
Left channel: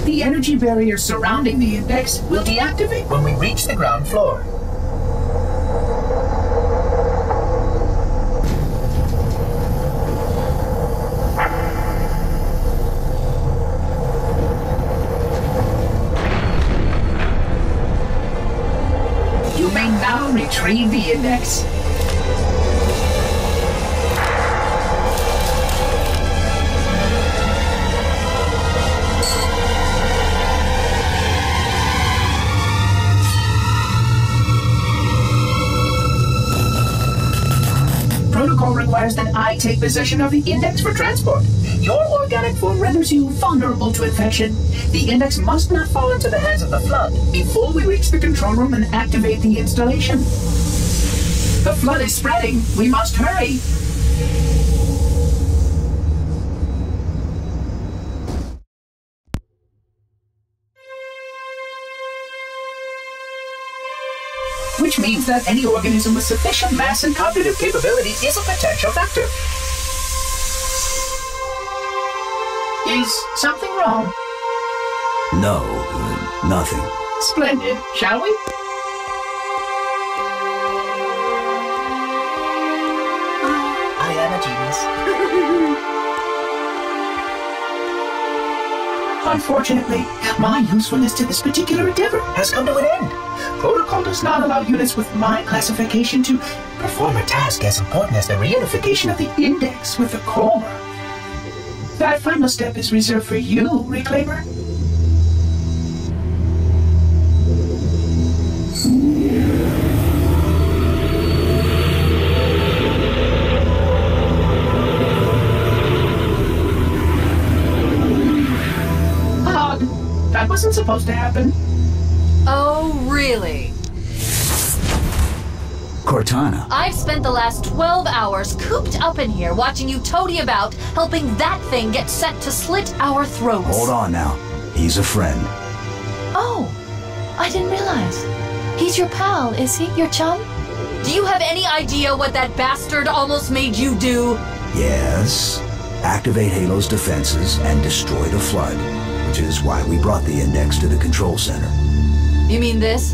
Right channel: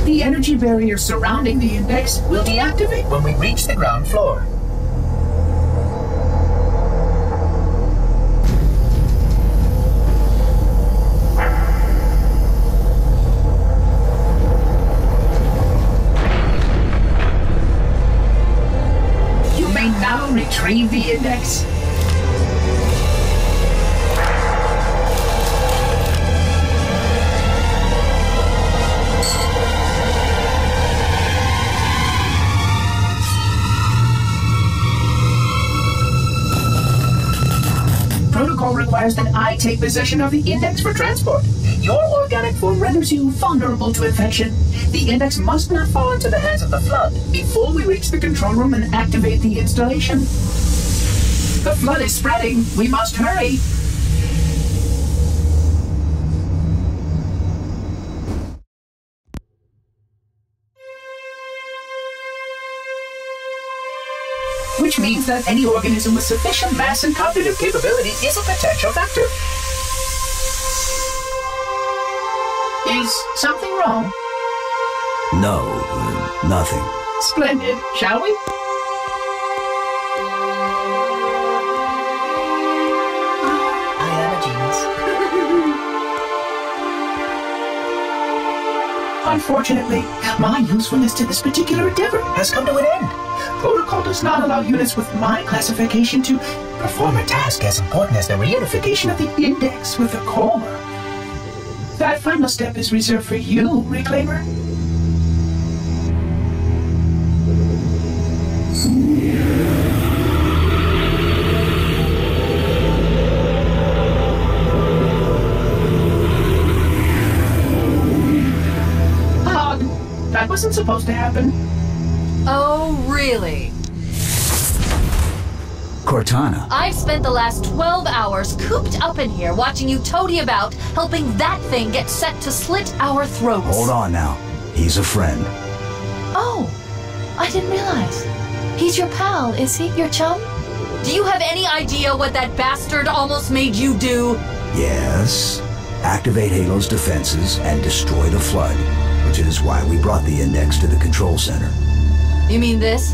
The energy barrier surrounding the index will deactivate when we reach the ground floor. You may now retrieve the index. Protocol requires that I take possession of the index for transport. Your organic form renders you vulnerable to infection. The index must not fall into the hands of the flood before we reach the control room and activate the installation. The flood is spreading. We must hurry. Which means that any organism with sufficient mass and cognitive capability is a potential factor. Is something wrong? No, nothing. Splendid. Shall we? I am a genius. Unfortunately, my usefulness to this particular endeavor has come to an end. Protocol does not allow units with my classification to perform a task as important as the reunification of the index with the core. That final step is reserved for you, Reclaimer. That wasn't supposed to happen. Oh, really? Cortana. I've spent the last 12 hours cooped up in here watching you toady about, helping that thing get set to slit our throats. Hold on now. He's a friend. Oh, I didn't realize. He's your pal, is he? Your chum? Do you have any idea what that bastard almost made you do? Yes. Activate Halo's defenses and destroy the flood, which is why we brought the index to the control center. You mean this?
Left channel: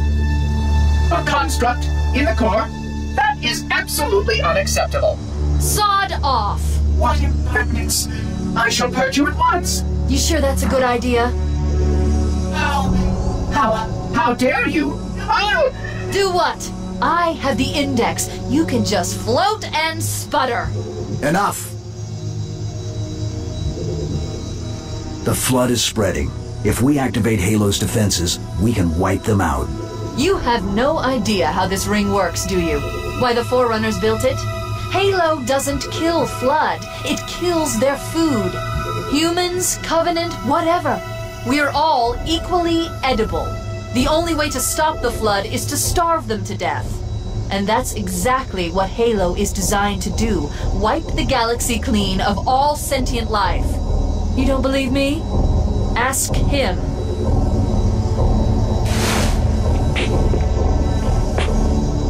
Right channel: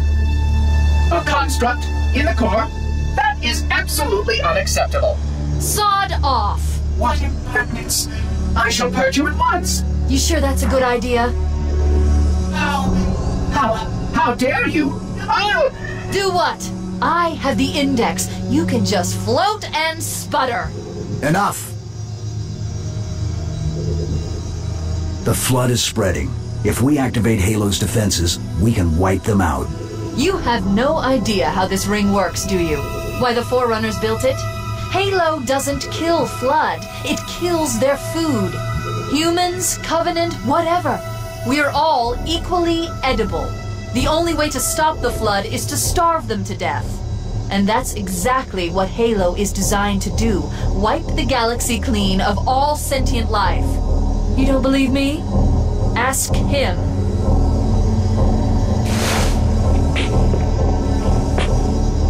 A construct in the core? That is absolutely unacceptable. Sod off! What impertinence! I shall purge you at once! You sure that's a good idea? How dare you? I'll... Do what? I have the index. You can just float and sputter. Enough! The flood is spreading. If we activate Halo's defenses, we can wipe them out. You have no idea how this ring works, do you? Why the Forerunners built it? Halo doesn't kill Flood. It kills their food. Humans, Covenant, whatever. We're all equally edible. The only way to stop the Flood is to starve them to death. And that's exactly what Halo is designed to do. Wipe the galaxy clean of all sentient life. You don't believe me? Ask him.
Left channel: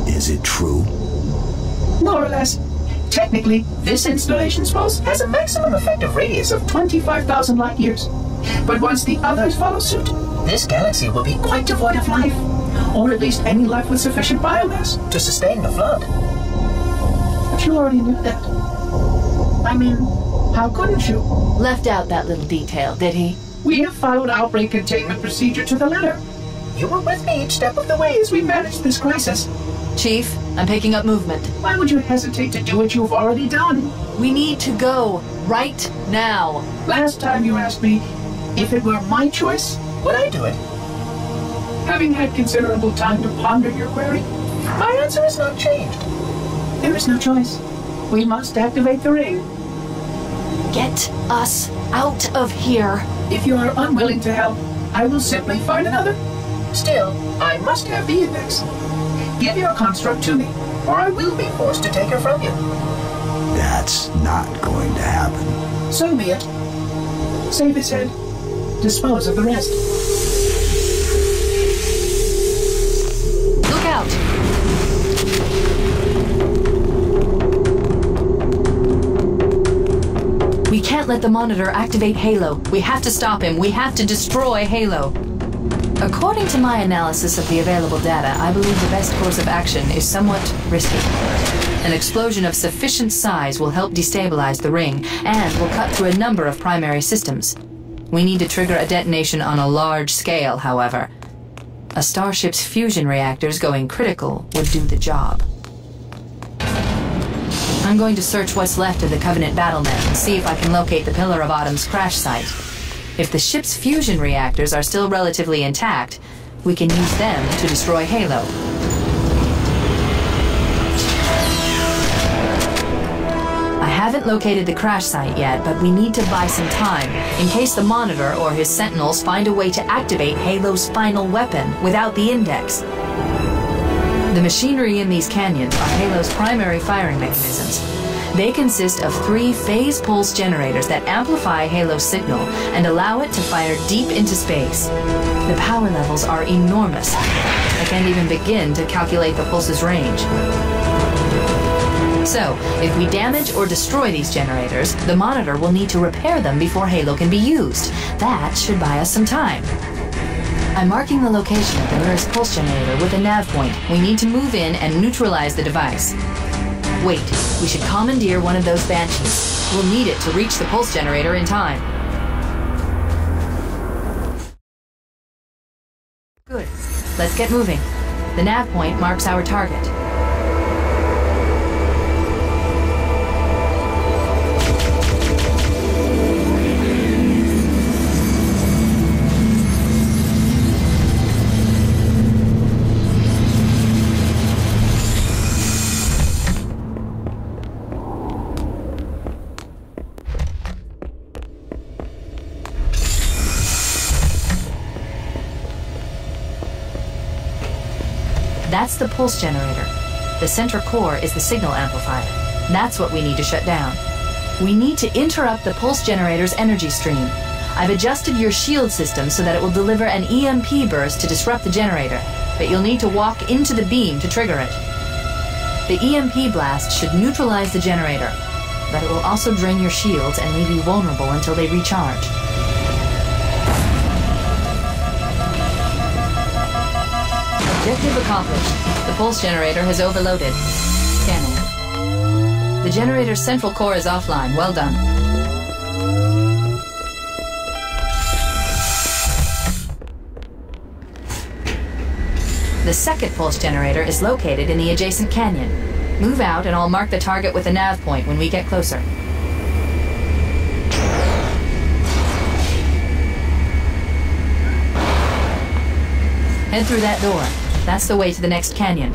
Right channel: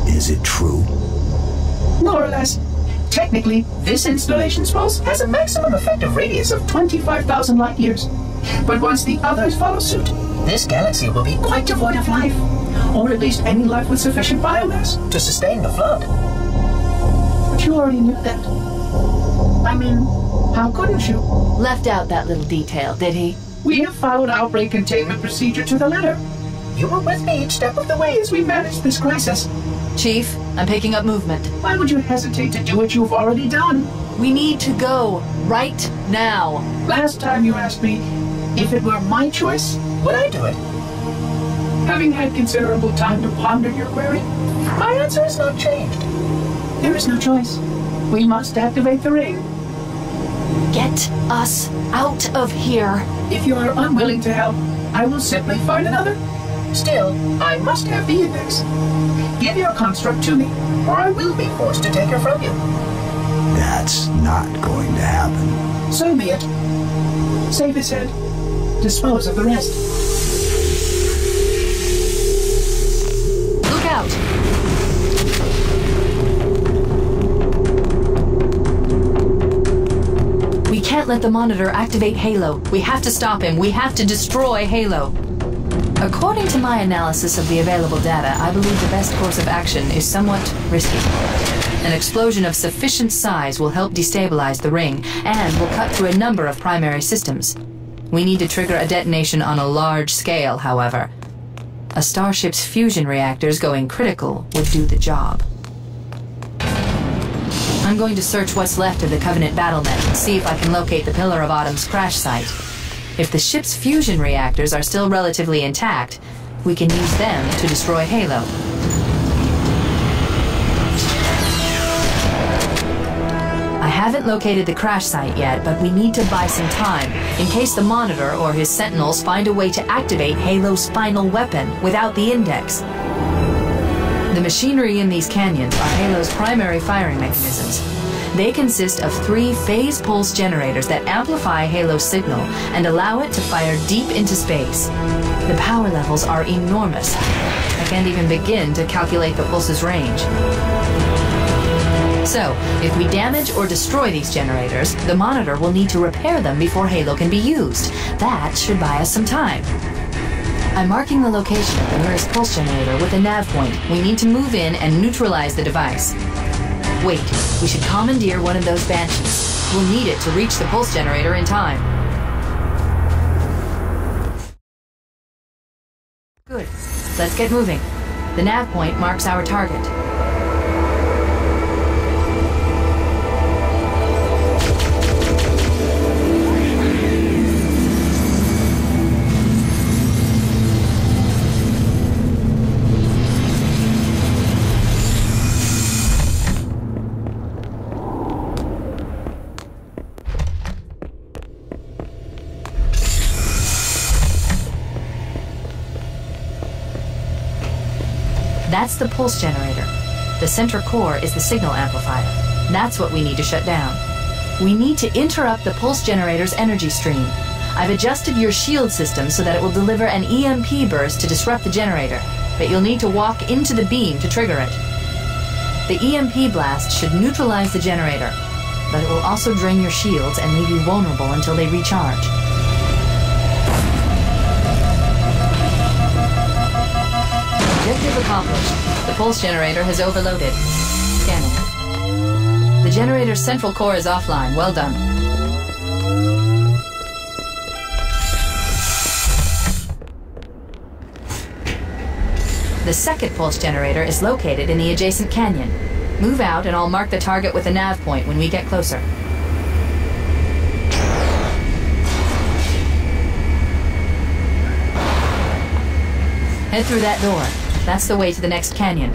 Is it true? More or less. Technically, this installation's pulse has a maximum effective radius of 25,000 light years. But once the others follow suit, this galaxy will be quite devoid of life. Or at least any life with sufficient biomass to sustain the flood. But you already knew that. I mean, how couldn't you? Left out that little detail, did he? We have followed outbreak containment procedure to the letter. You were with me each step of the way as we managed this crisis. Chief, I'm picking up movement. Why would you hesitate to do what you've already done? We need to go right now. Last time you asked me if it were my choice, would I do it? Having had considerable time to ponder your query, my answer has not changed. There is no choice. We must activate the ring. Get us out of here. If you are unwilling to help, I will simply find another. Still, I must have the index. Give your construct to me, or I will be forced to take her from you. That's not going to happen. So be it. Save its head. Dispose of the rest. Look out! We can't let the monitor activate Halo. We have to stop him. We have to destroy Halo. According to my analysis of the available data, I believe the best course of action is somewhat risky. An explosion of sufficient size will help destabilize the ring and will cut through a number of primary systems. We need to trigger a detonation on a large scale, however. A starship's fusion reactors going critical would do the job. I'm going to search what's left of the Covenant battlement and see if I can locate the Pillar of Autumn's crash site. If the ship's fusion reactors are still relatively intact, we can use them to destroy Halo. I haven't located the crash site yet, but we need to buy some time in case the Monitor or his Sentinels find a way to activate Halo's final weapon without the index. The machinery in these canyons are Halo's primary firing mechanisms. They consist of 3 phase pulse generators that amplify Halo's signal and allow it to fire deep into space. The power levels are enormous. I can't even begin to calculate the pulse's range. So, if we damage or destroy these generators, the Monitor will need to repair them before Halo can be used. That should buy us some time. I'm marking the location of the nearest pulse generator with a nav point. We need to move in and neutralize the device. Wait, we should commandeer one of those Banshees. We'll need it to reach the pulse generator in time. Good. Let's get moving. The nav point marks our target. That's the pulse generator. The center core is the signal amplifier. That's what we need to shut down. We need to interrupt the pulse generator's energy stream. I've adjusted your shield system so that it will deliver an EMP burst to disrupt the generator, but you'll need to walk into the beam to trigger it. The EMP blast should neutralize the generator, but it will also drain your shields and leave you vulnerable until they recharge. Objective accomplished. The pulse generator has overloaded. Scanning. The generator's central core is offline. Well done. The second pulse generator is located in the adjacent canyon. Move out and I'll mark the target with a nav point when we get closer. Head through that door. That's the way to the next canyon.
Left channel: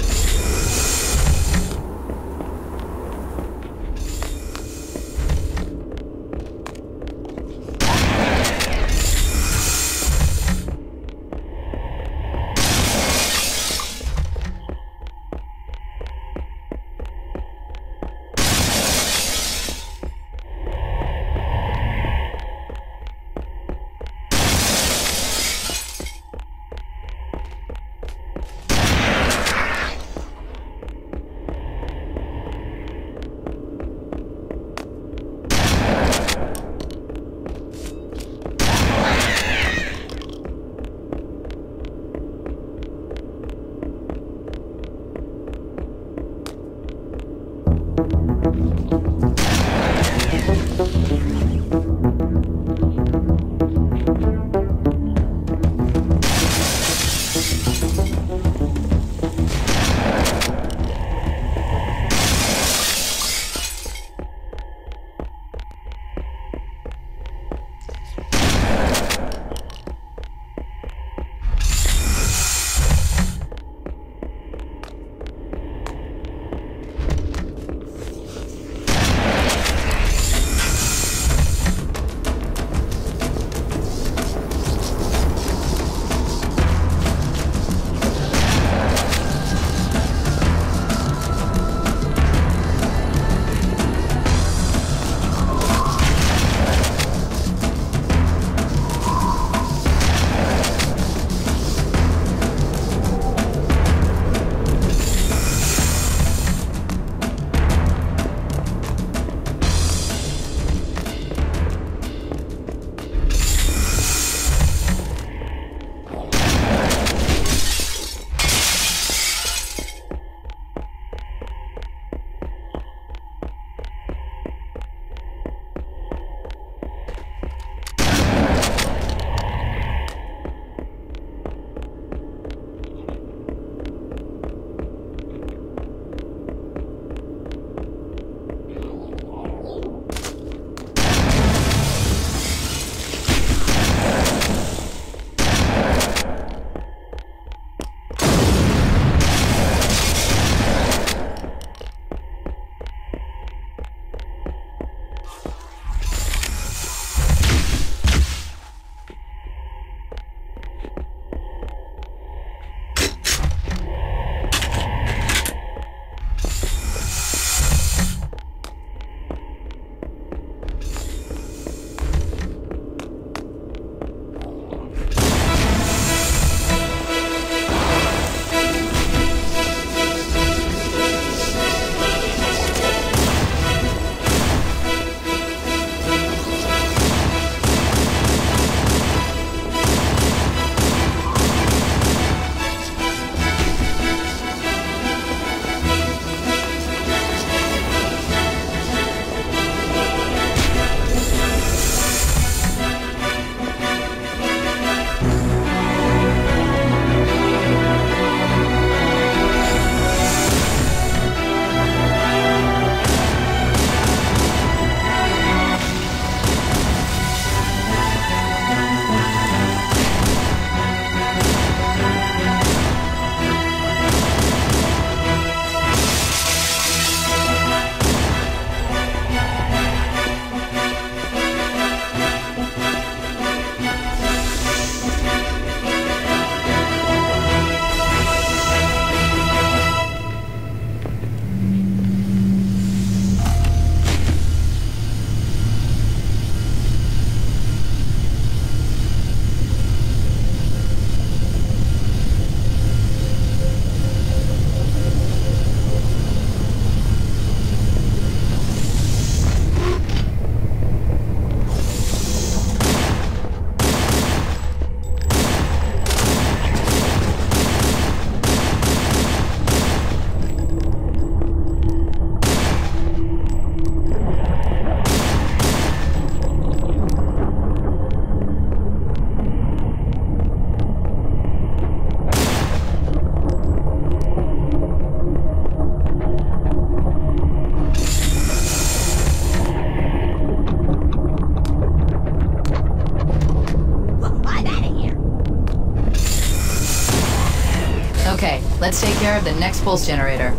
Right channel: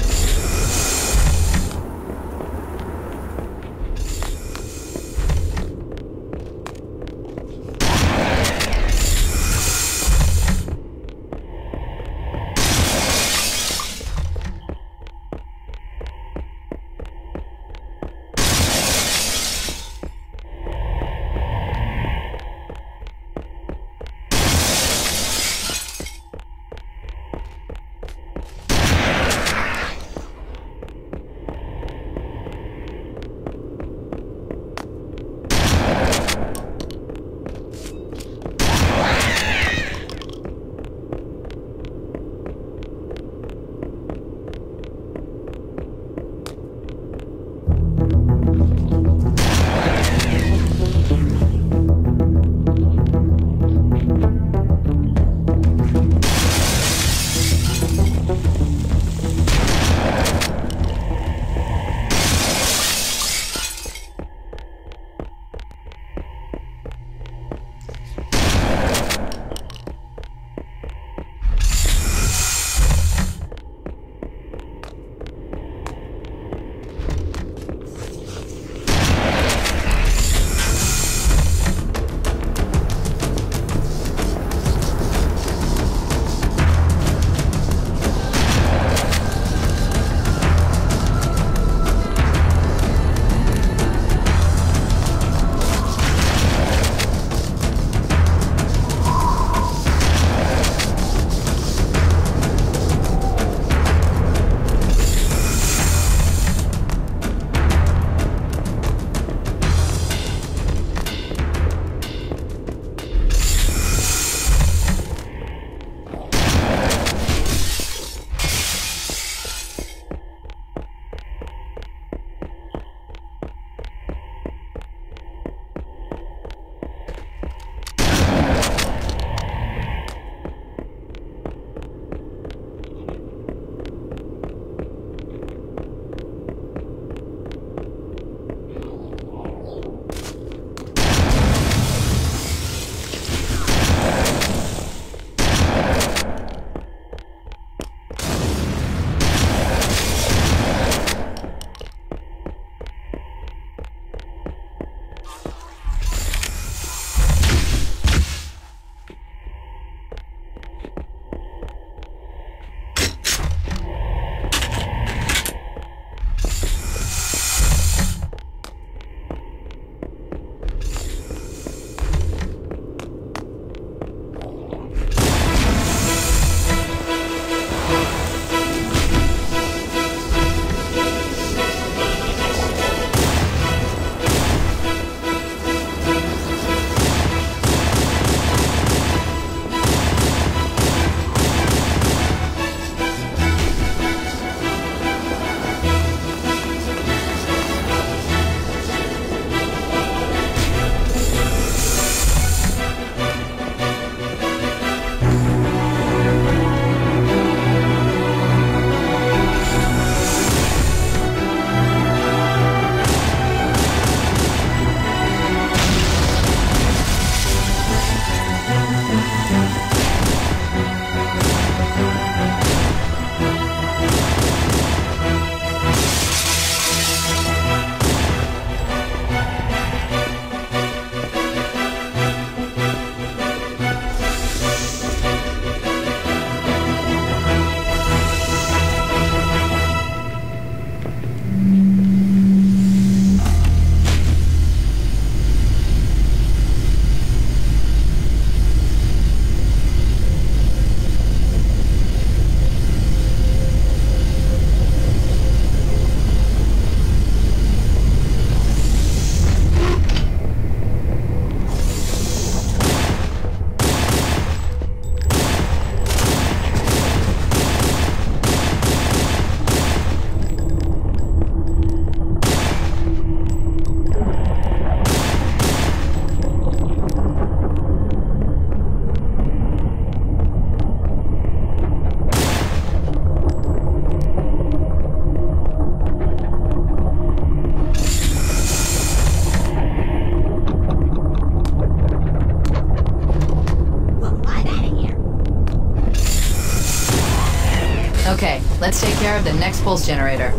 care of the next pulse generator.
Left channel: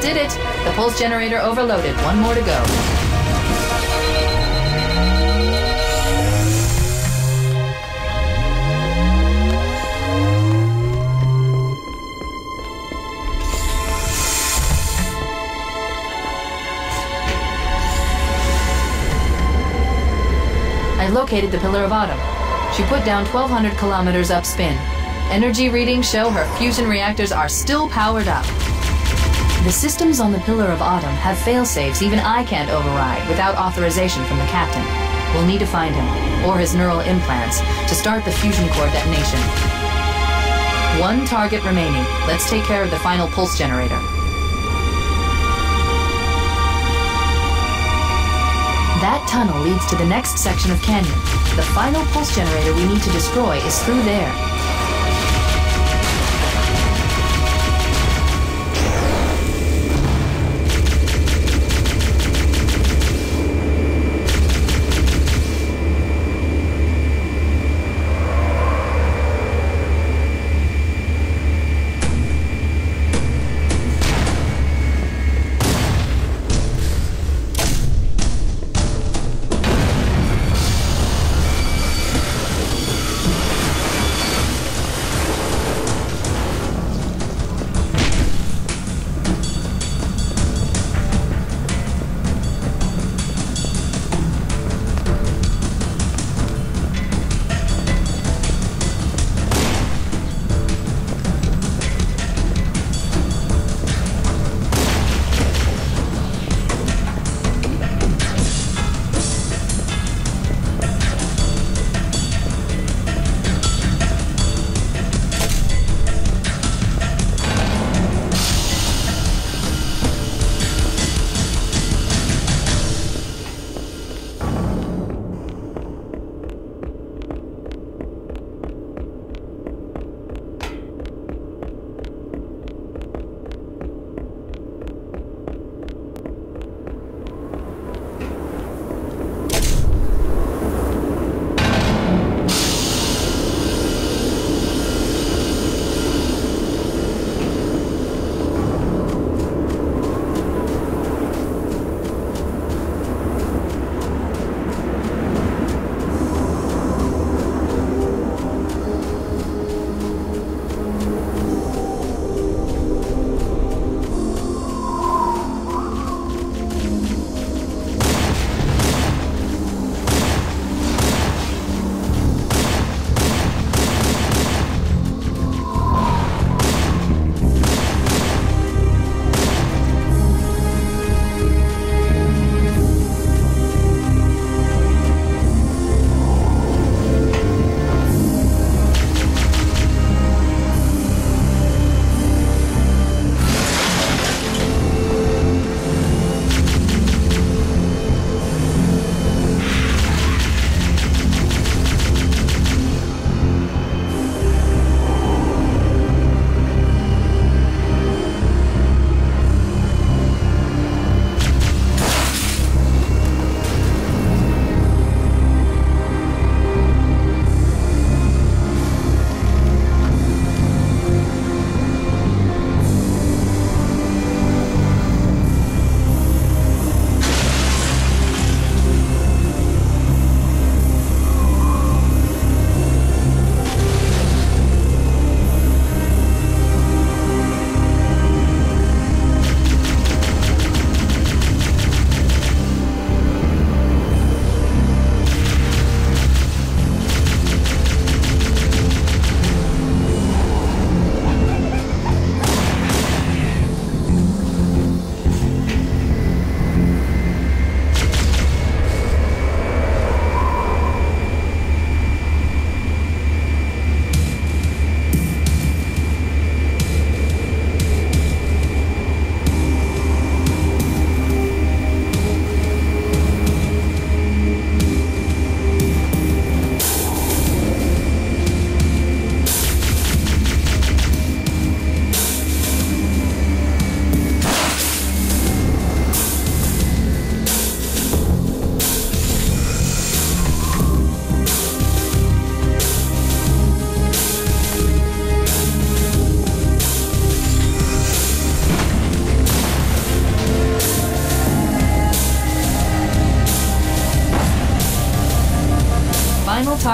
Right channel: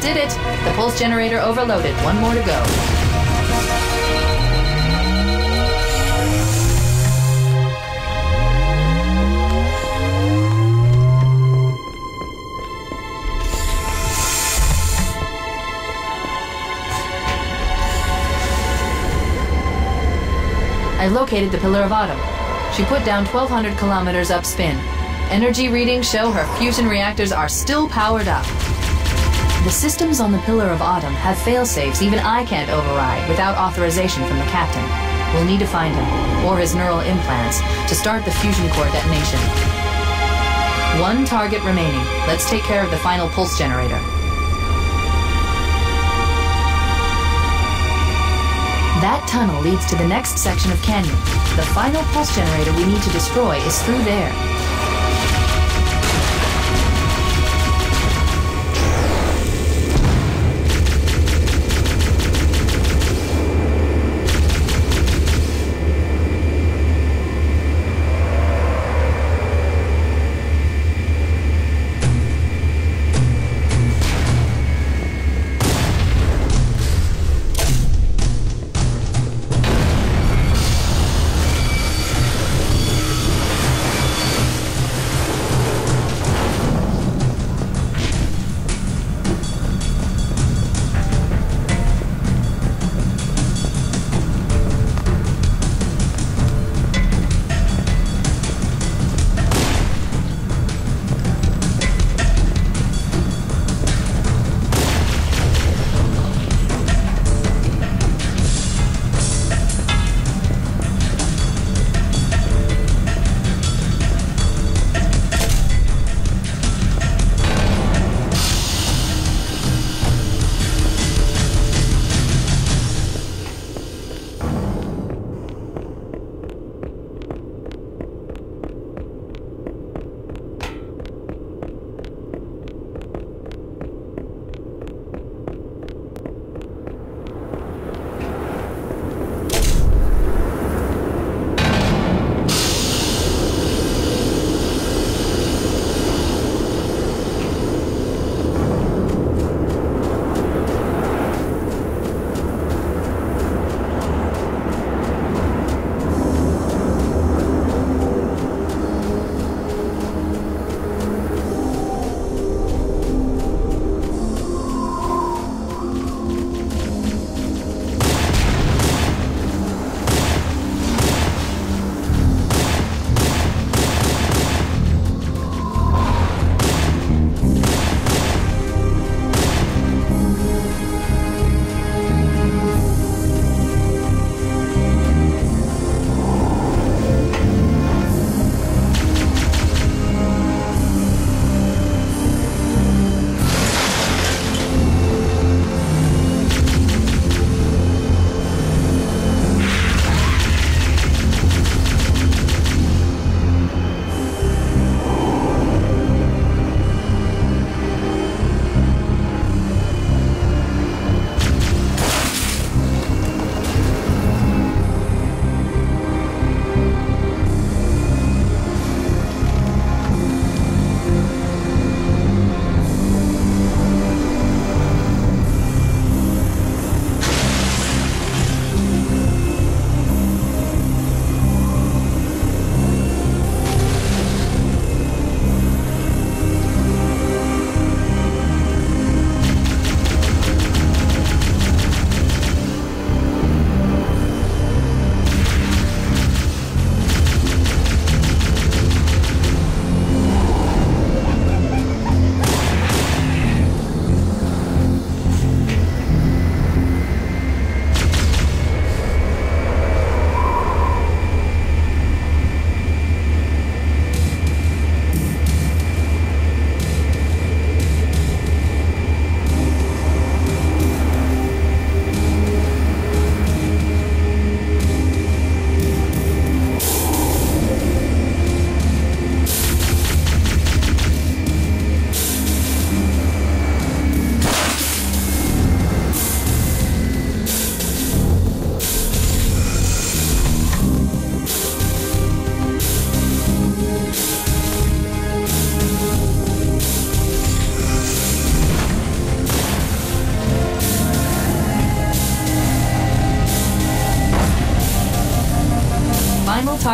Did it! The pulse generator overloaded. One more to go. I located the Pillar of Autumn. She put down 1,200 kilometers upspin. Energy readings show her fusion reactors are still powered up. The systems on the Pillar of Autumn have fail-safes even I can't override without authorization from the captain. We'll need to find him, or his neural implants, to start the fusion core detonation. One target remaining. Let's take care of the final pulse generator. That tunnel leads to the next section of canyon. The final pulse generator we need to destroy is through there.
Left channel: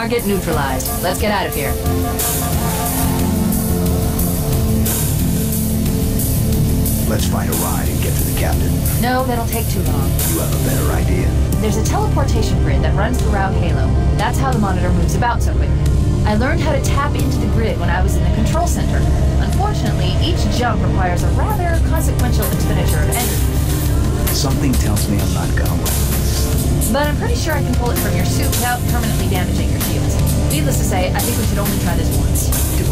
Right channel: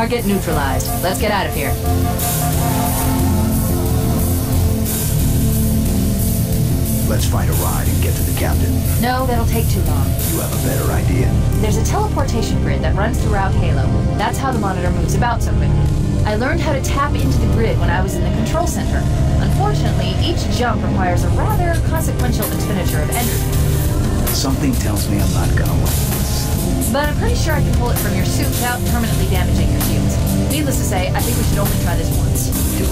Target neutralized. Let's get out of here. Let's find a ride and get to the captain. No, that'll take too long. You have a better idea? There's a teleportation grid that runs throughout Halo. That's how the monitor moves about so quickly. I learned how to tap into the grid when I was in the control center. Unfortunately, each jump requires a rather consequential expenditure of energy. Something tells me I'm not gonna like this. But I'm pretty sure I can pull it from your suit without permanently damaging your shields. Needless to say, I think we should only try this once. Do it.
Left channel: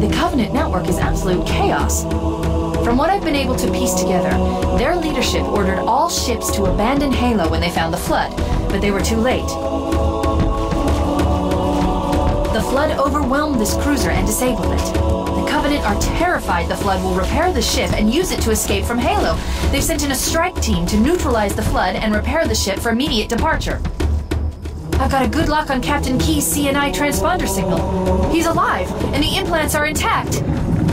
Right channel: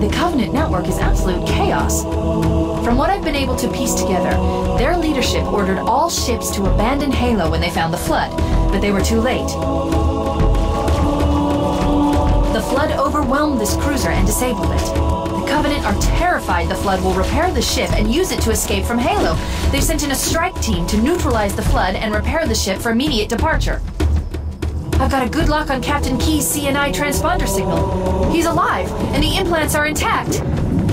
The Covenant network is absolute chaos. From what I've been able to piece together, their leadership ordered all ships to abandon Halo when they found the Flood, but they were too late. The Flood overwhelmed this cruiser and disabled it. The Covenant are terrified the Flood will repair the ship and use it to escape from Halo. They've sent in a strike team to neutralize the Flood and repair the ship for immediate departure. I've got a good lock on Captain Key's CNI transponder signal. He's alive, and the implants are intact.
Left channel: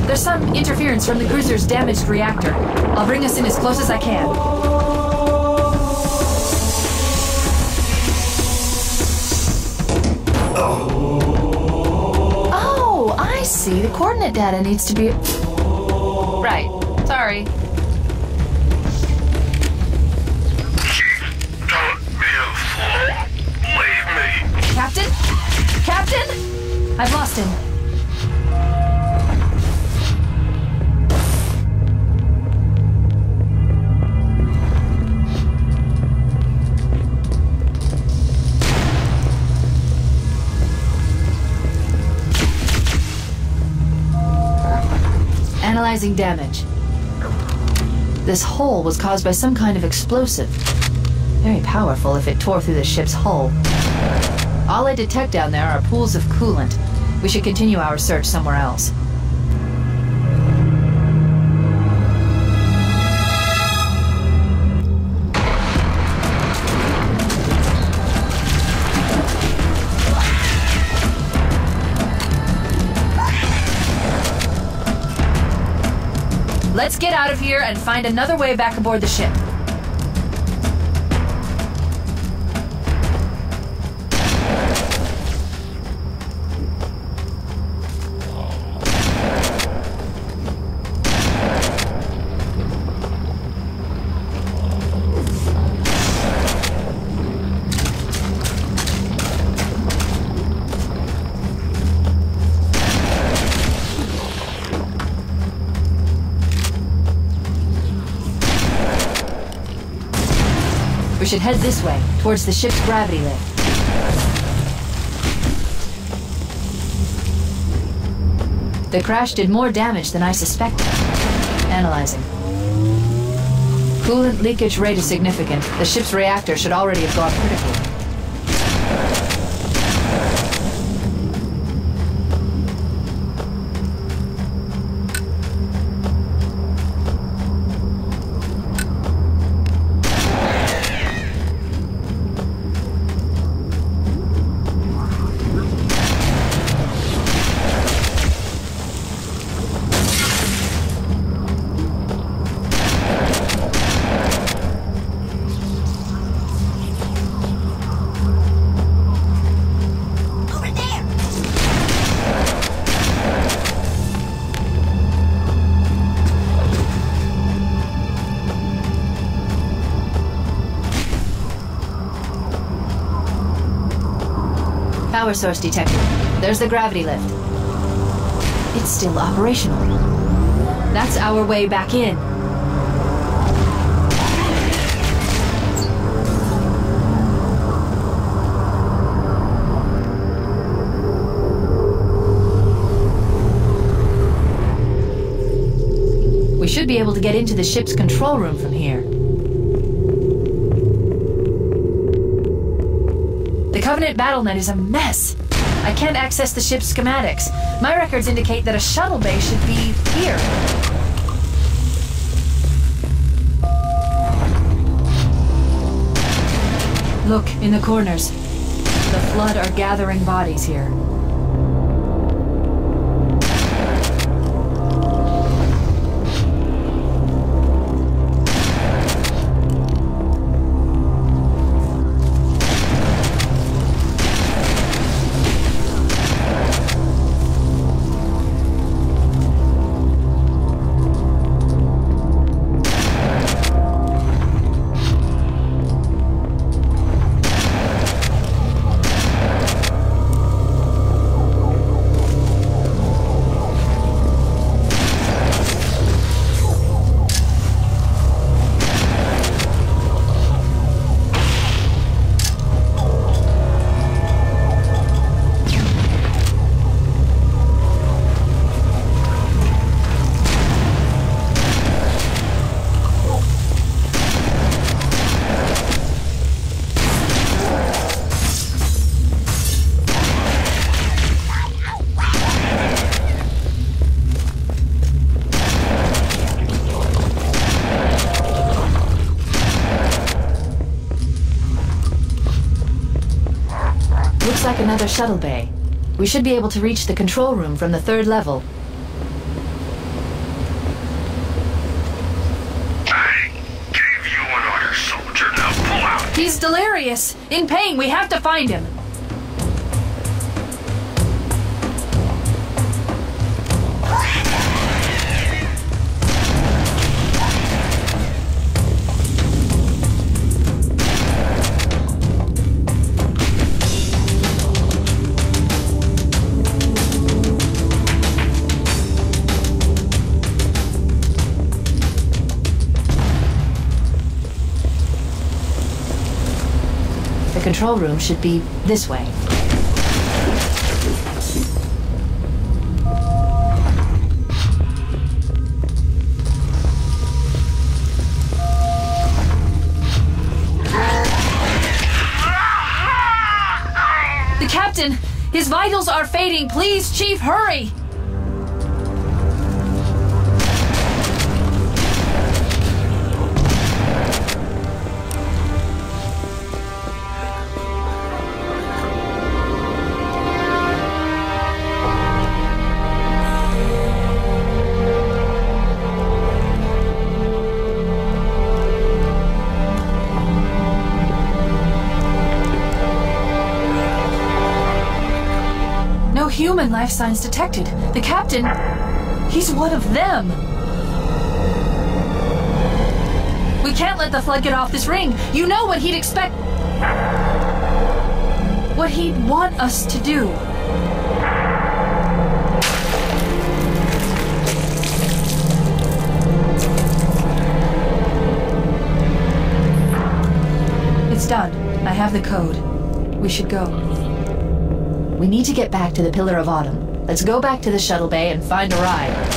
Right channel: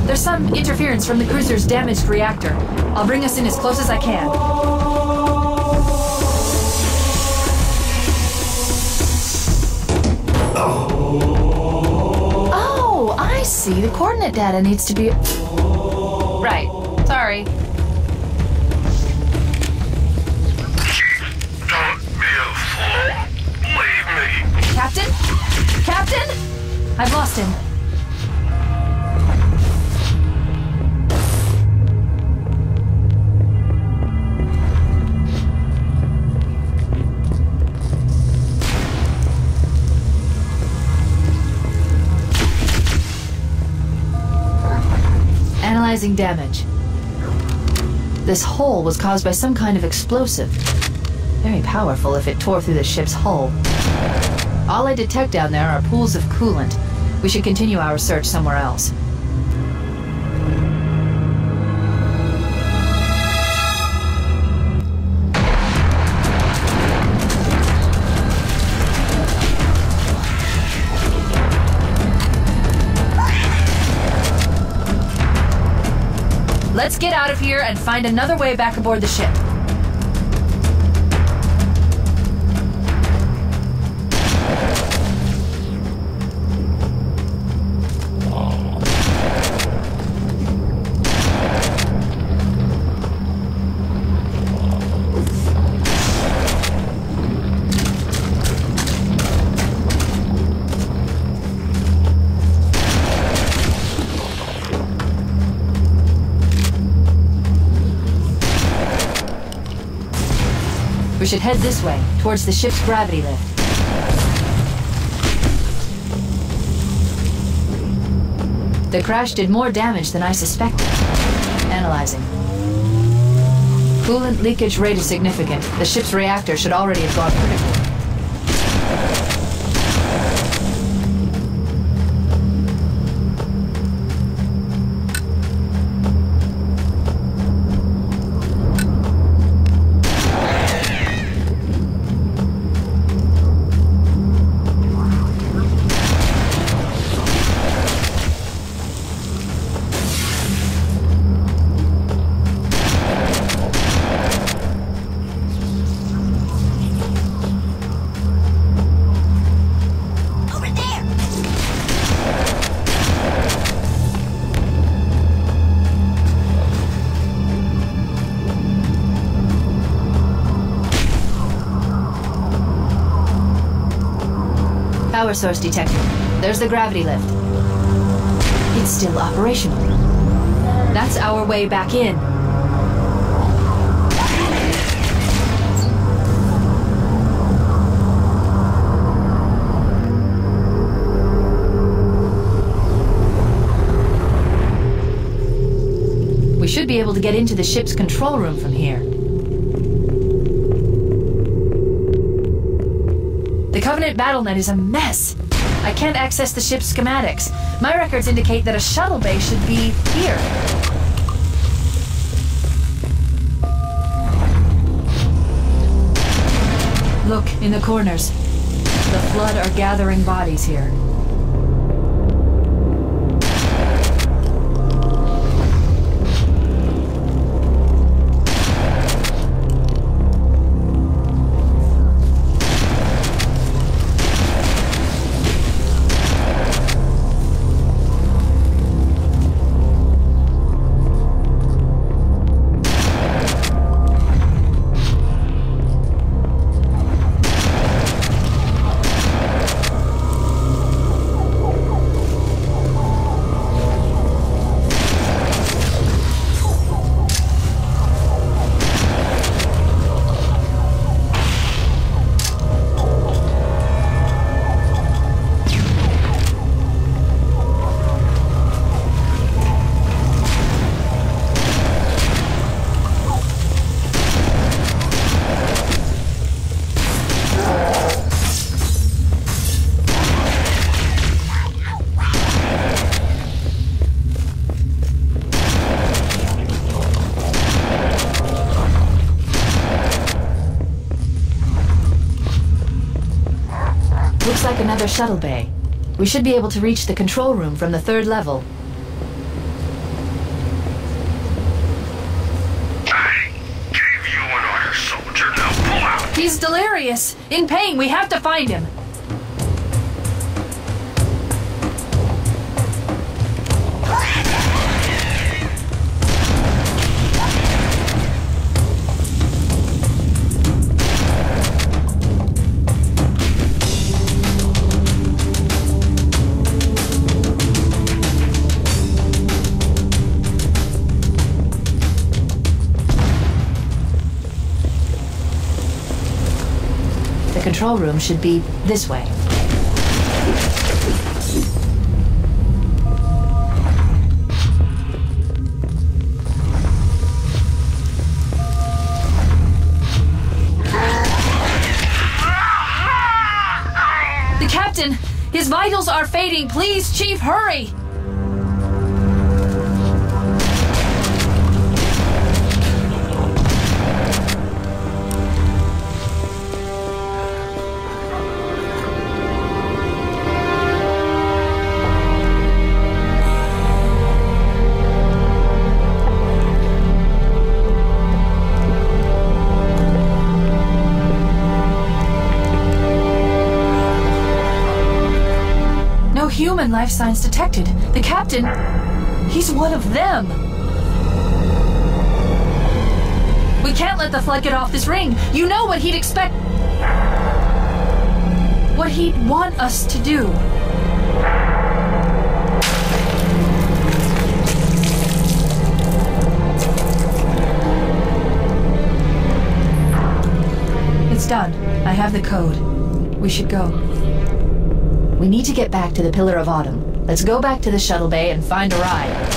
There's some interference from the cruiser's damaged reactor. I'll bring us in as close as I can. Oh, I see. The coordinate data needs to be... Right. Sorry. Don't be a fool. Leave me. Captain? Captain? I've lost him. Analyzing damage. This hole was caused by some kind of explosive. Very powerful if it tore through the ship's hull. All I detect down there are pools of coolant. We should continue our search somewhere else. Let's get out of here and find another way back aboard the ship. We should head this way, towards the ship's gravity lift. The crash did more damage than I suspected. Analyzing. Coolant leakage rate is significant. The ship's reactor should already have gone critical. Power source detected. There's the gravity lift. It's still operational. That's our way back in. We should be able to get into the ship's control room from here. The Covenant BattleNet is a mess. I can't access the ship's schematics. My records indicate that a shuttle bay should be here. Look, in the corners. The Flood are gathering bodies here. another shuttle bay. We should be able to reach the control room from the 3rd level. I gave you an order, soldier. Now pull out. He's delirious. In pain. We have to find him. The control room should be this way. The captain! His vitals are fading. Please, Chief, hurry! Human life signs detected. The captain, he's one of them. We can't let the flood get off this ring. You know what he'd expect. What he'd want us to do. It's done. I have the code. We should go. We need to get back to the Pillar of Autumn. Let's go back to the shuttle bay and find a ride.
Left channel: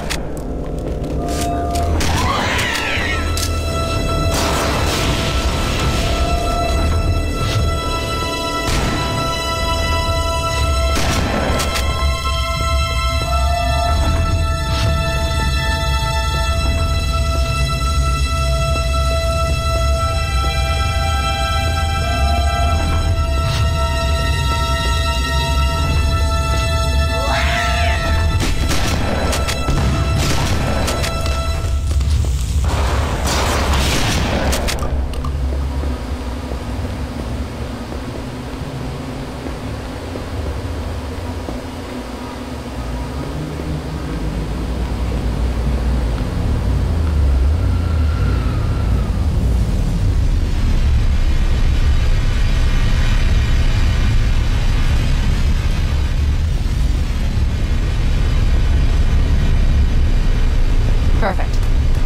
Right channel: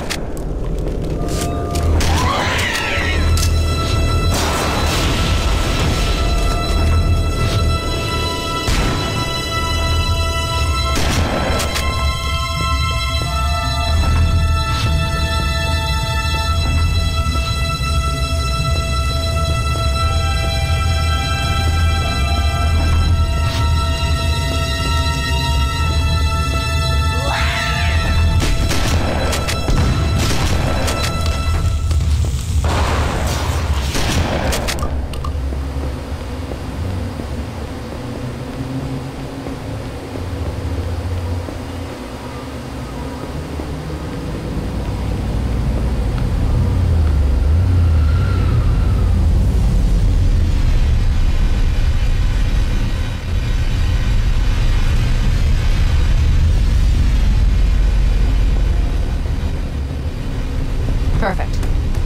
Perfect.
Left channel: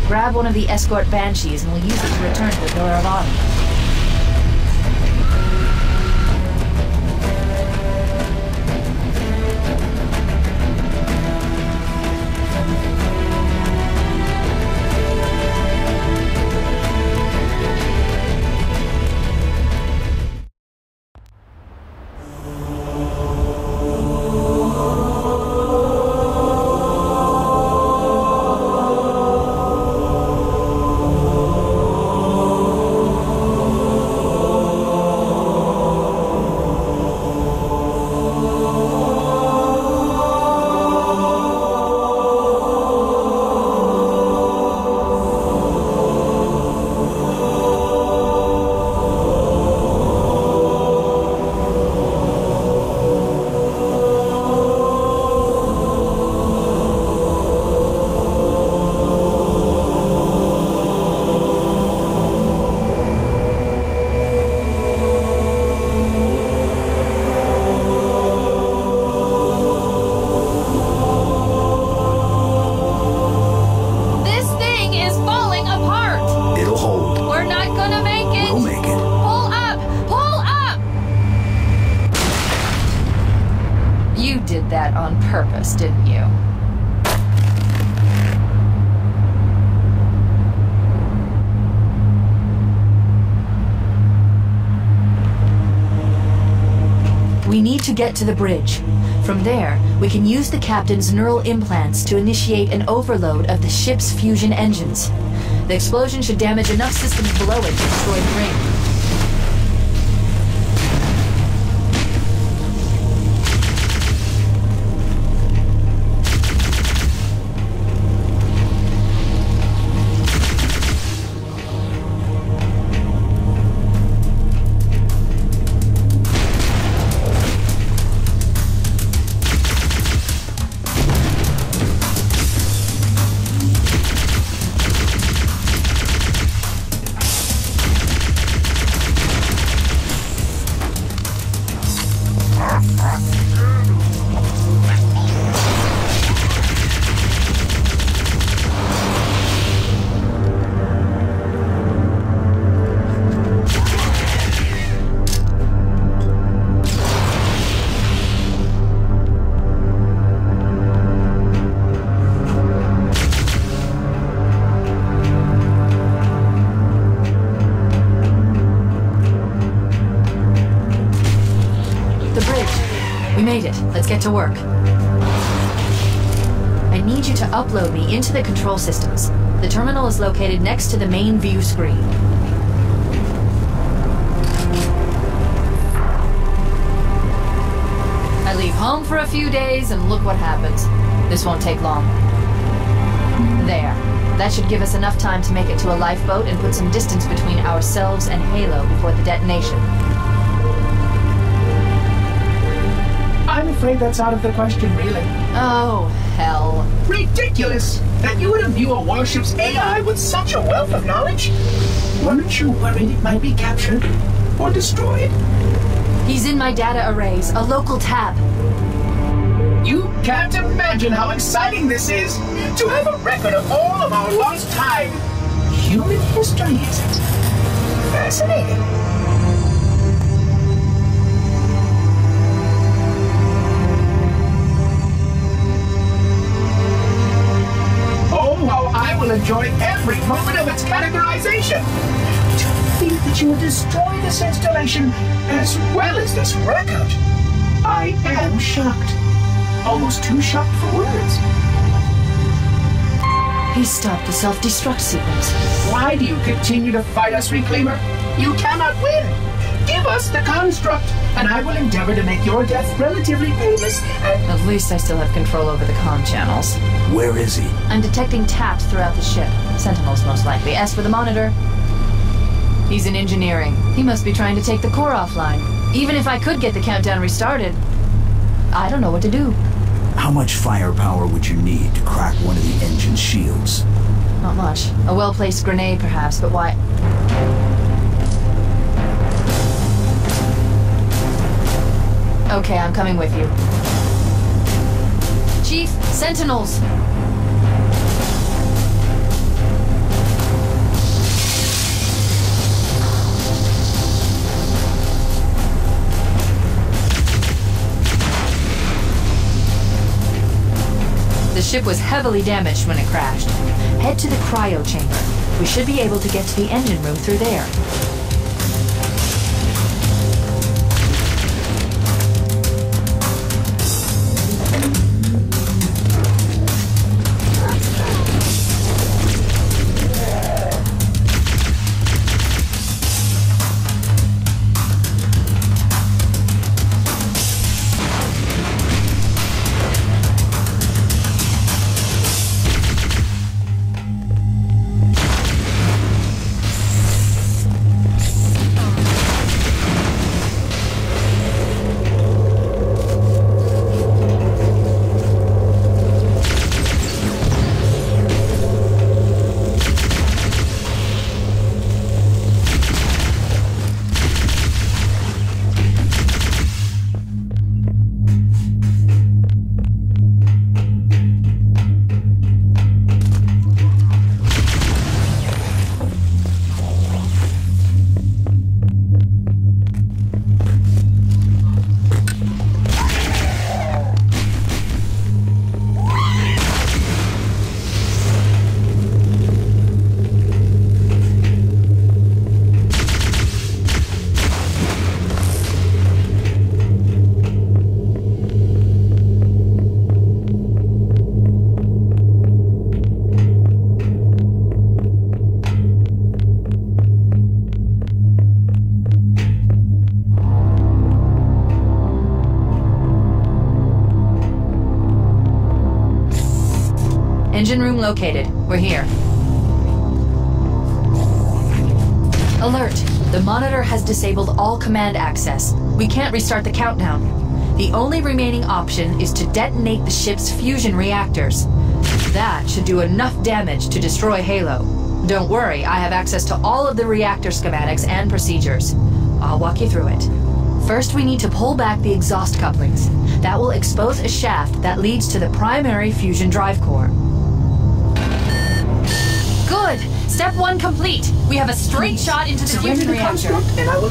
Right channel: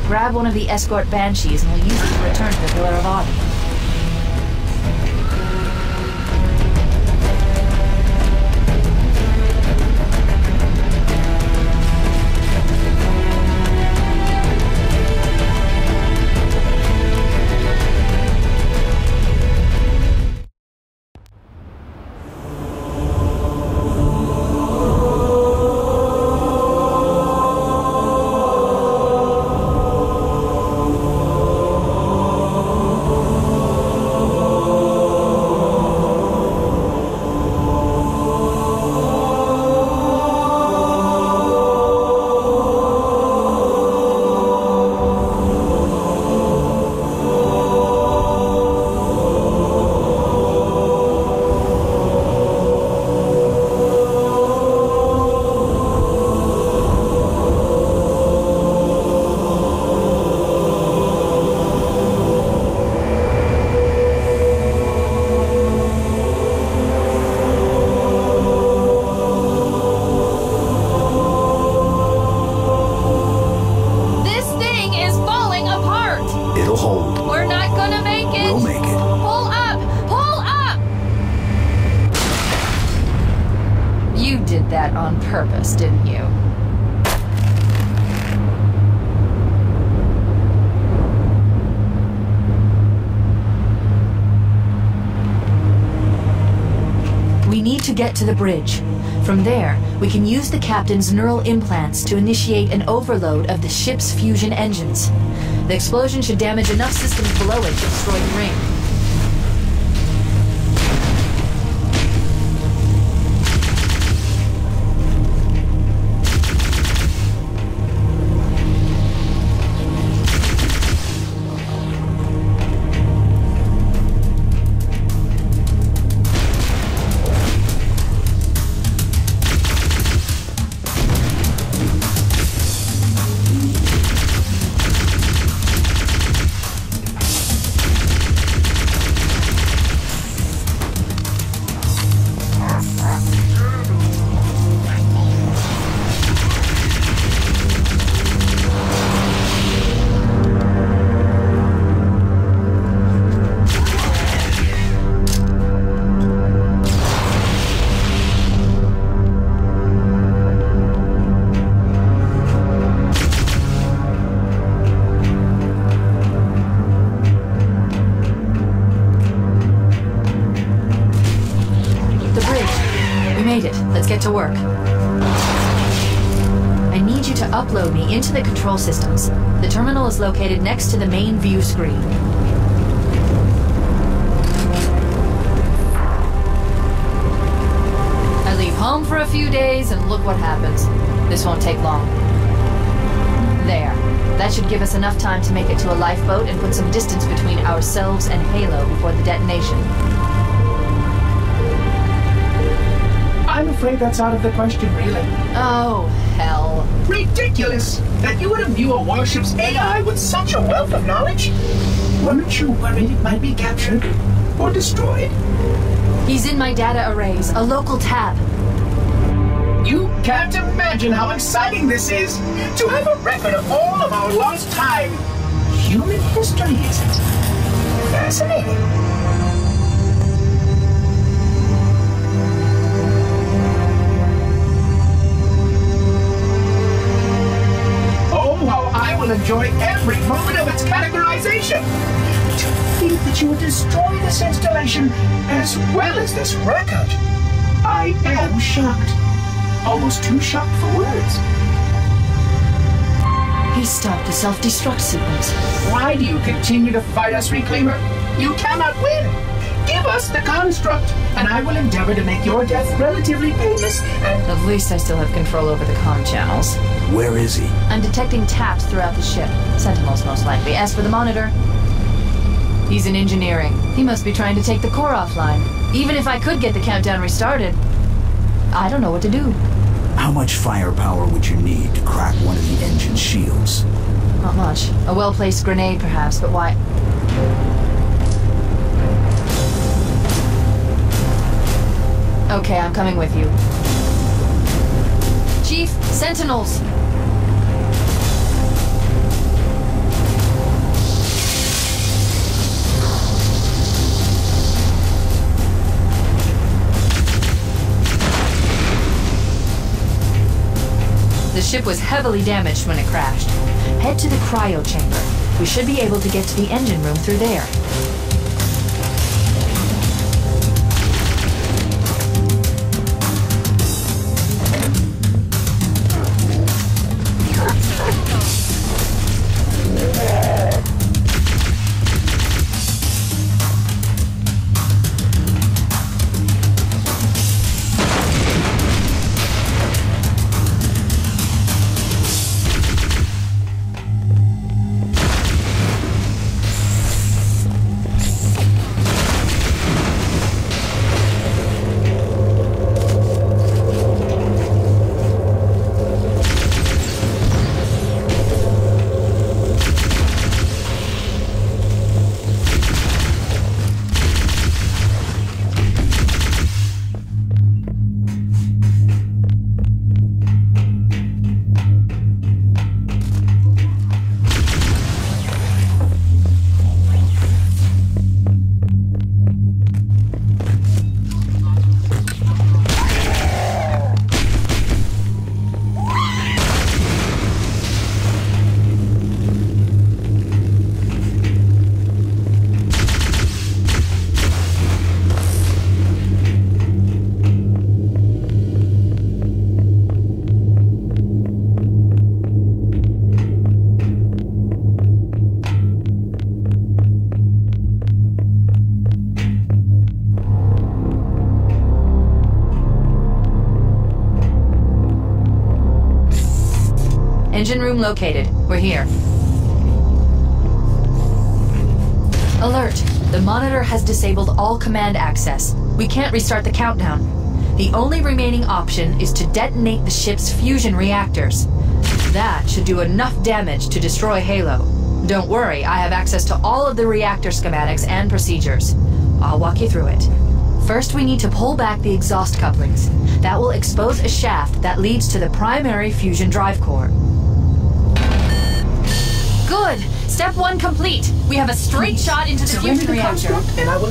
Grab one of the escort banshees and we'll use it to return to the Pillar of Autumn. That on purpose, didn't you? We need to get to the bridge. From there, we can use the captain's neural implants to initiate an overload of the ship's fusion engines. The explosion should damage enough systems below it to destroy the ring. Let's get to work. I need you to upload me into the control systems. The terminal is located next to the main view screen. I leave home for a few days and look what happens. This won't take long. There. That should give us enough time to make it to a lifeboat and put some distance between ourselves and Halo before the detonation. I'm afraid that's out of the question, really. Oh, hell. Ridiculous! That you would imbue a warship's AI with such a wealth of knowledge? Weren't you worried it might be captured or destroyed? He's in my data arrays, a local tab. You can't imagine how exciting this is! To have a record of all of our lost time! Human history, is it? Fascinating. Oh, how I will enjoy every moment of its categorization! To think that you would destroy this installation as well as this record! I am shocked. Almost too shocked for words. He stopped the self-destruct sequence. Why do you continue to fight us, Reclaimer? You cannot win. Give us the construct, and I will endeavor to make your death relatively painless and... At least I still have control over the comm channels. Where is he? I'm detecting taps throughout the ship. Sentinels, most likely. As for the monitor, he's in engineering. He must be trying to take the core offline. Even if I could get the countdown restarted, I don't know what to do. How much firepower would you need to crack one of the engine shields? Not much. A well-placed grenade, perhaps, but why... Okay, I'm coming with you. Chief, Sentinels! The ship was heavily damaged when it crashed. Head to the cryo chamber. We should be able to get to the engine room through there. Engine room located. We're here. Alert! The monitor has disabled all command access. We can't restart the countdown. The only remaining option is to detonate the ship's fusion reactors. That should do enough damage to destroy Halo. Don't worry, I have access to all of the reactor schematics and procedures. I'll walk you through it. First, we need to pull back the exhaust couplings. That will expose a shaft that leads to the primary fusion drive core. Good! Step 1 complete. We have a straight shot into the fusion reactor.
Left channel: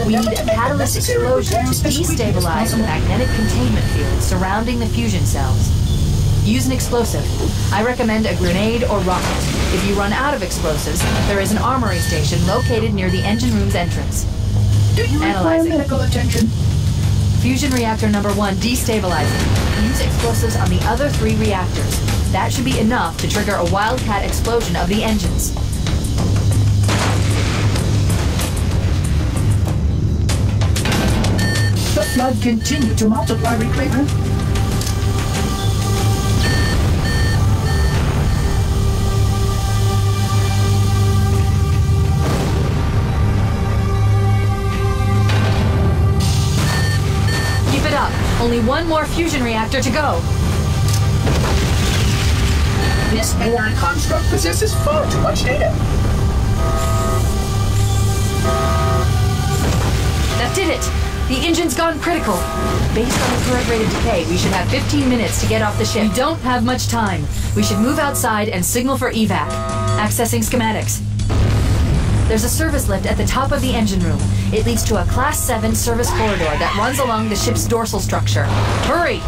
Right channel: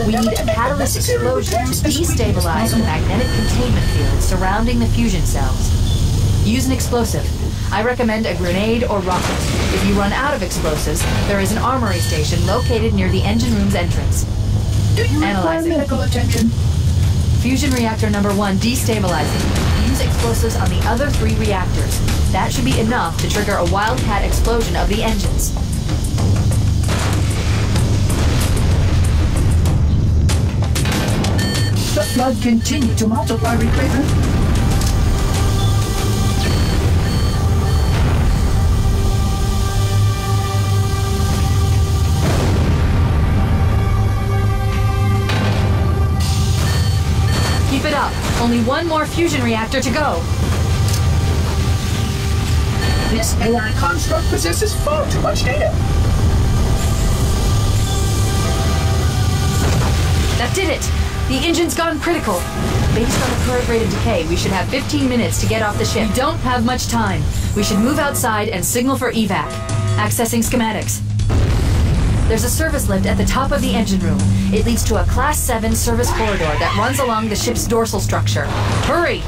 We need a catalyst explosion to destabilize the magnetic containment field surrounding the fusion cells. Use an explosive. I recommend a grenade or rocket. If you run out of explosives, there is an armory station located near the engine room's entrance. Do you require medical attention? Fusion reactor number 1 destabilizing. Use explosives on the other 3 reactors. That should be enough to trigger a wildcat explosion of the engines. The flood continued to multiply, Retriever. Keep it up. Only 1 more fusion reactor to go. This AI construct possesses far too much data. That did it! The engine's gone critical. Based on the current rate of decay, we should have 15 minutes to get off the ship. We don't have much time. We should move outside and signal for evac. Accessing schematics. There's a service lift at the top of the engine room. It leads to a Class 7 service corridor that runs along the ship's dorsal structure. Hurry!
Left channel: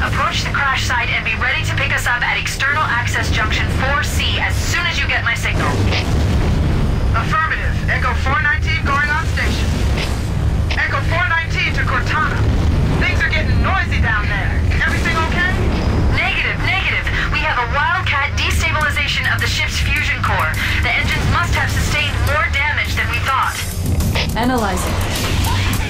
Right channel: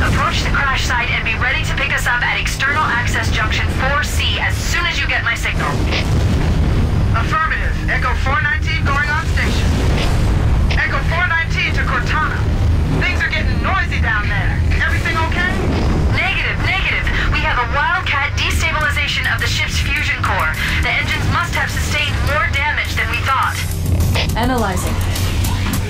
Approach the crash site and be ready to pick us up at external access junction 4C as soon as you get my signal. Affirmative. Echo 419 going on station. Echo 419 to Cortana. Things are getting noisy down there. Everything okay? Negative. We have a wildcat destabilization of the ship's fusion core. The engines must have sustained more damage than we thought. Analyzing.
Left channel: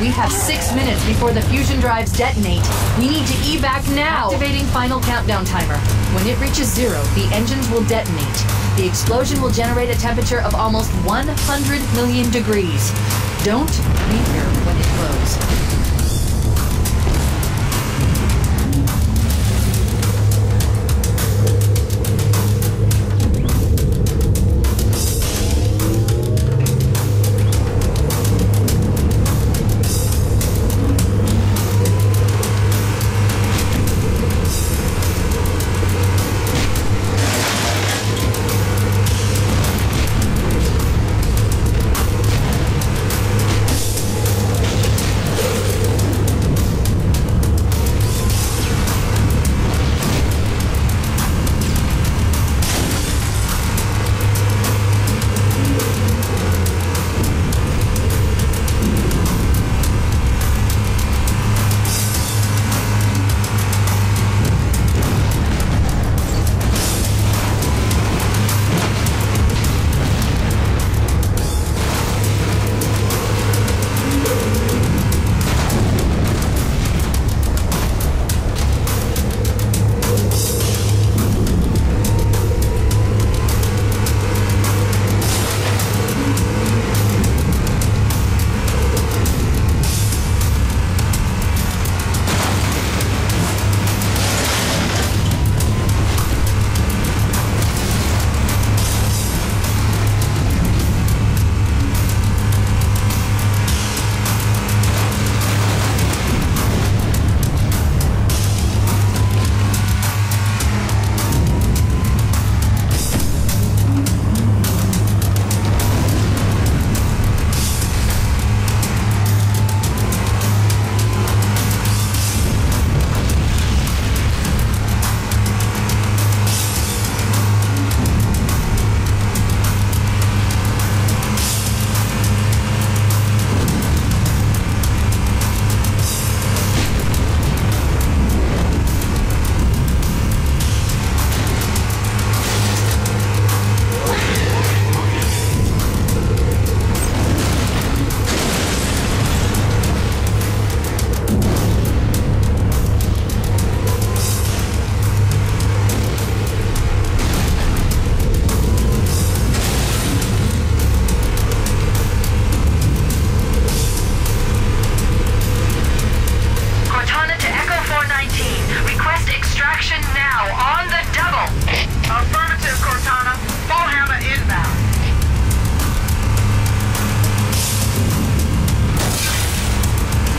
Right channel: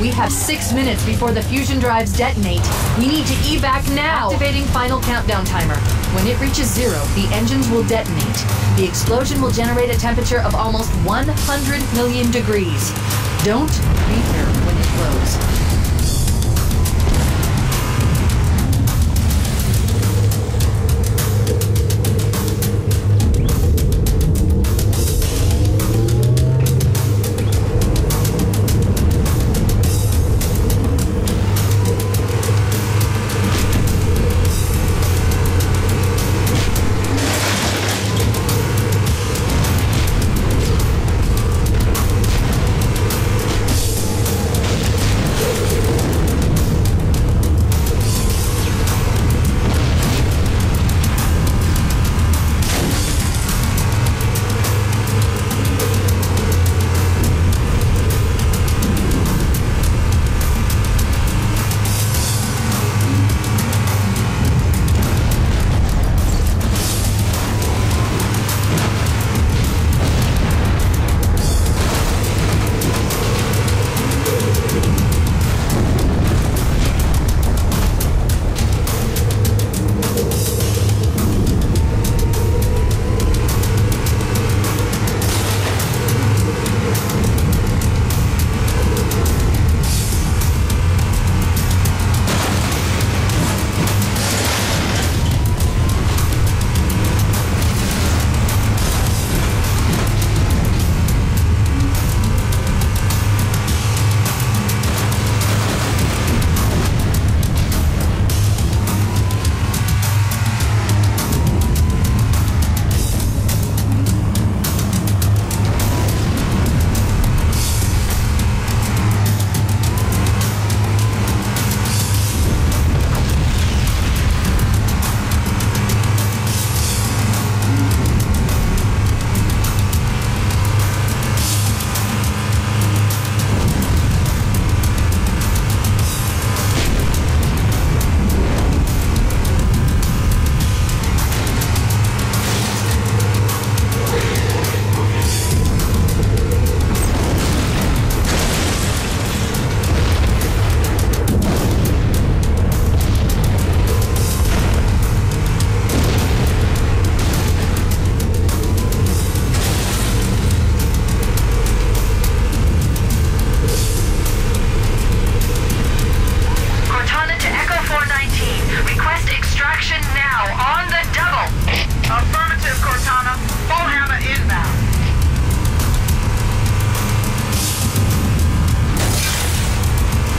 We have 6 minutes before the fusion drives detonate. We need to evac now! Activating final countdown timer. When it reaches 0, the engines will detonate. The explosion will generate a temperature of almost 100 million degrees. Don't be here when it blows.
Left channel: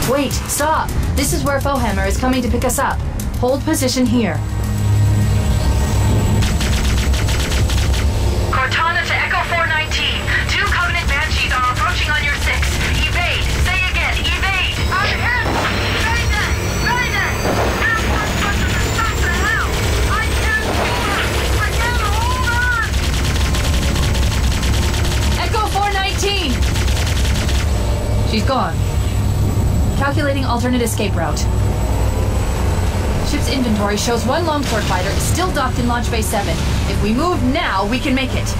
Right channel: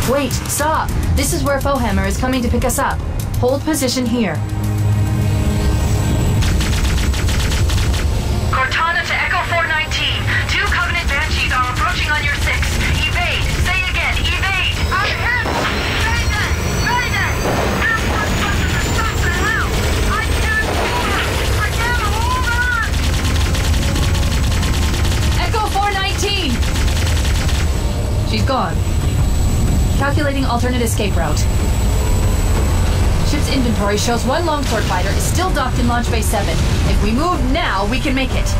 Wait, stop! This is where Fohammer is coming to pick us up. Hold position here. Calculating alternate escape route. Ship's inventory shows one longsword fighter is still docked in Launch Bay 7. If we move now, we can make it.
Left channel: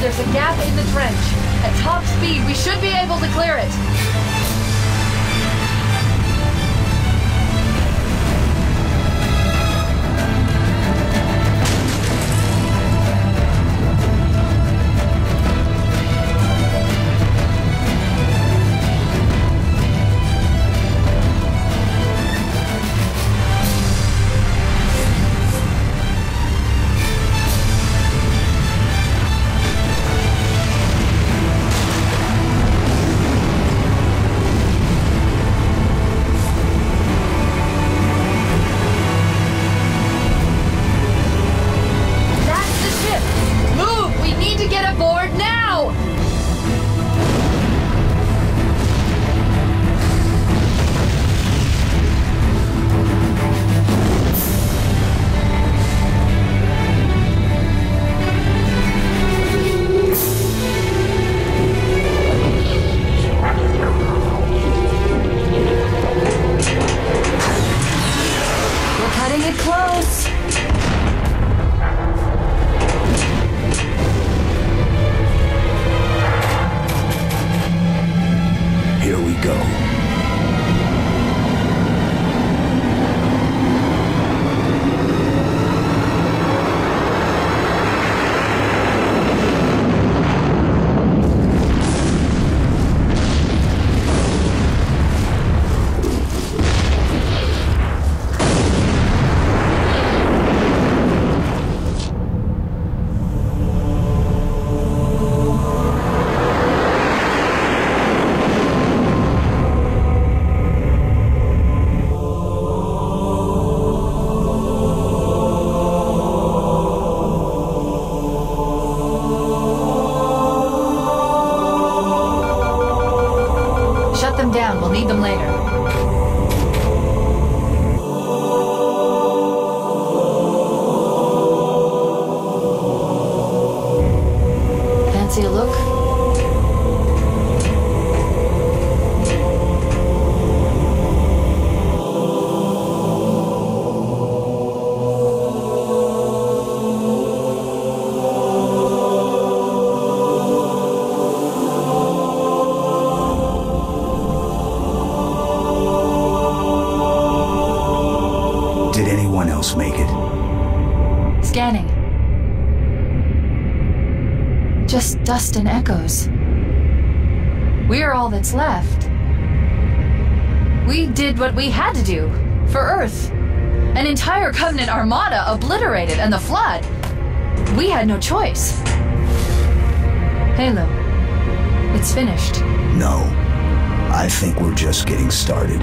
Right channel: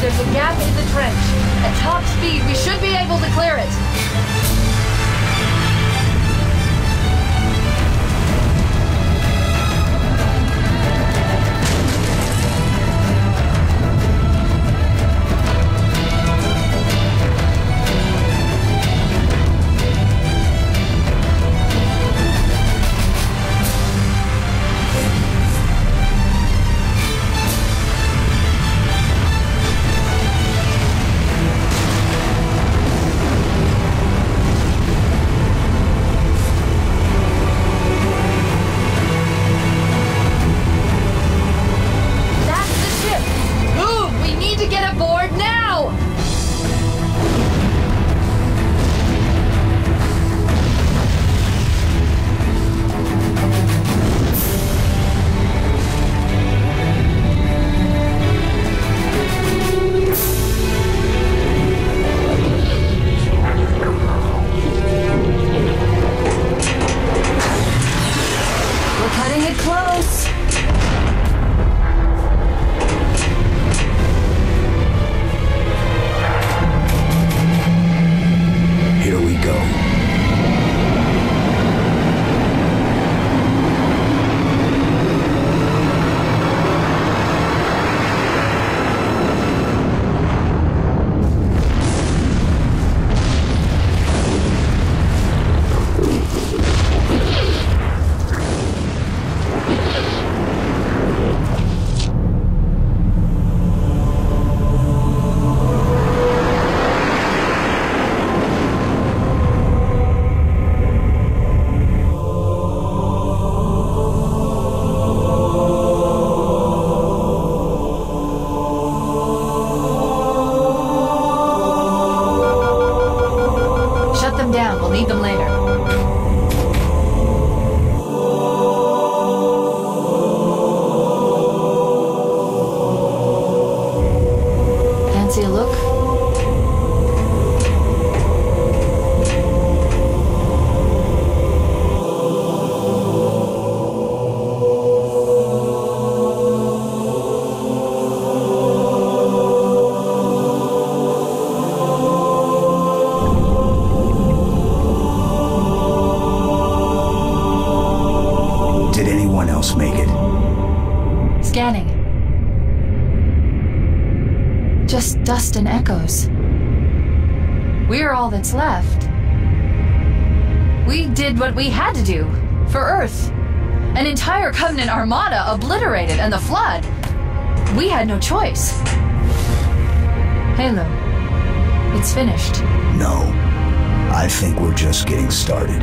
There's a gap in the trench. At top speed, we should be able to clear it. We'll need them later. Fancy a look? Make it. Scanning. Just dust and echoes. We're all that's left. We did what we had to do for Earth. An entire Covenant armada obliterated, and the Flood. We had no choice. Halo, it's finished. No. I think we're just getting started.